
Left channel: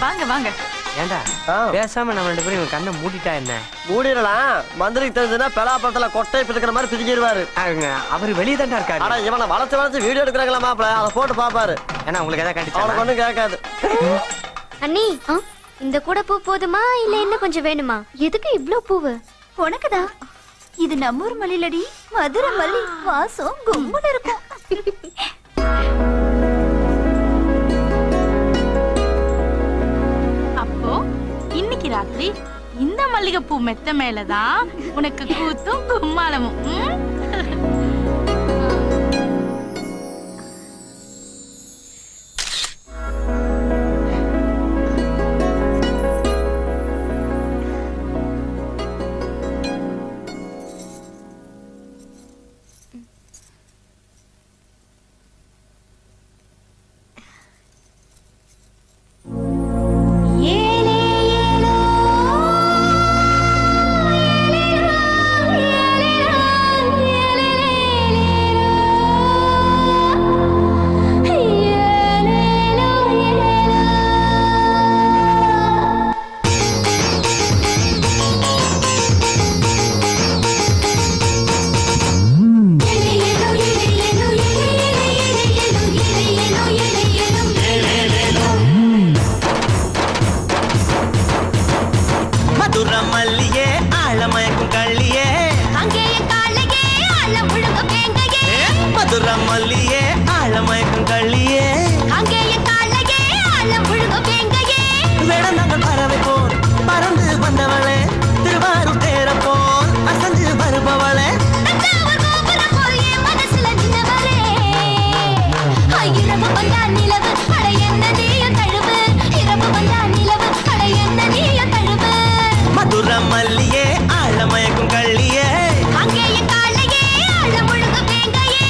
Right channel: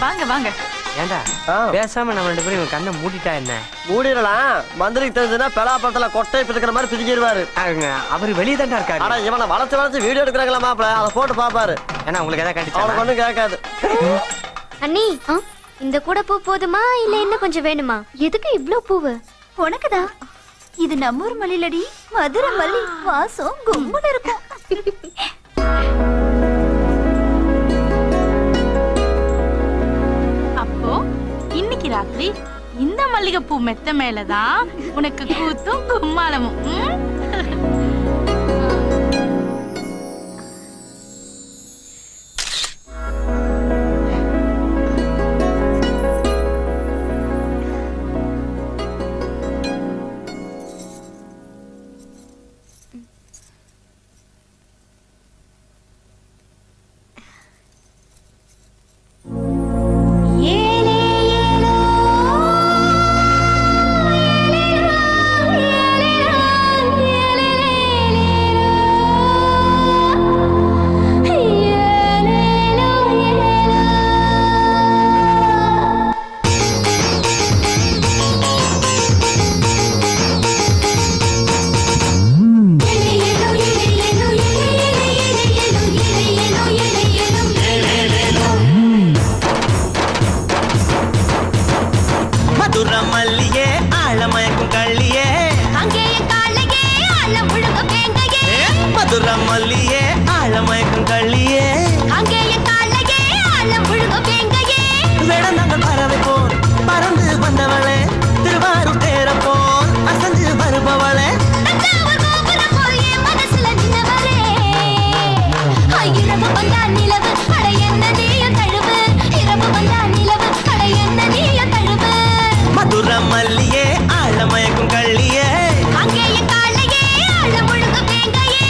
வாங்க வாங்க. ஏண்டா பேசாம நம்ம 2 பேரும் கண்ணை மூடிட்டா என்ன? மூடிடலாம். மந்திரிக்கு தெரிஞ்சதுன்னா பெலாப்பழத்துல கொட்டை பிடிக்கிற மாதிரி பிடிக்கிடுவாரு. அவரு வெளியே தான் இருக்காரு. ஆனா இவனை வளர்த்து வீடியோ எடுக்கிறாங்களா மாப்பிள, அதை போட்டு பாப்பாரு. ஏன்னா உங்களுக்கு எதாவது கண்டிச்சா அவனுக்கு ஒண்ணும் கேட்காது. அண்ணி, இந்த கூட பூ போதுமா இல்ல இன்னும் கொஞ்சம் வேணுமா? எதுக்கு இவ்ளோ பூவு? உனக்குதான். இது நம்ம ஊர் மல்லிலடி, மதுரை மல்லி. வாசம் கும்முன்னு இருக்கும். அப்போ இன்னைக்கு ராத்திரி இந்த மல்லிகைப்பூ மெத்த மேலதான் உனக்கு கூத்தும் கும்மாளமும். மல்லியே ஆழமயக்கும் கள்ளியே அங்கேயே காலையே ஆழம் முழுகும் வேங்கையே வேடந்தாங்கள் பறவை போல் பறந்து வந்தவளே திருவாரூர் தேர போல் அசந்து வருபவளே தஞ்சாவூர் கோபுரம் போல் என் மனசுல நின்னவரே இரவு வந்தா நிலவு அட என்ன நீயும் தழுவு இரவு வந்தா நிலவு அட என்ன நீயும் தழுவு மதுர மல்லியே ஆழமயக்கும் கள்ளியே அங்கேயே காலையே ஆழம் முழுகும் வேங்கையே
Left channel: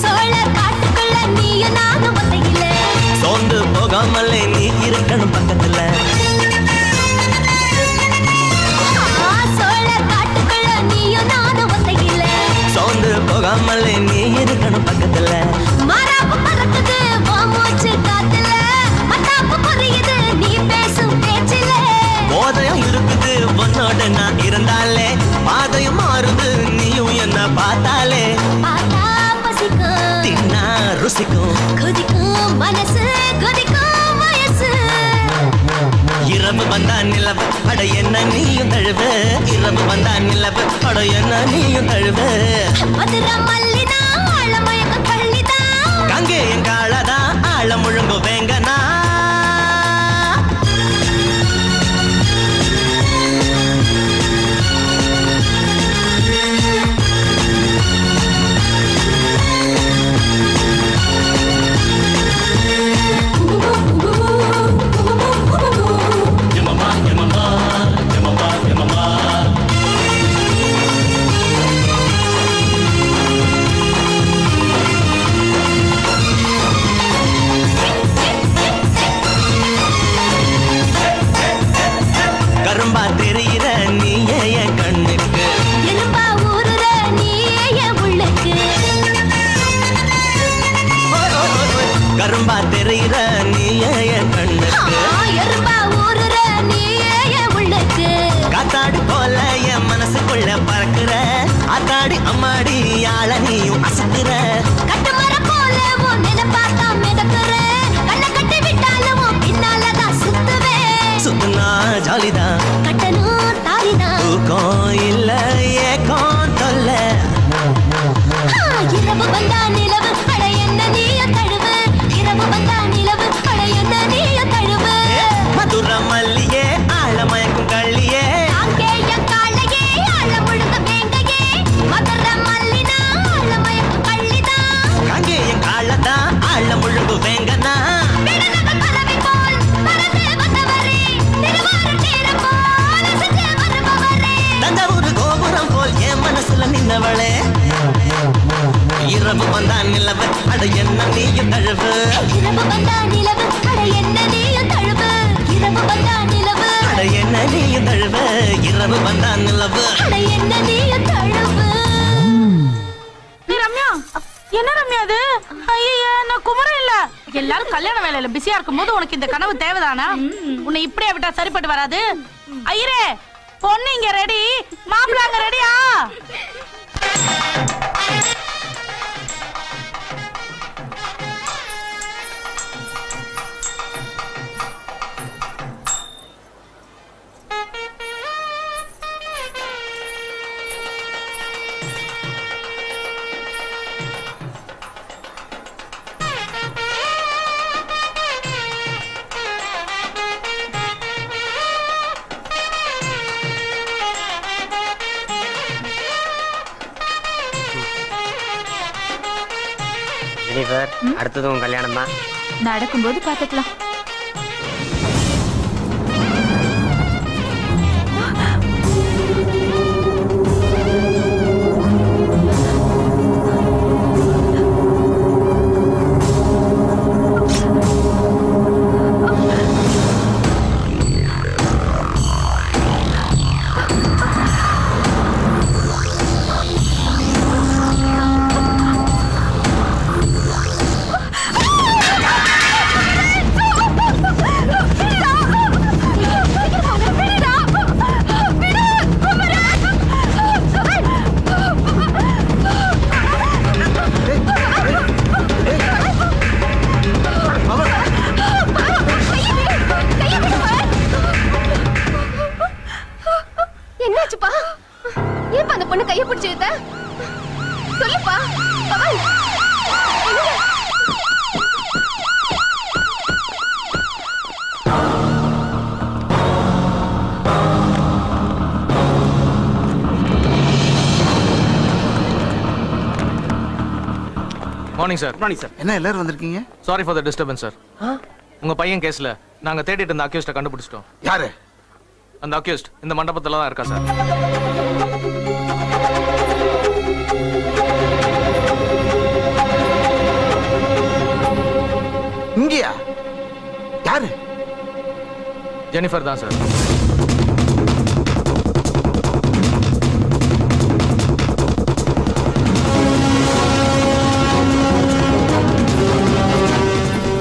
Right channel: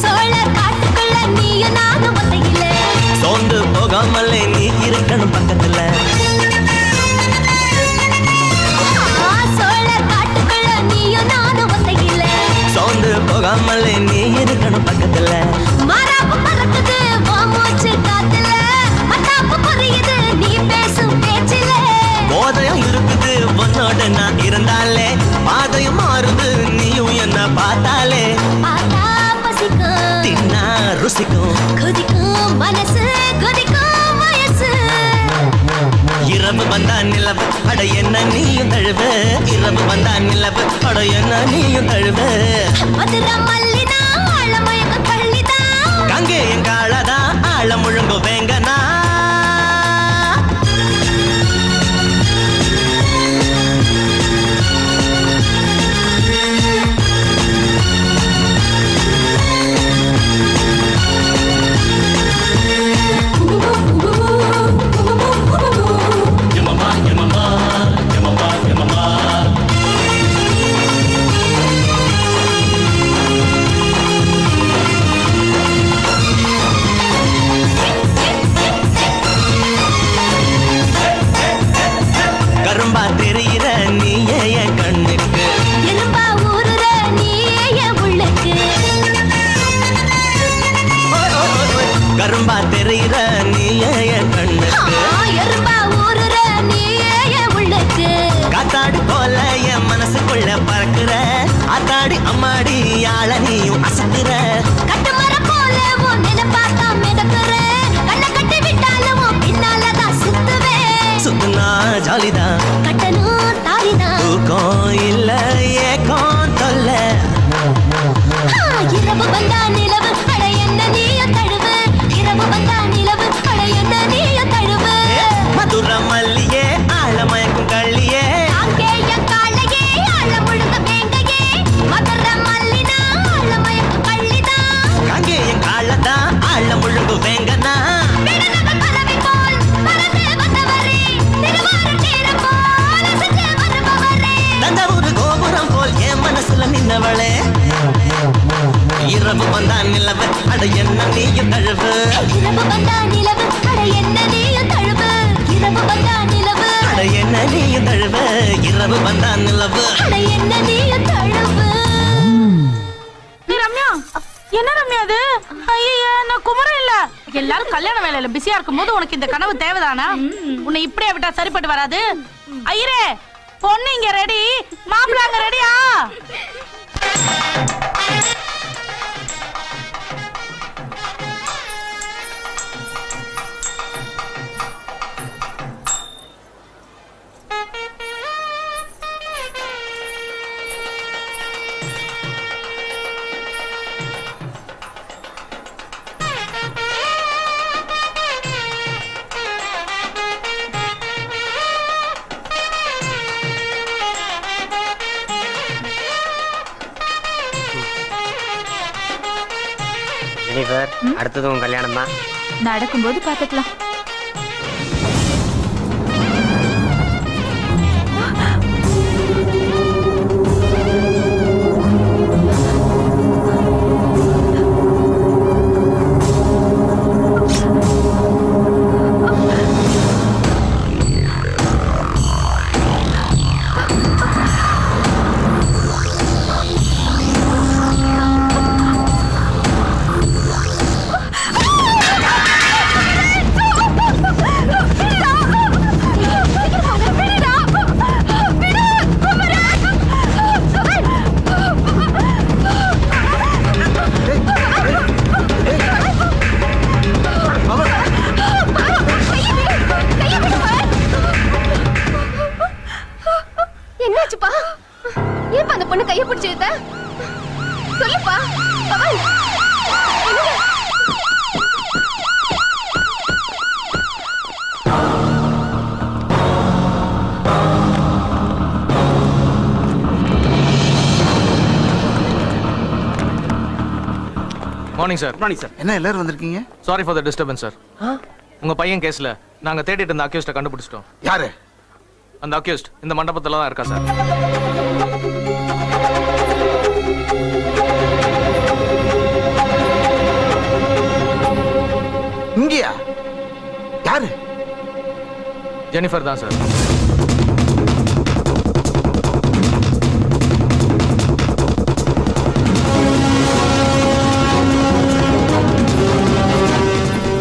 சோழர் காட்டுக்குள்ள நீயும் நானும் ஒத்தையில சோர்ந்து போகாமலே நீ இருக்கணும் பக்கத்துல சோழர் காட்டுக்குள்ள நீயும் நானும் ஒத்தையில சோர்ந்து போகாமலே நீ இருக்கணும் பக்கத்துல மாறாப்பு பறக்குது உன் மூச்சு காத்துல மத்தாப்பு புரியுது நீ பேசும் பேச்சில போதையும் இருக்குது உன்னோட நான் இருந்தாலே பாதையும் மாறுது நீயும் என்ன பார்த்தாலே பார்த்தா பசிக்கும் தின்னா ருசிக்கும் குதிக்கும் மனசு குதிக்கும் வயசு இரவு வந்தா நிலவு அட என்ன நீயும் தழுவு இரவு வந்தா நிலவு அட என்ன நீயும் தழுவு மதுரை மல்லிதா ஆழமயக்க கள்ளிதா கங்கேயன் காலதா ஆழ முழுங்கு வேங்கனா கரும்பா தெரிகிற நீயே என் கண்ணுக்கு எலும்பா ஊறுற நீயே என் உள்ளுக்கு கரும்பா தெரிகிற நீயே என் கண்ணுக்கு எலும்பா ஊறுற நீயே என் உள்ளுக்கு காத்தாடி போல என் மனசுக்குள்ள பறக்குற ஆத்தாடி அம்மாடி யாழ நீயும் அசத்துற கட்டுமரம் போல உன் நினைப்பாத்தான் மிதக்குற கண்ணை கட்டி விட்டாலும் உன் பின்னாலதான் சுத்துவேன் சுத்துனா ஜாலிதான் கட்டணும் தாலிதான் தூக்கம் இல்ல ஏக்கம் தொல்ல இரவு வந்தா நிலவு அட என்ன நீயும் தழுவு இரவு வந்தா நிலவு அட என்ன நீயும் தழுவு மதுர மல்லியே ஆழமயக்கும் கள்ளியே அங்கேய காலையே ஆழ முழுக வேங்கையே மதுரை மல்லிதா ஆழமயக்க கள்ளிதா கங்கேயன் காலதா ஆழ முழுங்கு வேங்கனா விடுதலை பறவை போல் பறந்து வந்தவரே திருவாரூர் தேர போல் அசைந்து வருபவரே தஞ்சாவூர் கோபுரம் போல் என் மனசுல நின்னவளே இரவு வந்தா நிலவு அட என்ன நீயும் தழுவு இரவு வந்தா நிலவு அட என்ன நீயும் தழுவு இரவு வந்தா நிலவு அட என்ன நீயும் தழுவு இரவு வந்தா நிலவு அட என்ன நீயும் தழுவு ரம்யா என்ன ரம்யா அது ஐயா நான் குமரம் இல்ல எல்லாரும் கல்யாண வேலையில பிஸியா இருக்கும் போது உனக்கு இந்த கனவு தேவைதானா உன்னை இப்படியே விட்டா சரிப்பட்டு வராது ஐயரே பொண்ணு இங்க ரெடி மாப்பிள்ள அங்க ரெடியா ஜெனிஃபர் அடுத்தது உன் கல்யாணம் தான் நடக்கும்போது பாத்துக்கலாம். Morning sir. Morning sir. என்ன எல்லாரும் வந்திருக்கீங்க? Sorry for the disturbance sir. உங்க பையன் கேஸ்ல நாங்க தேடிட்டு இருந்த அக்யூஸ்ட கண்டுபிடிச்சிட்டோம். யாரு அந்த அக்யூஸ்ட்? இந்த மண்டபத்துல தான் இருக்கா சார். இங்கயா? யாரு? ஜெனிஃபர் தான் சார்.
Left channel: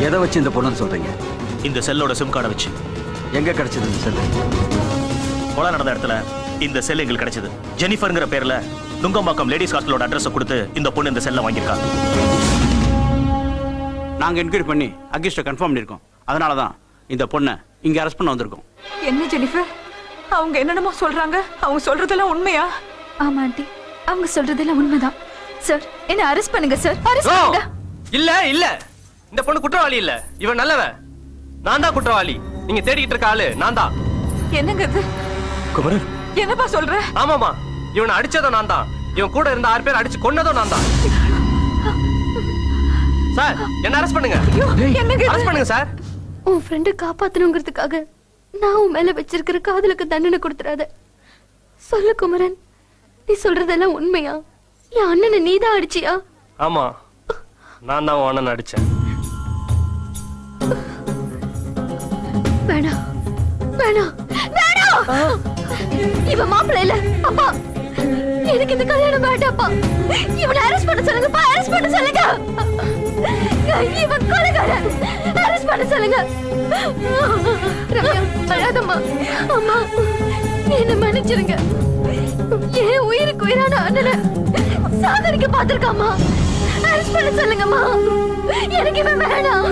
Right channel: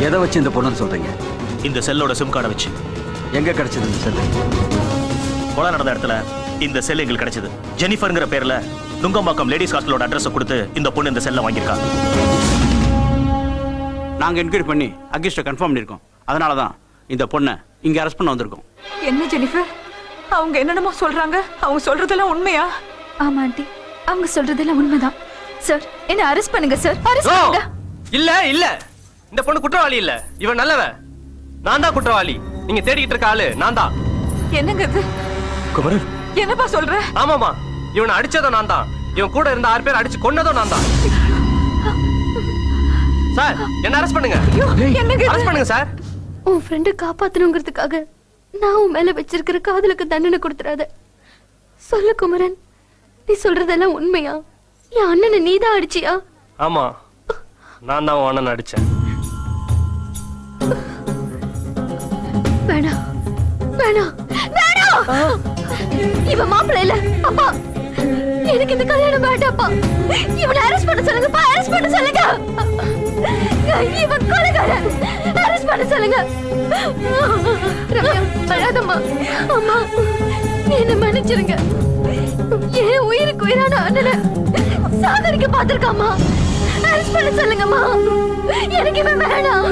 எதை வச்சு இந்த பொண்ணுன்னு சொல்றீங்க? இந்த செல்லோட சிம் கார்டை வச்சு. எங்க கிடைச்சது இந்த செல்லு? கொலை நடந்த இடத்துல இந்த செல் எங்களுக்கு கிடைச்சது. ஜெனிஃபர்ங்கிற பேர்ல நுங்கம்பாக்கம் லேடிஸ் ஹாஸ்டலோட அட்ரஸ் கொடுத்து இந்த பொண்ணு இந்த செல்லை வாங்கியிருக்காங்க. நாங்க என்கொயரி பண்ணி அக்யூஸ்ட கன்ஃபார்ம் பண்ணிருக்கோம். அதனாலதான் இந்த பொண்ணை இங்க அரெஸ்ட் பண்ண வந்திருக்கோம். என்ன ஜெனிஃபர், அவங்க என்னென்னமோ சொல்றாங்க. அவங்க சொல்றதெல்லாம் உண்மையா? ஆமா ஆண்டி, அவங்க சொல்றதெல்லாம் உண்மைதான். சார், என்ன அரெஸ்ட் பண்ணுங்க சார், அரெஸ்ட் பண்ணுங்க. இல்ல இல்ல, இந்த பொண்ணு குற்றவாளி இல்ல, இவன் நல்லவன். நான் தான் குற்றவாளி. நீங்க தேடிக்கிட்டு இருக்க ஆளு நான் தான். என்னங்க இது? குமரன், என்னப்பா சொல்ற? ஆமாமா, இவனை அடிச்சதும் நான் தான். இவன் கூட இருந்த 6 பேர் அடிச்சு கொன்னதும் நான் தான். சார், என்ன அரெஸ்ட் பண்ணுங்க. அரெஸ்ட் பண்ணுங்க சார். உன் ஃப்ரெண்டை காப்பாத்தணுங்கிறதுக்காக நான் உன் மேல வச்சிருக்கிற காதலுக்கு தண்டனை கொடுத்துறாத. சொல்லு குமரன், நீ சொல்றதெல்லாம் உண்மையா? என் அண்ணனை நீதான் அடிச்சியா? ஆமா, நான் தான் உன் அண்ணன் அடிச்சேன். வேணாம் வேணாம் வேணாம், இவன் மாப்பிள்ளை இல்ல. அப்பா, எனக்கு இந்த கல்யாணம் வேண்டாப்பா. இவனை அரெஸ்ட் பண்ண சொல்லுங்கப்பா, அரெஸ்ட் பண்ண சொல்லுங்க. இவன் கொலைகாரன், அரெஸ்ட் பண்ண சொல்லுங்க. ரம்யா, அழாதம்மா. அம்மா, என்ன மன்னிச்சிருங்க. என் உயிருக்கு உயிரான அண்ணனை சாகரிக்க பார்த்திருக்காமா. அரெஸ்ட் பண்ண சொல்லுங்கம்மா. எனக்கு இவன் வேணாம்.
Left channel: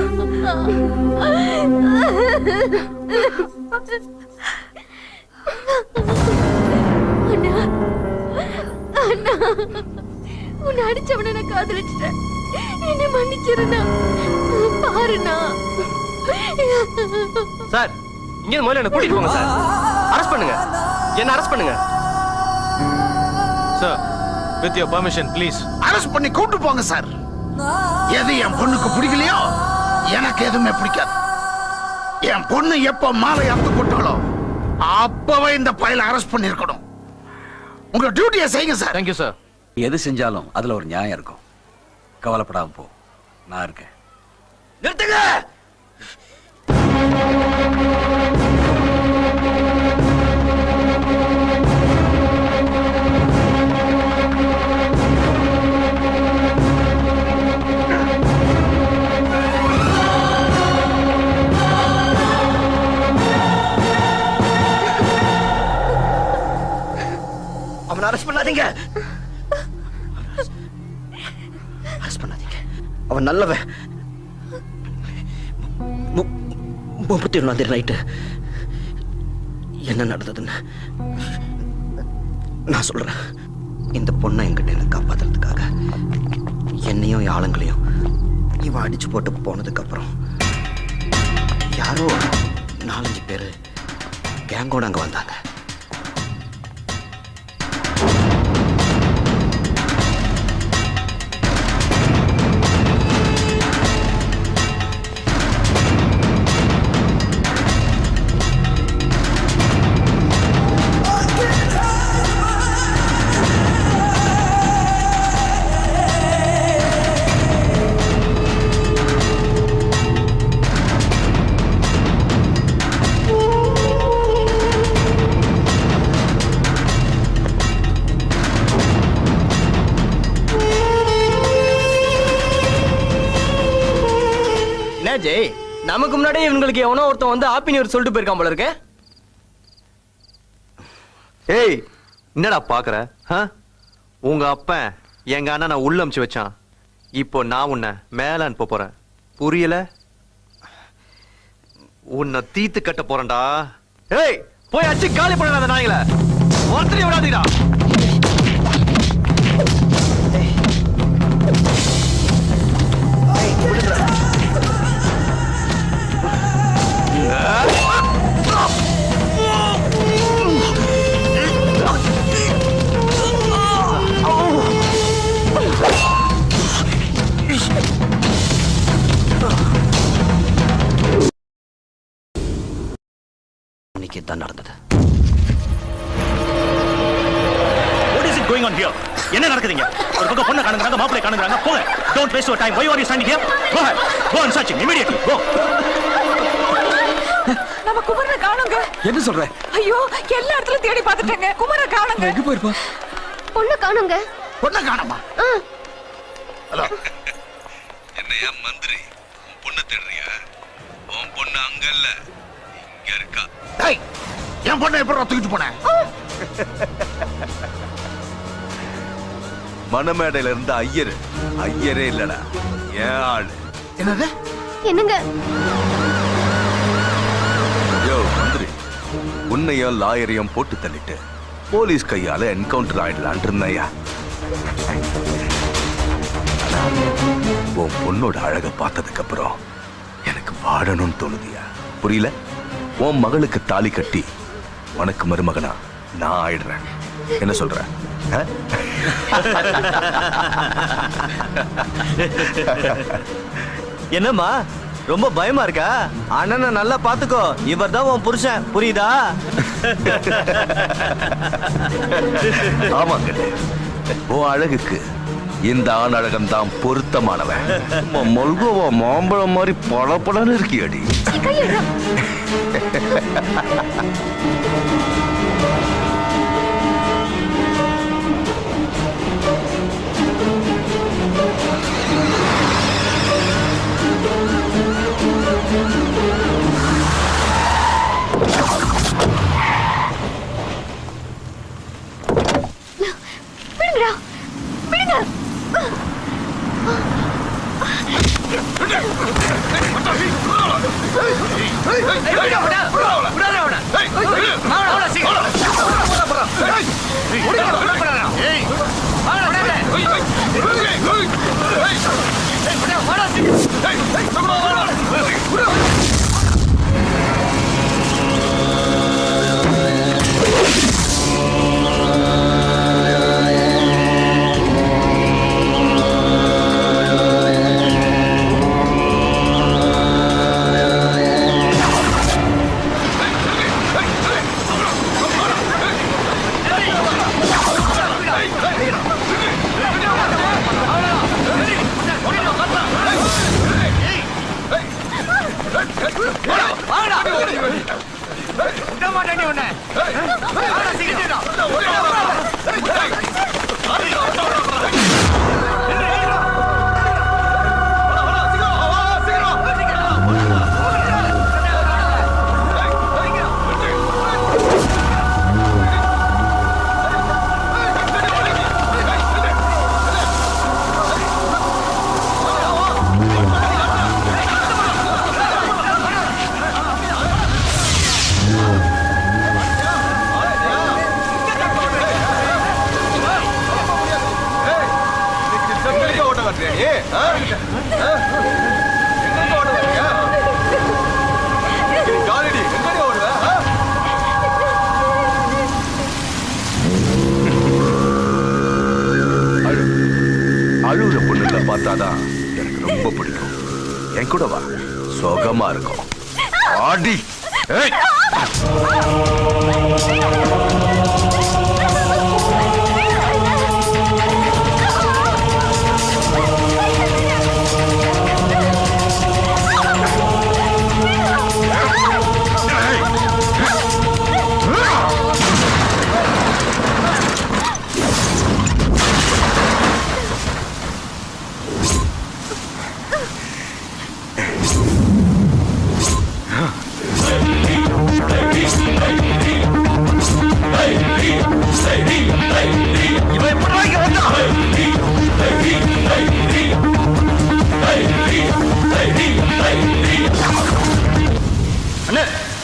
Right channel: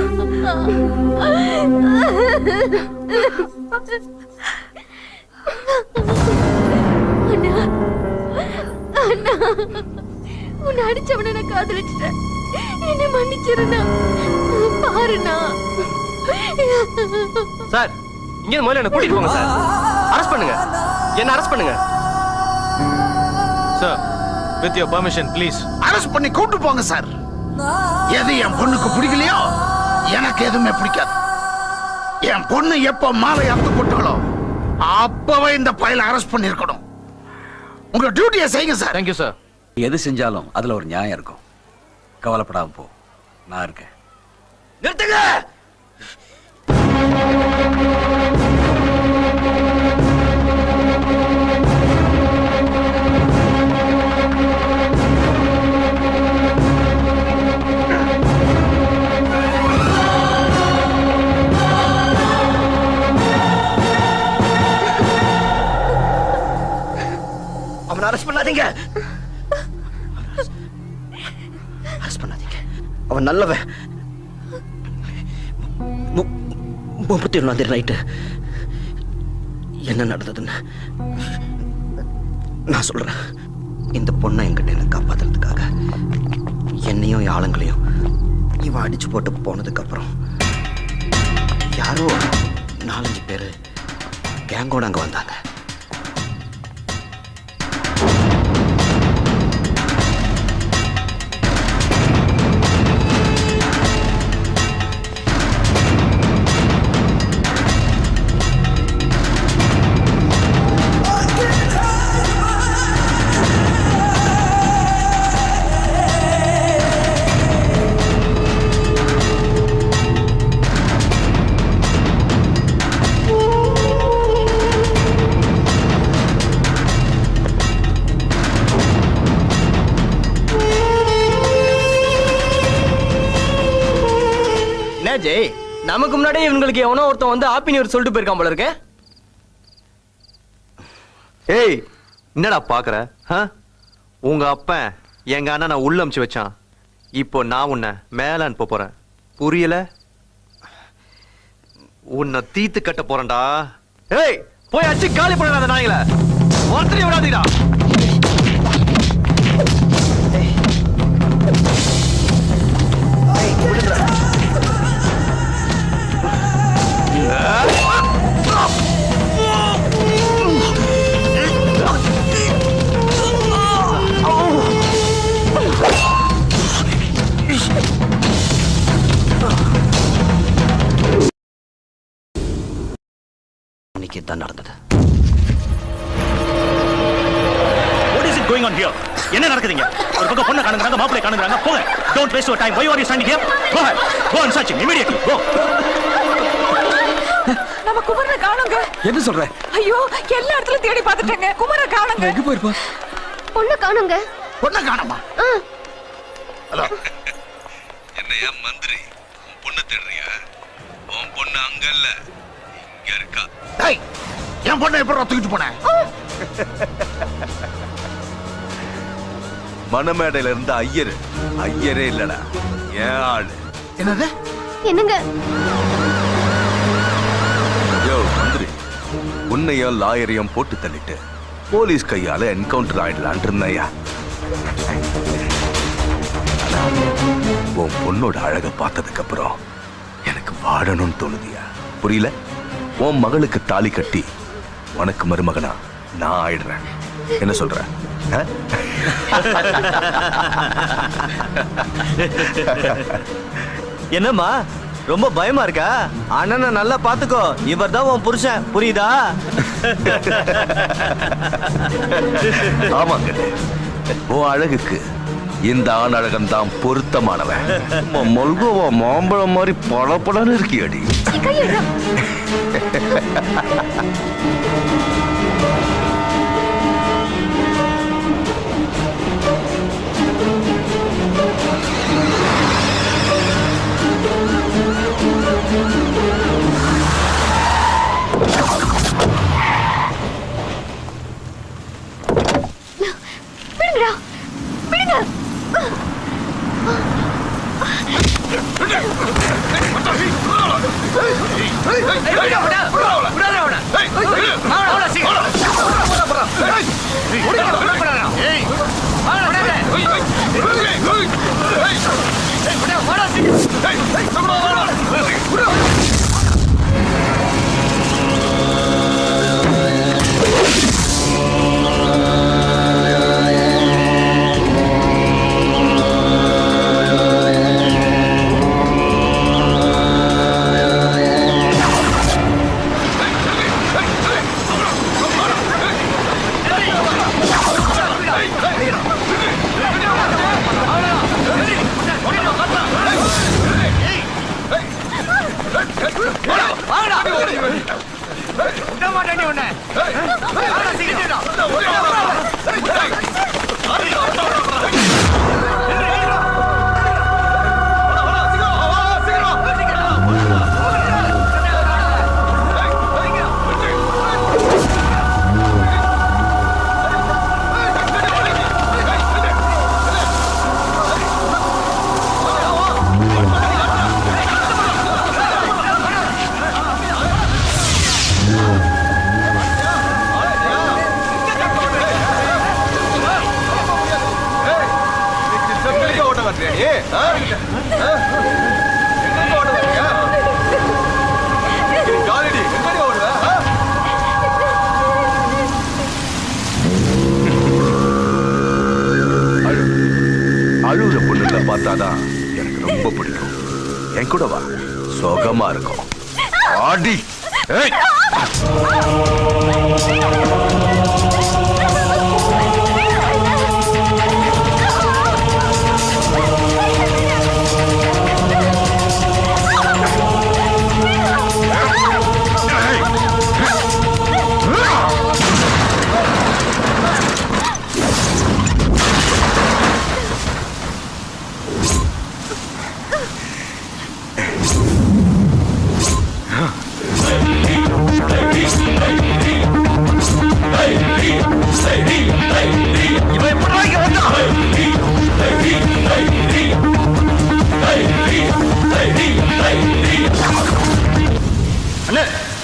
உன்னை அடிச்சவன நான் காதலிச்சிட்டேன். என்ன மன்னிச்சிருந்தா பாருண்ணா. சார், இங்க முதல்ல என்ன கூட்டிட்டு போங்க சார். அரெஸ்ட் பண்ணுங்க, என்ன அரெஸ்ட் பண்ணுங்க. Sir, with your permission please. Arrest பண்ணி கூட்டு போங்க சார். எது என் பொண்ணுக்கு பிடிக்கலையோ எனக்கு எதுவுமே பிடிக்காது. என் பொண்ணு எப்ப மாலை அறுத்து போட்டாலோ அப்பவே இந்த பையல அரெஸ்ட் பண்ணிருக்கணும். உங்க டியூட்டியை செய்யுங்க சார். Thank you sir. எது செஞ்சாலும் அதுல ஒரு நியாயம் இருக்கும். கவலைப்படாம போ, நான் இருக்கேன். நிறுத்துங்க. அவனை அரெஸ்ட் பண்ணாதீங்க. அரெஸ்ட் பண்ணாதீங்க. அவன் நல்லவன். 31 நைட்டு என்ன நடந்ததுன்னு நான் சொல்றேன். இந்த பொண்ணை என்கிட்ட காப்பாத்துறதுக்காக என்னையும் ஆளுங்களையும் இவன் அடிச்சு போட்டு போனதுக்கு அப்புறம் யாரோ 4-5 பேரு கேங்கோட அங்க வந்தாங்க. ஜெய், நமக்கு முன்னாடியே இவங்களுக்கு எவனோ ஒருத்தன் வந்து ஹாப்பி நியூ இயர் சொல்லிட்டு போயிருக்கான் போல இருக்கு. ஏய், என்னடா பாக்குற? உங்க அப்பன் எங்க அண்ணனை உள்ள அமுச்சு வச்சான். இப்போ நான் உன்னை மேல அனுப்ப போறேன். புரியல? உன்னை தீத்து கட்ட போறேன்டா. ஏய், போய் அச்சு காலி பண்ணாத நாய்கள. ஒருத்தரையும் விடாதீடா. அன்னைக்கு தான் நடந்தது. What is it going on here? என்ன நடக்குதுங்க? ஒரு பக்கம் பொண்ணை காணுங்கறாங்க, மாப்பிளை காணுங்கறாங்க. போங்க. Don't waste your time. Why are you standing here? Go ahead. Go and search him immediately. Go. நம்ம குமரனை காணுங்க. என்ன சொல்ற? ஐயோ, எல்லா இடத்துல தேடி பார்த்துட்டேங்க. குமரனை காணுங்க. எங்க போயிருப்பா? பொண்ணு காணுங்க. பொண்ணை காணுமா? ஹலோ, என்னையா மந்திரி, உன் பொண்ணை தேடுறியா? உன் பொண்ணு அங்க இல்ல, இங்க இருக்கா. டேய், என் பொண்ணை எப்படி தூக்கிட்டு போனேன்? மணமேடையில இருந்த ஐயரே இல்லடா, ஏன் ஆளு. என்னது? என்னங்க? யோ மந்திரி, உன்னையும் லாயரையும் போட்டு தள்ளிட்டு போலீஸ் கையால என்கவுண்டர் ஆயிடலான் இருந்தையா. உன் பொண்ணோட அழக பார்த்ததுக்கு அப்புறம் எனக்கு வாழணும்னு தோணுதியா? புரியல? உன் மகளுக்கு தாலி கட்டி உனக்கு மருமகனா நான் ஆயிடுறேன். என்ன சொல்ற? என்னம்மா ரொம்ப பயமா இருக்கா? அண்ணனை நல்லா பாத்துக்கோ, இவர் தான் உன் புருஷன், புரியுதா? ஆமாங்க, உன் அழகுக்கு இந்த ஆண் அழகன் தான் பொருத்தமானவன். மல்கோவா மாம்பழம் மாதிரி பளபளன்னு இருக்கியடி. அழுகுற பொண்ணுங்களை பார்த்தாதான் எனக்கு ரொம்ப பிடிக்கும். என் கூட வா, சுகமா இருக்கும். ஆடி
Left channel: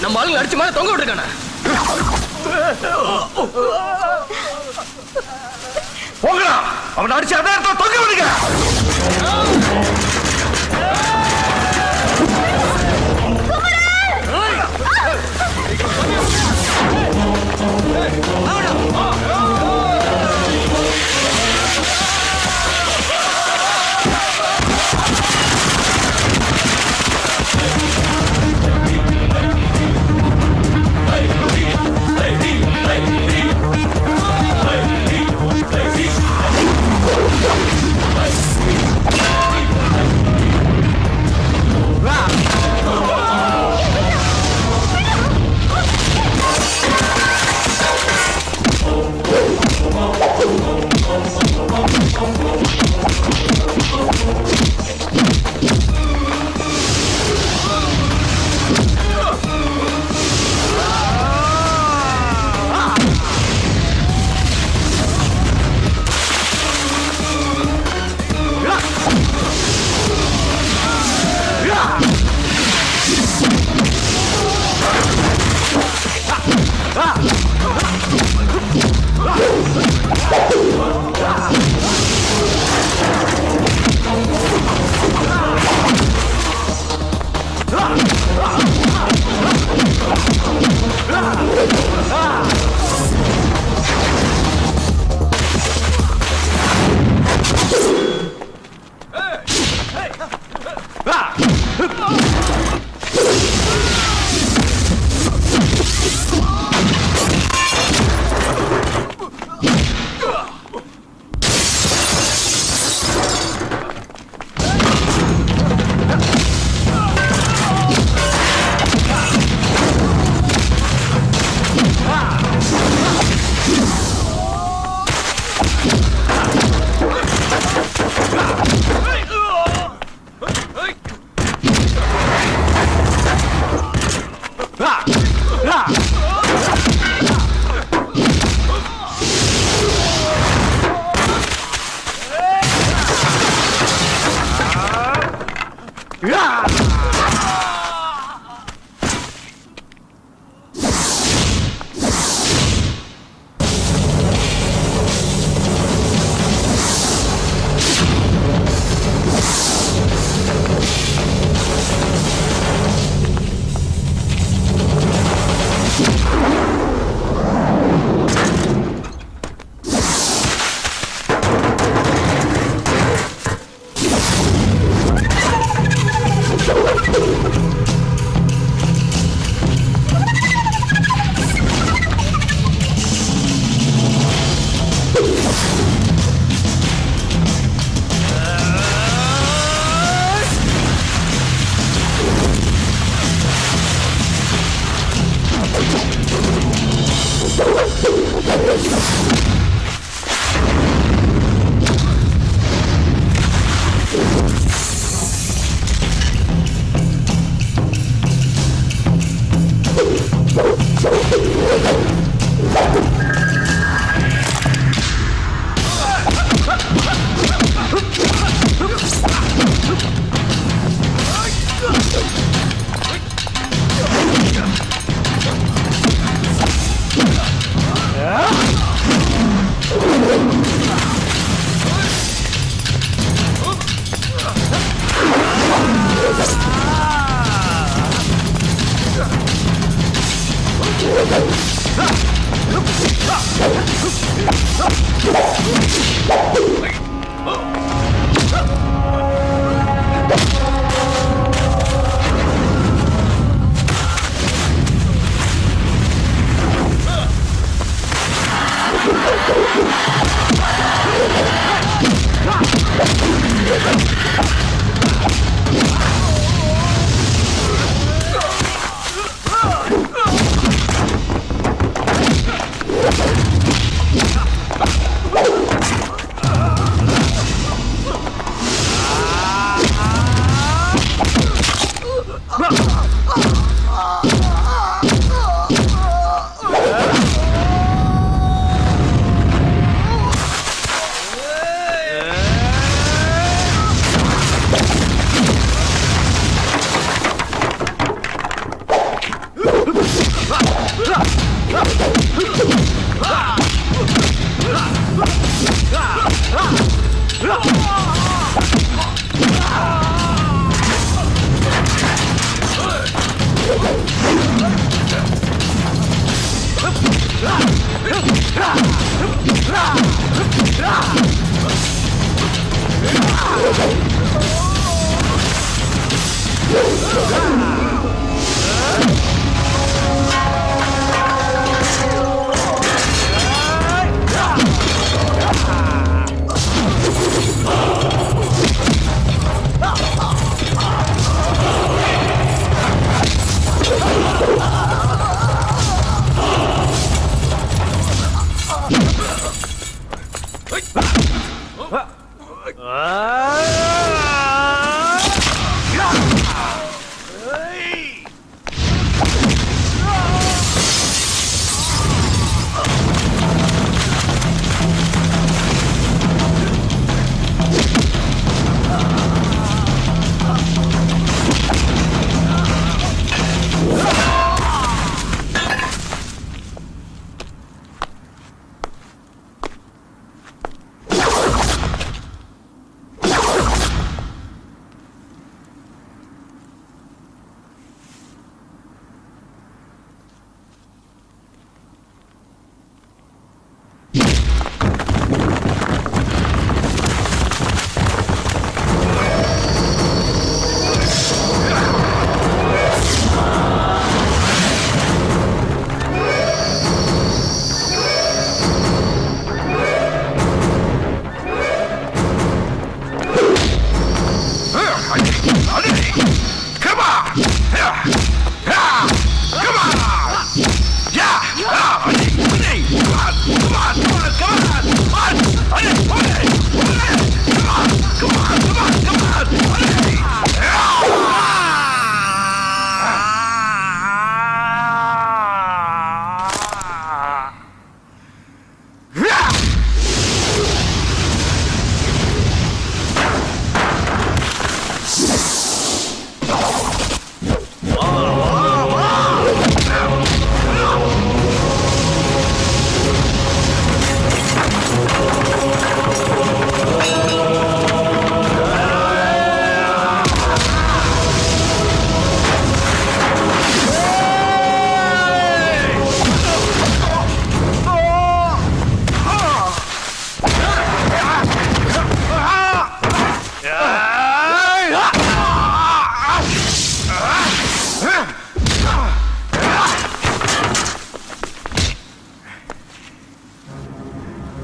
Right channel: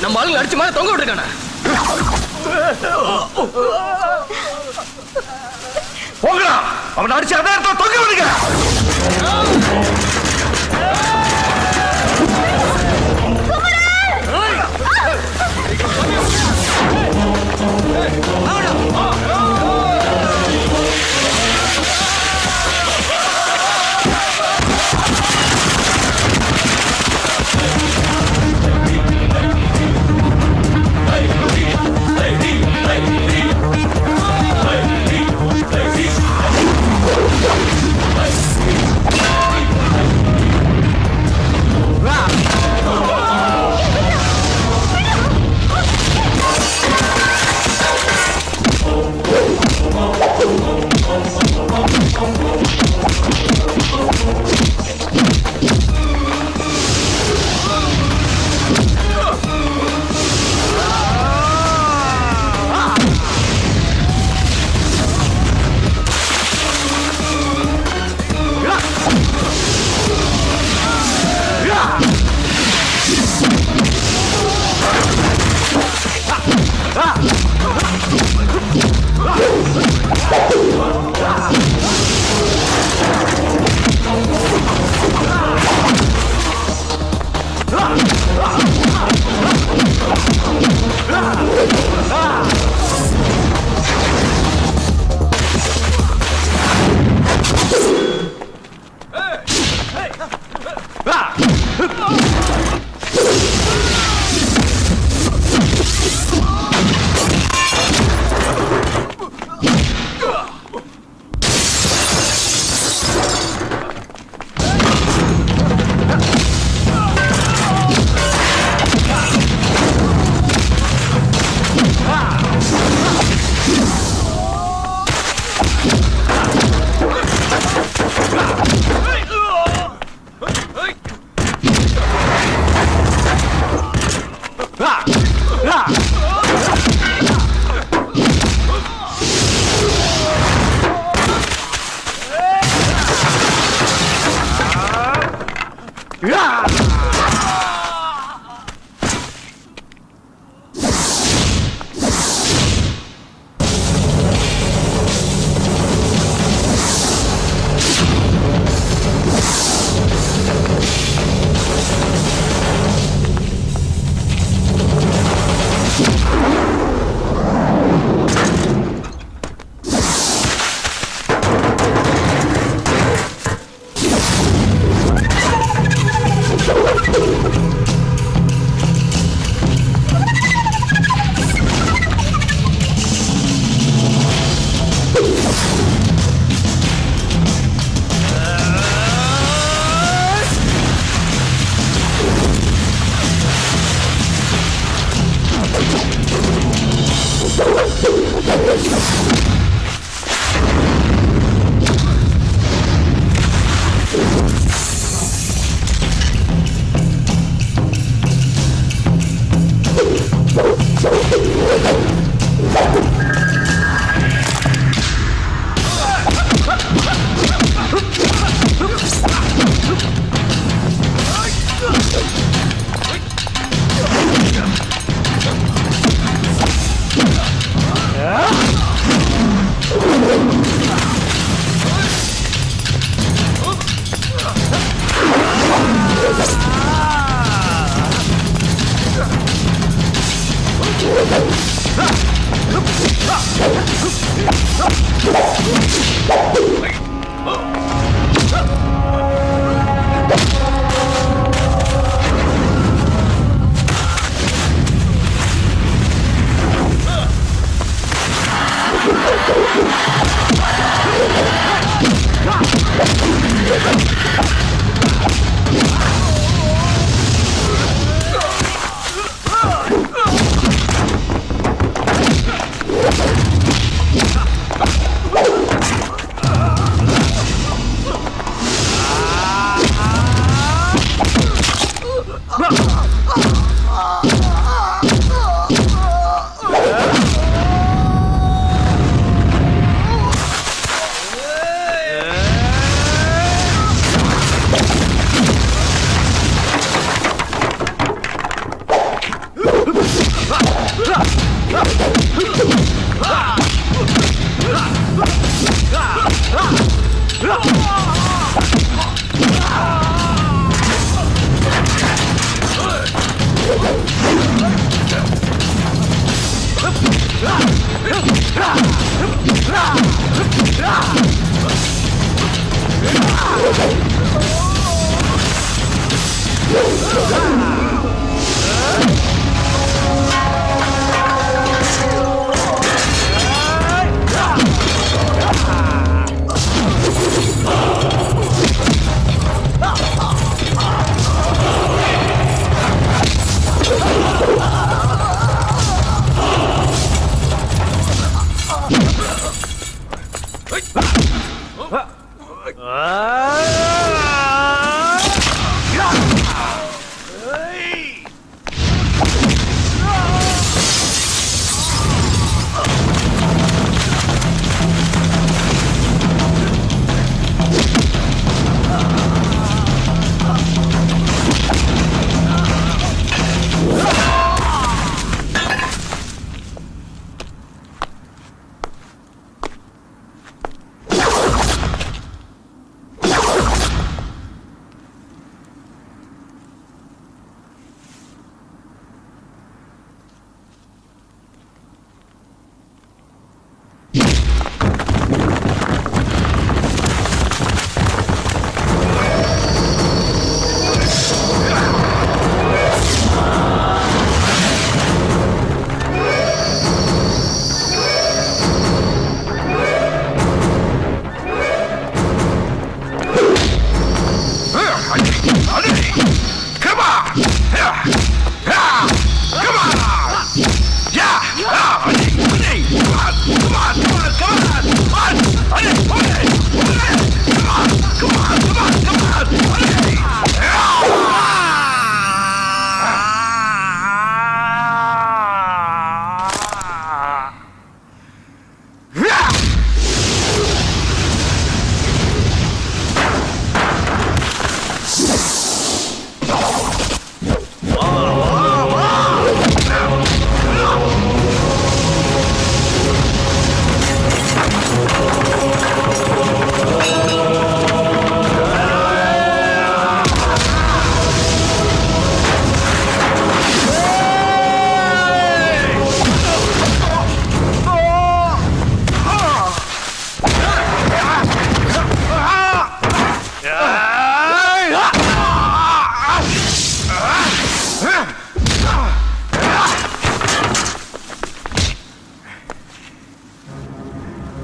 நம்ம ஆளுங்க அடிச்சு மேல தொங்க விட்டுருக்கானே. போங்கடா, அவன் அடிச்சு அதே இடத்துல தொங்க விடுங்க.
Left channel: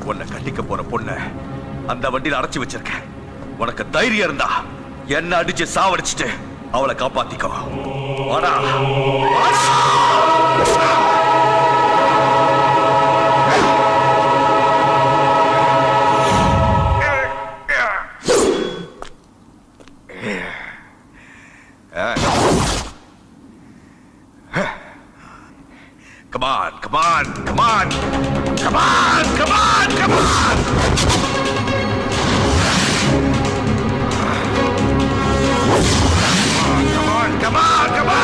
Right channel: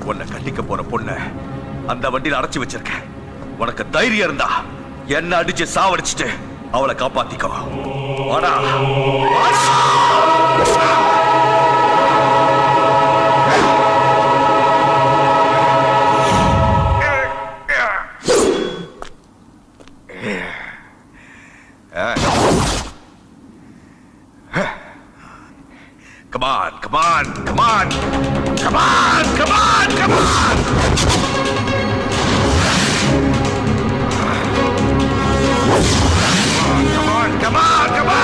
உன்னை கட்டிக்க போற பொண்ண அந்த வண்டியில அடைச்சு வச்சிருக்கேன். உனக்கு தைரியம் இருந்தா என்ன அடிச்சு சாவடிச்சுட்டு அவளை காப்பாத்திக்கோ. வாடா. Come on, come on, come on. Come on, come on, come on. Come on, come on.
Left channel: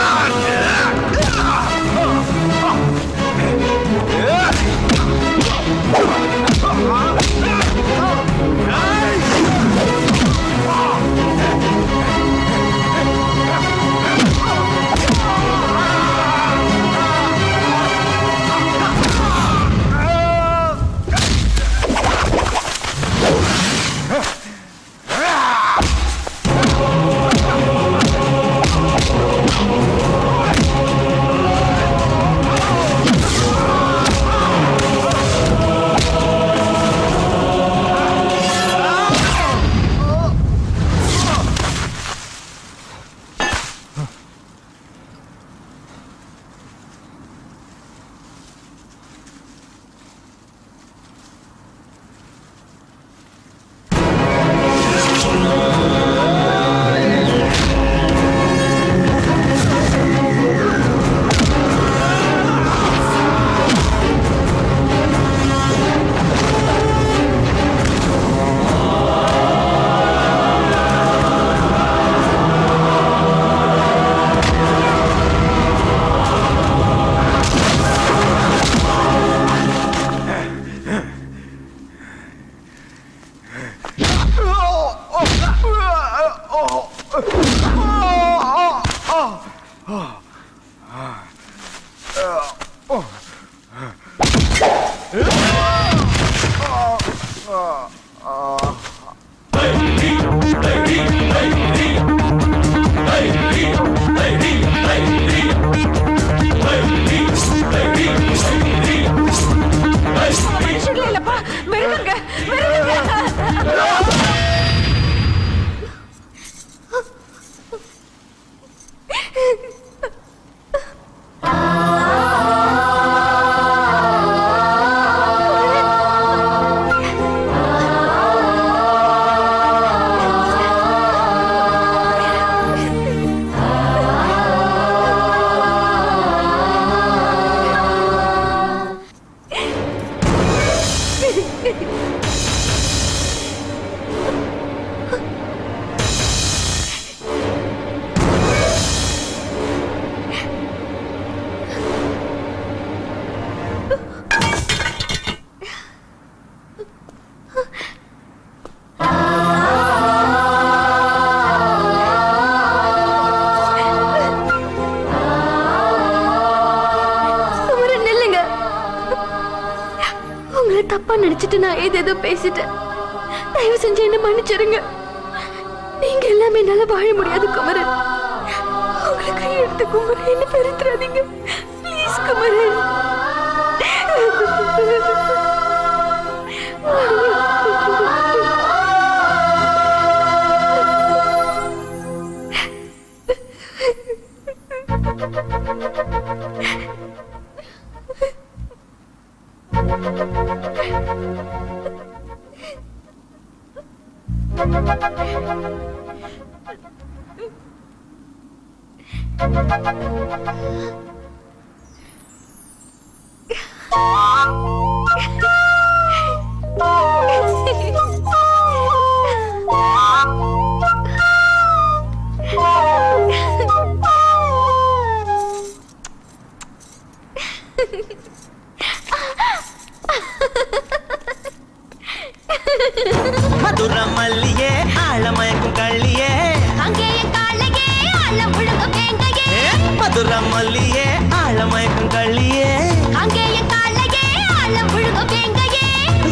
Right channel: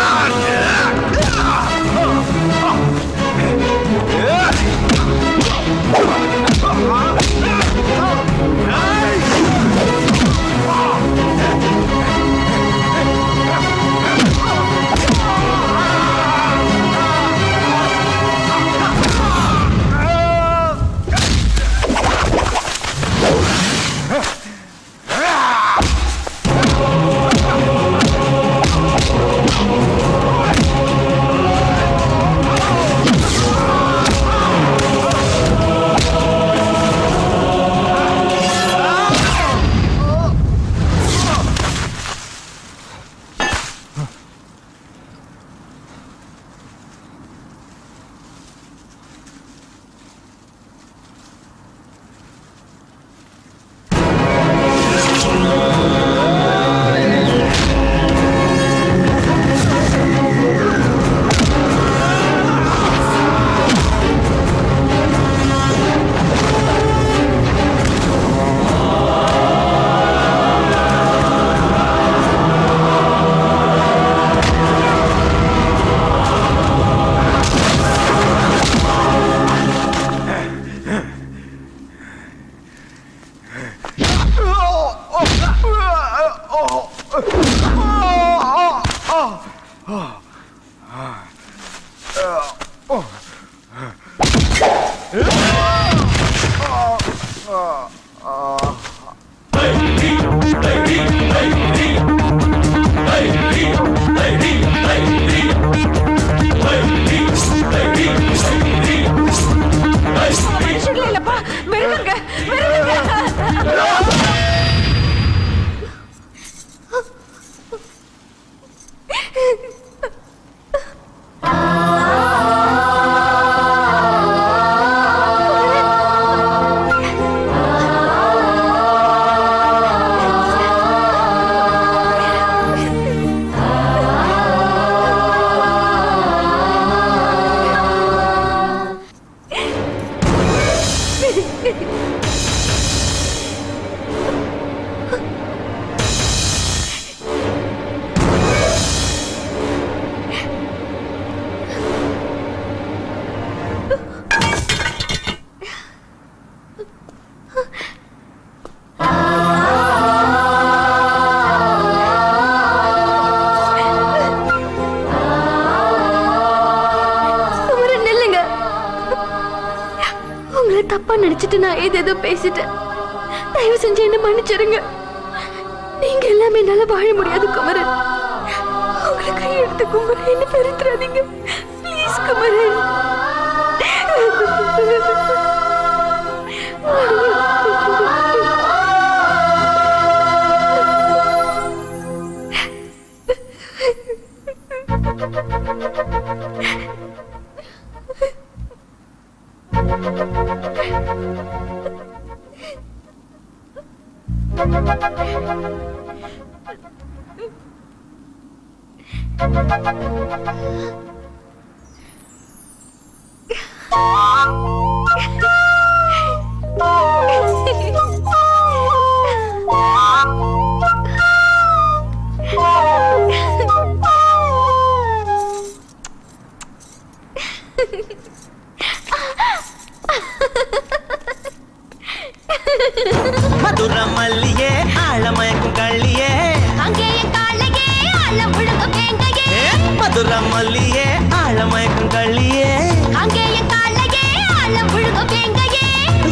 தப்பா நினைச்சிட்டு நான் ஏதேதோ பேசிட்டேன். தயவு செஞ்சு என்ன மன்னிச்சிருங்க. நீங்க எல்லாமே என்னால வாழ முடியாது குமரன். உங்களை கையெடுத்து குமரன், என்ன பெருத்துறாதீங்க ப்ளீஸ் குமரன். மதுர மல்லியே ஆழமயக்கும் கள்ளியே மதுர மல்லியே ஆழமயக்கும் கள்ளியே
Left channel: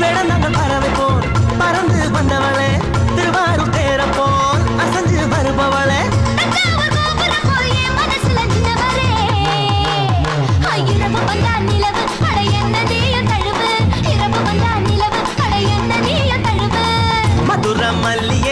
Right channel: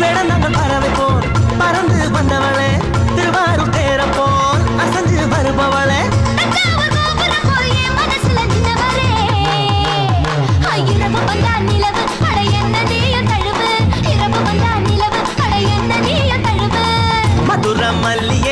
வேடந்த பறவை போல் பறந்து வந்தவளே, திருவாரூர் தேர போல் அசஞ்சு வருபவளே, மதுர மல்லியே